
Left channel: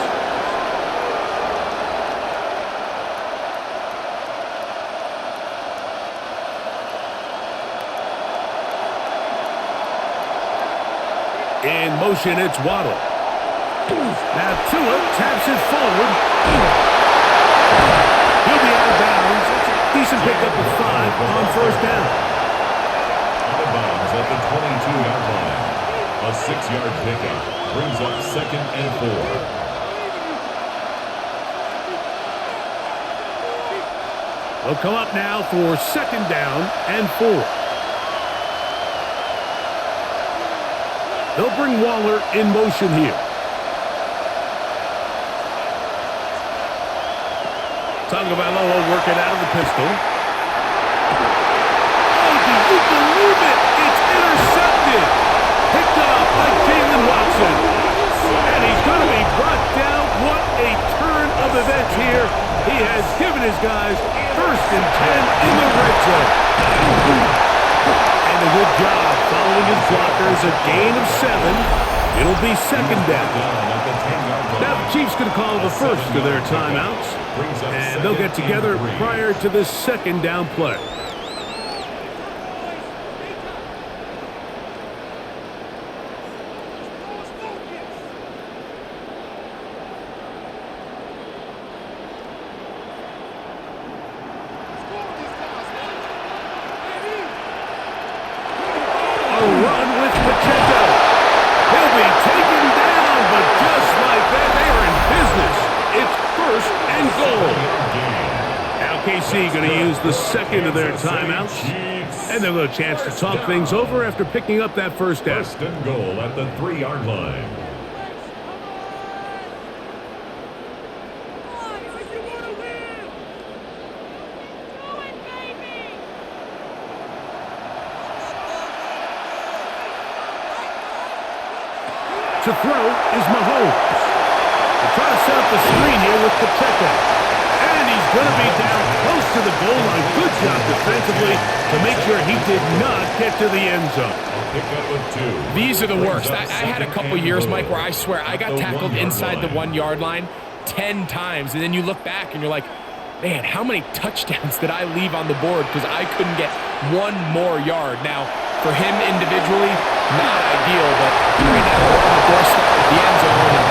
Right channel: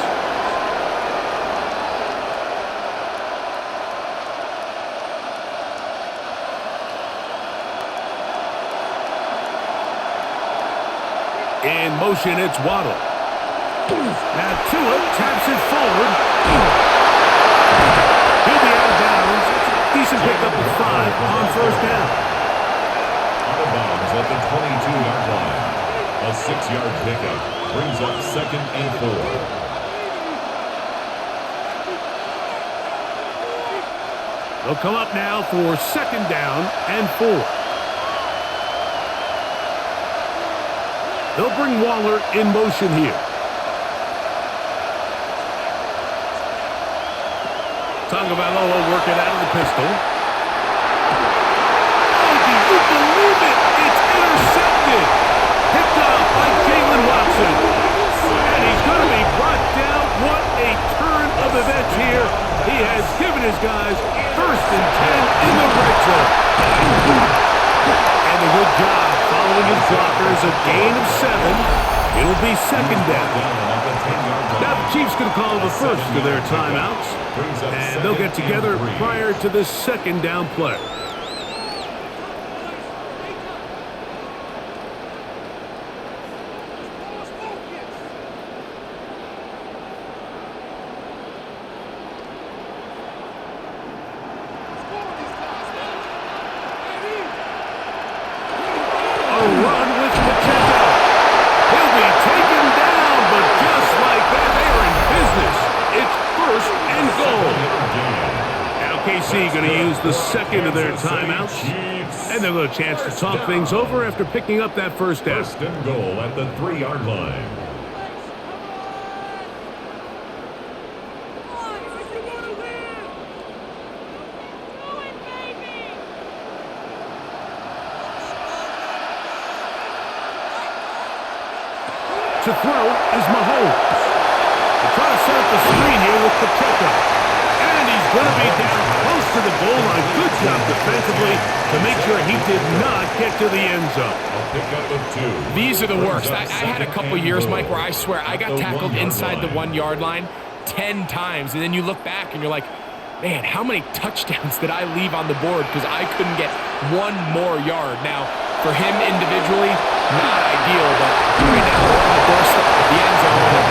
In motion, it's Waddle. Now Tua taps it forward. He'll be out of bounds. That's a decent pickup of 5 on 1st down. Out of bounds at the 22-yard line. A 6-yard pickup brings up 2nd and 4. They'll come up now for 2nd down and 4. They'll bring Waller in motion here. Tagovailoa working out of the pistol. Oh, do you believe it? It's intercepted. Picked up by Jalen Watson. And he's going to be brought down. What a turn of events here. He has given his guys 1st and 10 in the red zone. And a good job following his blockers. A gain of 7. It'll be 2nd down. Now the Chiefs going to call the first of their timeouts. And they'll get together prior to this 2nd down play. will be taken down, but just like that, they are in business. It's 1st and goal. Now KC going to use the second of their timeouts, and they'll get a chance to talk things over after picking up that first down. 1st and goal at the 3-yard line. To throw is Mahomes. They're trying to set up the screen here with Pacheco. And he's going to be down close to the goal line. Good job defensively to make sure he did not get to the end zone. I'll pick up with 2. These are the worst. I had a couple years, Mike, where I swear I got tackled inside the 1-yard line 10 times. And then you look back and you're like, man, how many touchdowns did I leave on the board because I couldn't get one more yard? Now, for him individually, not ideal, but right now they're on the doorstep of the end zone, and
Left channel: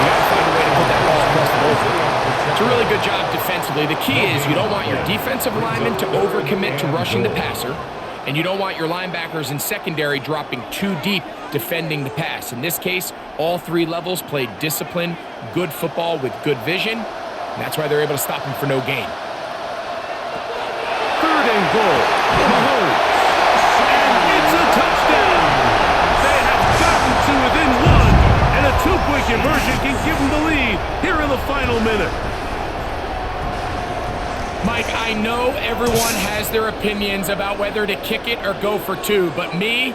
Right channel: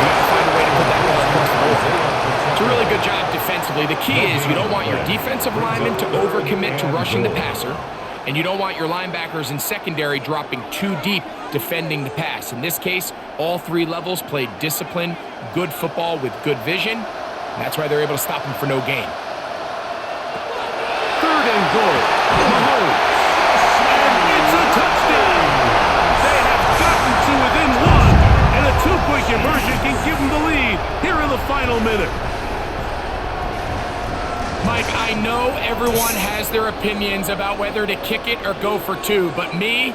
you got to find a way to put that ball across the board. It's a really good job defensively. The key is you don't want your defensive linemen to overcommit to rushing the passer, and you don't want your linebackers in secondary dropping too deep defending the pass. In this case, all 3 levels played disciplined, good football with good vision. That's why they're able to stop him for no gain. 3rd and goal. Mahomes. And it's a touchdown. They have gotten to within 1, and a 2-point conversion can give them the lead here in the final minute. Mike, I know everyone has their opinions about whether to kick it or go for 2, but my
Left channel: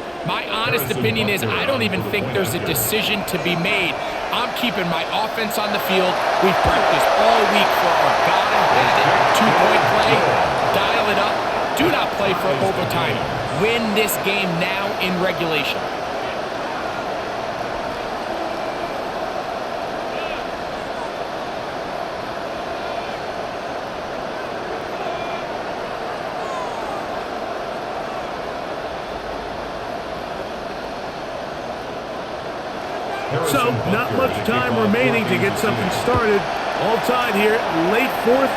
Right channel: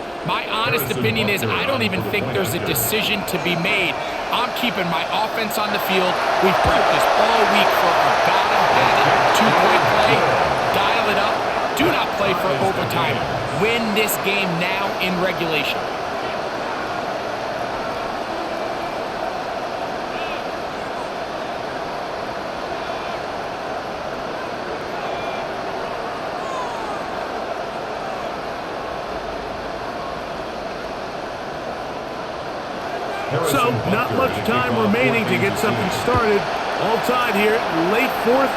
honest opinion is I don't even think there's a decision to be made. I'm keeping my offense on the field. We've practiced all week for our gotta-have-it 2-point play. Dial it up. Do not play for overtime. Win this game now in regulation. So, not much time remaining to get something started. All tied here, late 4th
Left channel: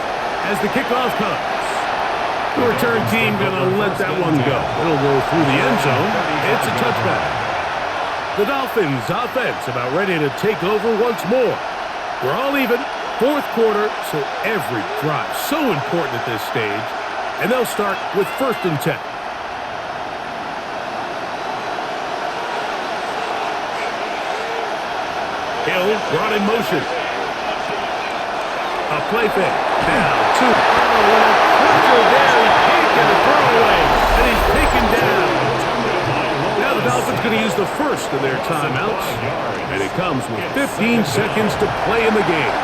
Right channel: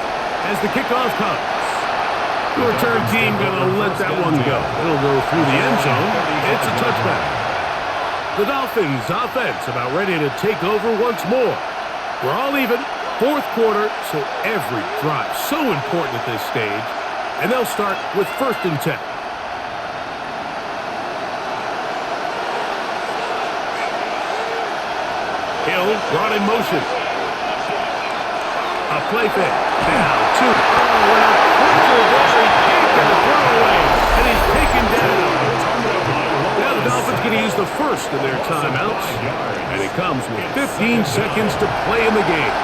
as the kickoff comes. The return team going to let that one go. It'll go through the end zone. It's a touchback. The Dolphins offense about ready to take over once more. We're all even. 4th quarter, so every drive so important at this stage. And they'll start with 1st and 10. Hill brought in motion. A play fake. Down 2. Oh, and a pressure there. He can't get a throwaway. And he's taken down. Now the Dolphins going to use the first of their timeouts. And it comes with 15 seconds to play in the game.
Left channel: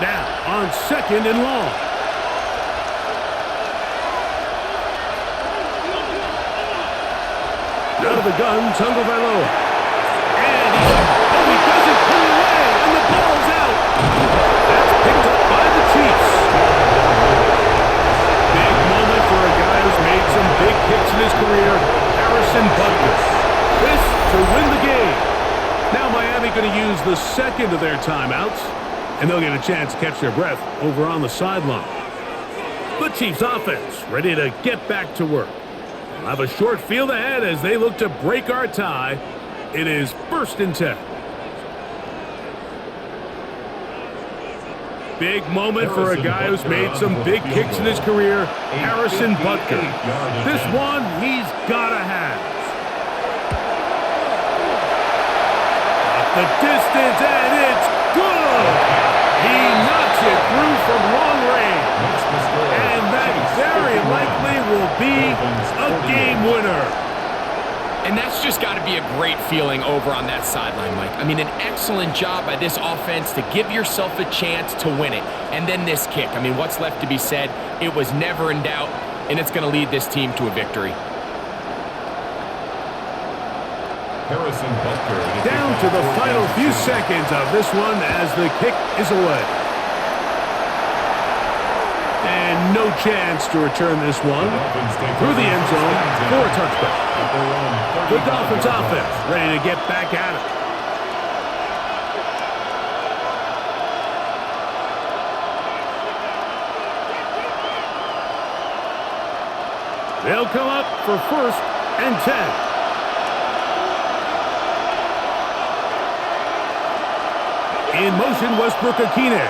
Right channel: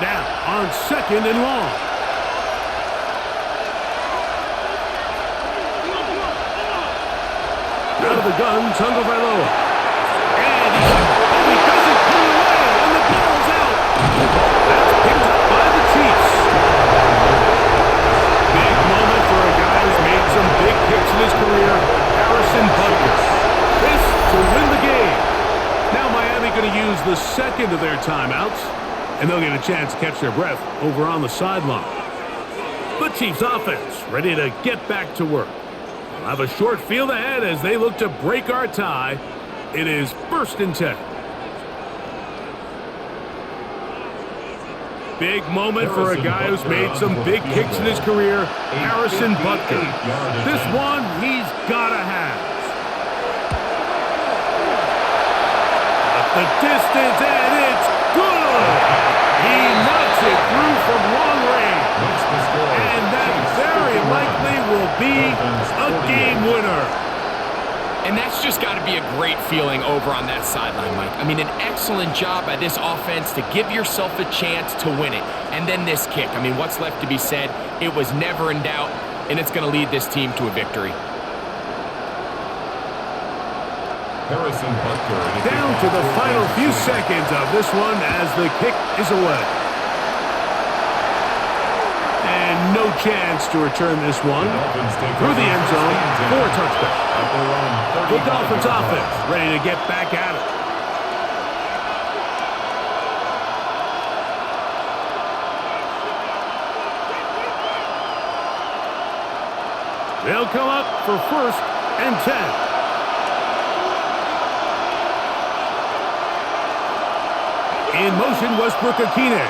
Now, on 2nd and long. Out of the gun, Tagovailoa. And he doesn't put it away, and the ball's out. That's picked up by the Chiefs. Big moment for a guy who's made some big kicks in his career, Harrison Butker. This to win the game. Now Miami going to use the second of their timeouts. And they'll get a chance to catch their breath over on the sideline. The Chiefs offense ready to get back to work. They'll have a short field ahead as they look to break our tie. It is 1st and 10. Big moment for a guy who's made some big kicks in his career, Harrison Butker. This one he's got to have. Got the distance, and it's good. He knocks it through from long range. And that very likely will be a game winner. And that's just got to be a great feeling over on that sideline, Mike. I mean, an excellent job by this offense to give yourself a chance to win it. And then this kick. I mean, what's left to be said? It was never in doubt, and it's going to lead this team to a victory. Harrison Butker down to the final few seconds of this one as the kick is away. And no chance to return this one through the end zone for a touchback. The Dolphins offense ready to get back at it. They'll come up for 1st and 10. In motion, Westbrook-Akine.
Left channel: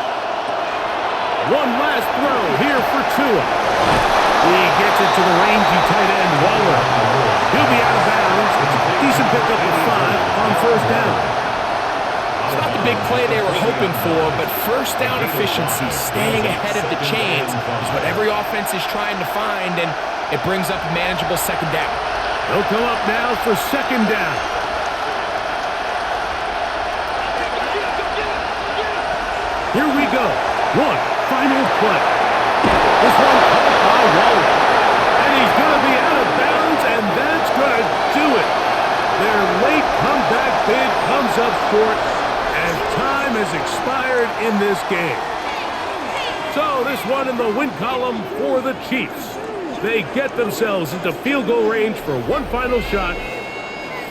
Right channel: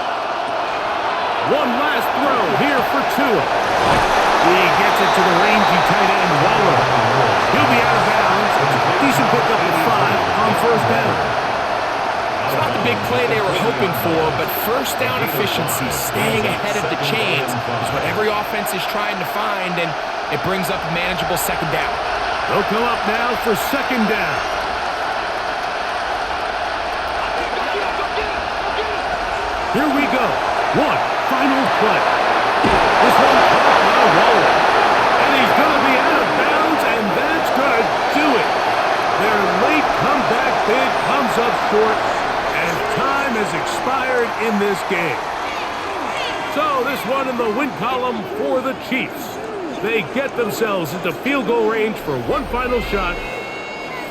One last throw here for Tua. He gets it to the rangy tight end, Waller. He'll be out of bounds. Decent pickup of 5 on 1st down. It's not the big play they were hoping for, but first down efficiency, staying ahead of the chains, is what every offense is trying to find, and it brings up a manageable 2nd down. They'll come up now for 2nd down. Here we go. One final play. This one caught by Waller. And he's going to be out of bounds, and that's going to do it. Their late comeback bid comes up short, and time has expired in this game. So this one in the win column for the Chiefs. They get themselves into field goal range for one final shot.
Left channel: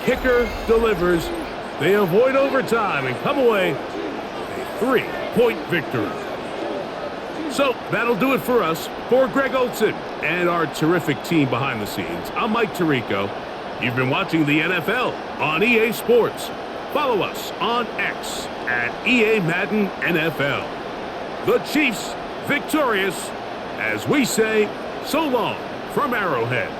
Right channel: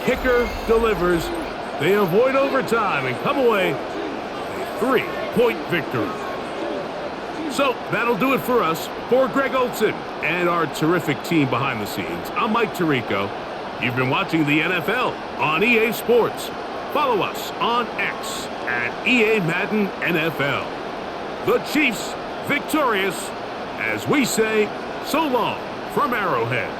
Kicker delivers. They avoid overtime and come away with a 3-point victory. So that'll do it for us. For Greg Olson and our terrific team behind the scenes, I'm Mike Tirico. You've been watching the NFL on EA Sports. Follow us on X at EA Madden NFL. The Chiefs victorious as we say so long from Arrowhead.